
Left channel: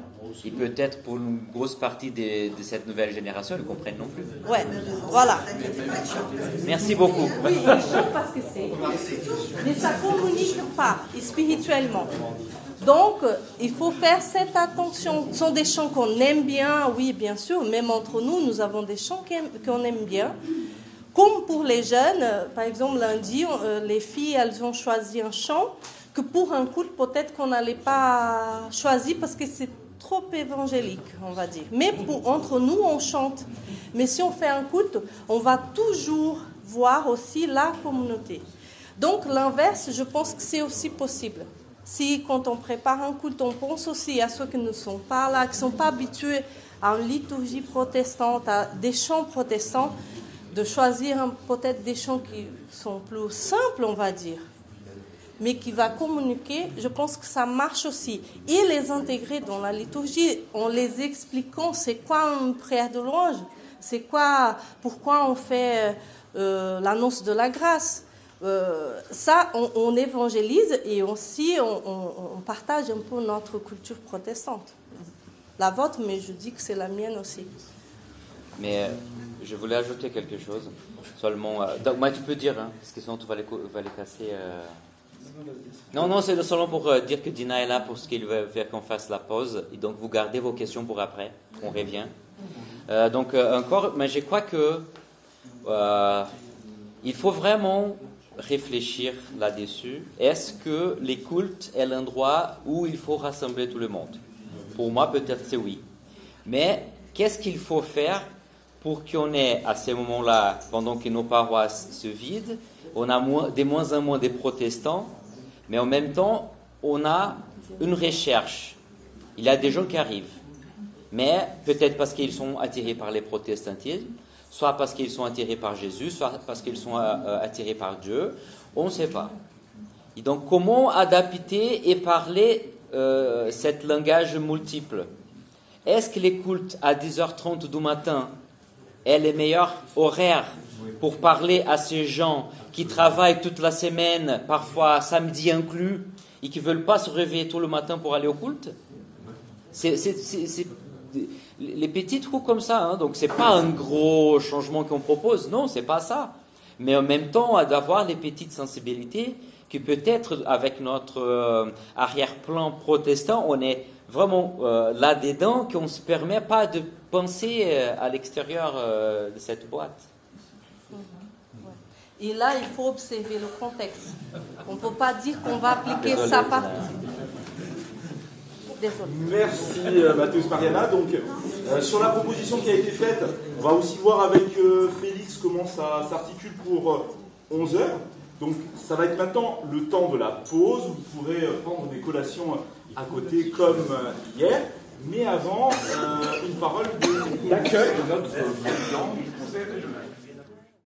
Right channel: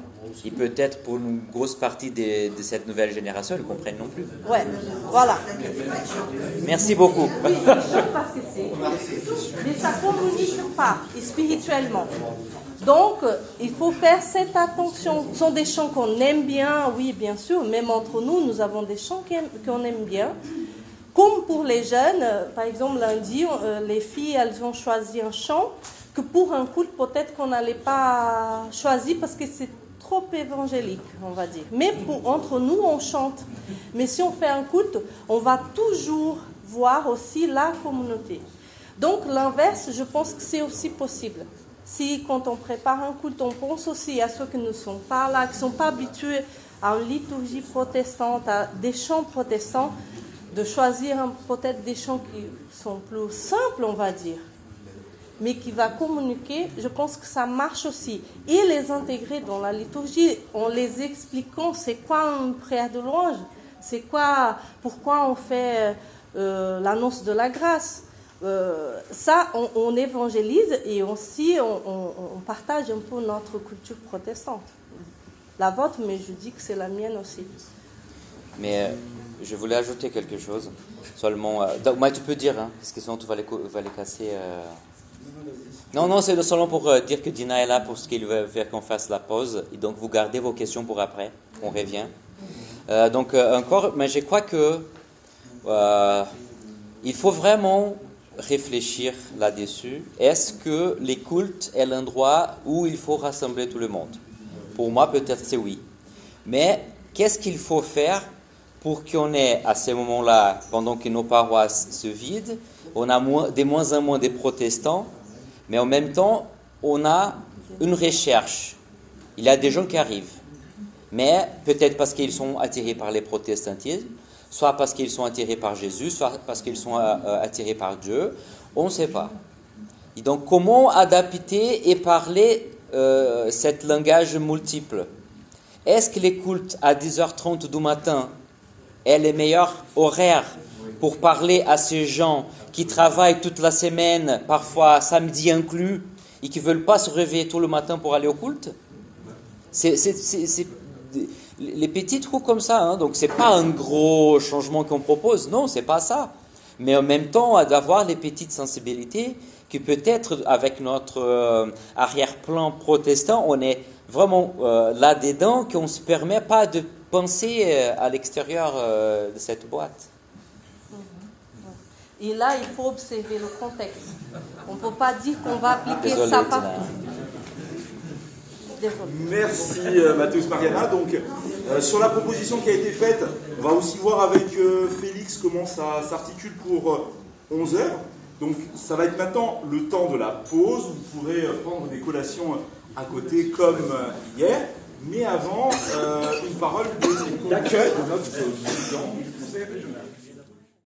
Et peut-être pour une grosse partie de cette nouvelle génération, ils ne comprennent non plus. Ouais, voilà. Merci beaucoup. Oui, ils chantent parce que c'est... Mais ça ne communique pas, spirituellement. Donc, il faut faire cette attention. Ce sont des chants qu'on aime bien, oui, bien sûr. Même entre nous, nous avons des chants qu'on aime bien. Comme pour les jeunes, par exemple, lundi, les filles, elles ont choisi un chant que pour un culte, peut-être qu'on n'allait pas choisir parce que c'est trop évangélique, on va dire. Mais entre nous, on chante. Mais si on fait un culte, on va toujours voir aussi la communauté. Donc, l'inverse, je pense que c'est aussi possible. Si, quand on prépare un culte, on pense aussi à ceux qui ne sont pas là, qui ne sont pas habitués à une liturgie protestante, à des chants protestants, de choisir peut-être des chants qui sont plus simples, on va dire, mais qui va communiquer, je pense que ça marche aussi. Et les intégrer dans la liturgie, en les expliquant c'est quoi une prière de louange, c'est quoi, pourquoi on fait l'annonce de la grâce. Ça, on évangélise et aussi on partage un peu notre culture protestante. La vôtre, mais je dis que c'est la mienne aussi. Mais je voulais ajouter quelque chose. Seulement, donc, moi, tu peux dire, hein, parce que sinon tu vas les casser. Non, c'est seulement pour dire que Dina est là pour ce qu'il veut faire qu'on fasse la pause. Et donc, vous gardez vos questions pour après. On revient. Donc, encore, mais je crois que il faut vraiment réfléchir là-dessus. Est-ce que les cultes est l'endroit où il faut rassembler tout le monde? Pour moi, peut-être c'est oui. Mais qu'est-ce qu'il faut faire pour qu'on ait, à ces moments-là, pendant que nos paroisses se vident, on a de moins en moins de protestants, mais en même temps, on a une recherche. Il y a des gens qui arrivent, mais peut-être parce qu'ils sont attirés par les protestantismes, soit parce qu'ils sont attirés par Jésus, soit parce qu'ils sont attirés par Dieu, on ne sait pas. Et donc, comment adapter et parler cet langage multiple? Est-ce que les cultes à 10h30 du matin est le meilleur horaire pour parler à ces gens qui travaillent toute la semaine, parfois samedi inclus, et qui ne veulent pas se réveiller tout le matin pour aller au culte? C'est les petits trous comme ça, hein. Donc c'est pas un gros changement qu'on propose, non, c'est pas ça. Mais en même temps, d'avoir les petites sensibilités qui peut-être avec notre arrière-plan protestant, on est vraiment là-dedans, qu'on ne se permet pas de penser à l'extérieur de cette boîte. Et là, il faut observer le contexte. On ne peut pas dire qu'on va appliquer ça partout. Merci Mathéus Mariana. Donc, sur la proposition qui a été faite, on va aussi voir avec Félix comment ça s'articule pour 11h. Donc, ça va être maintenant le temps de la pause. Vous pourrez prendre des collations à côté comme hier. Mais avant, une parole d'accueil de notre président du Conseil régional.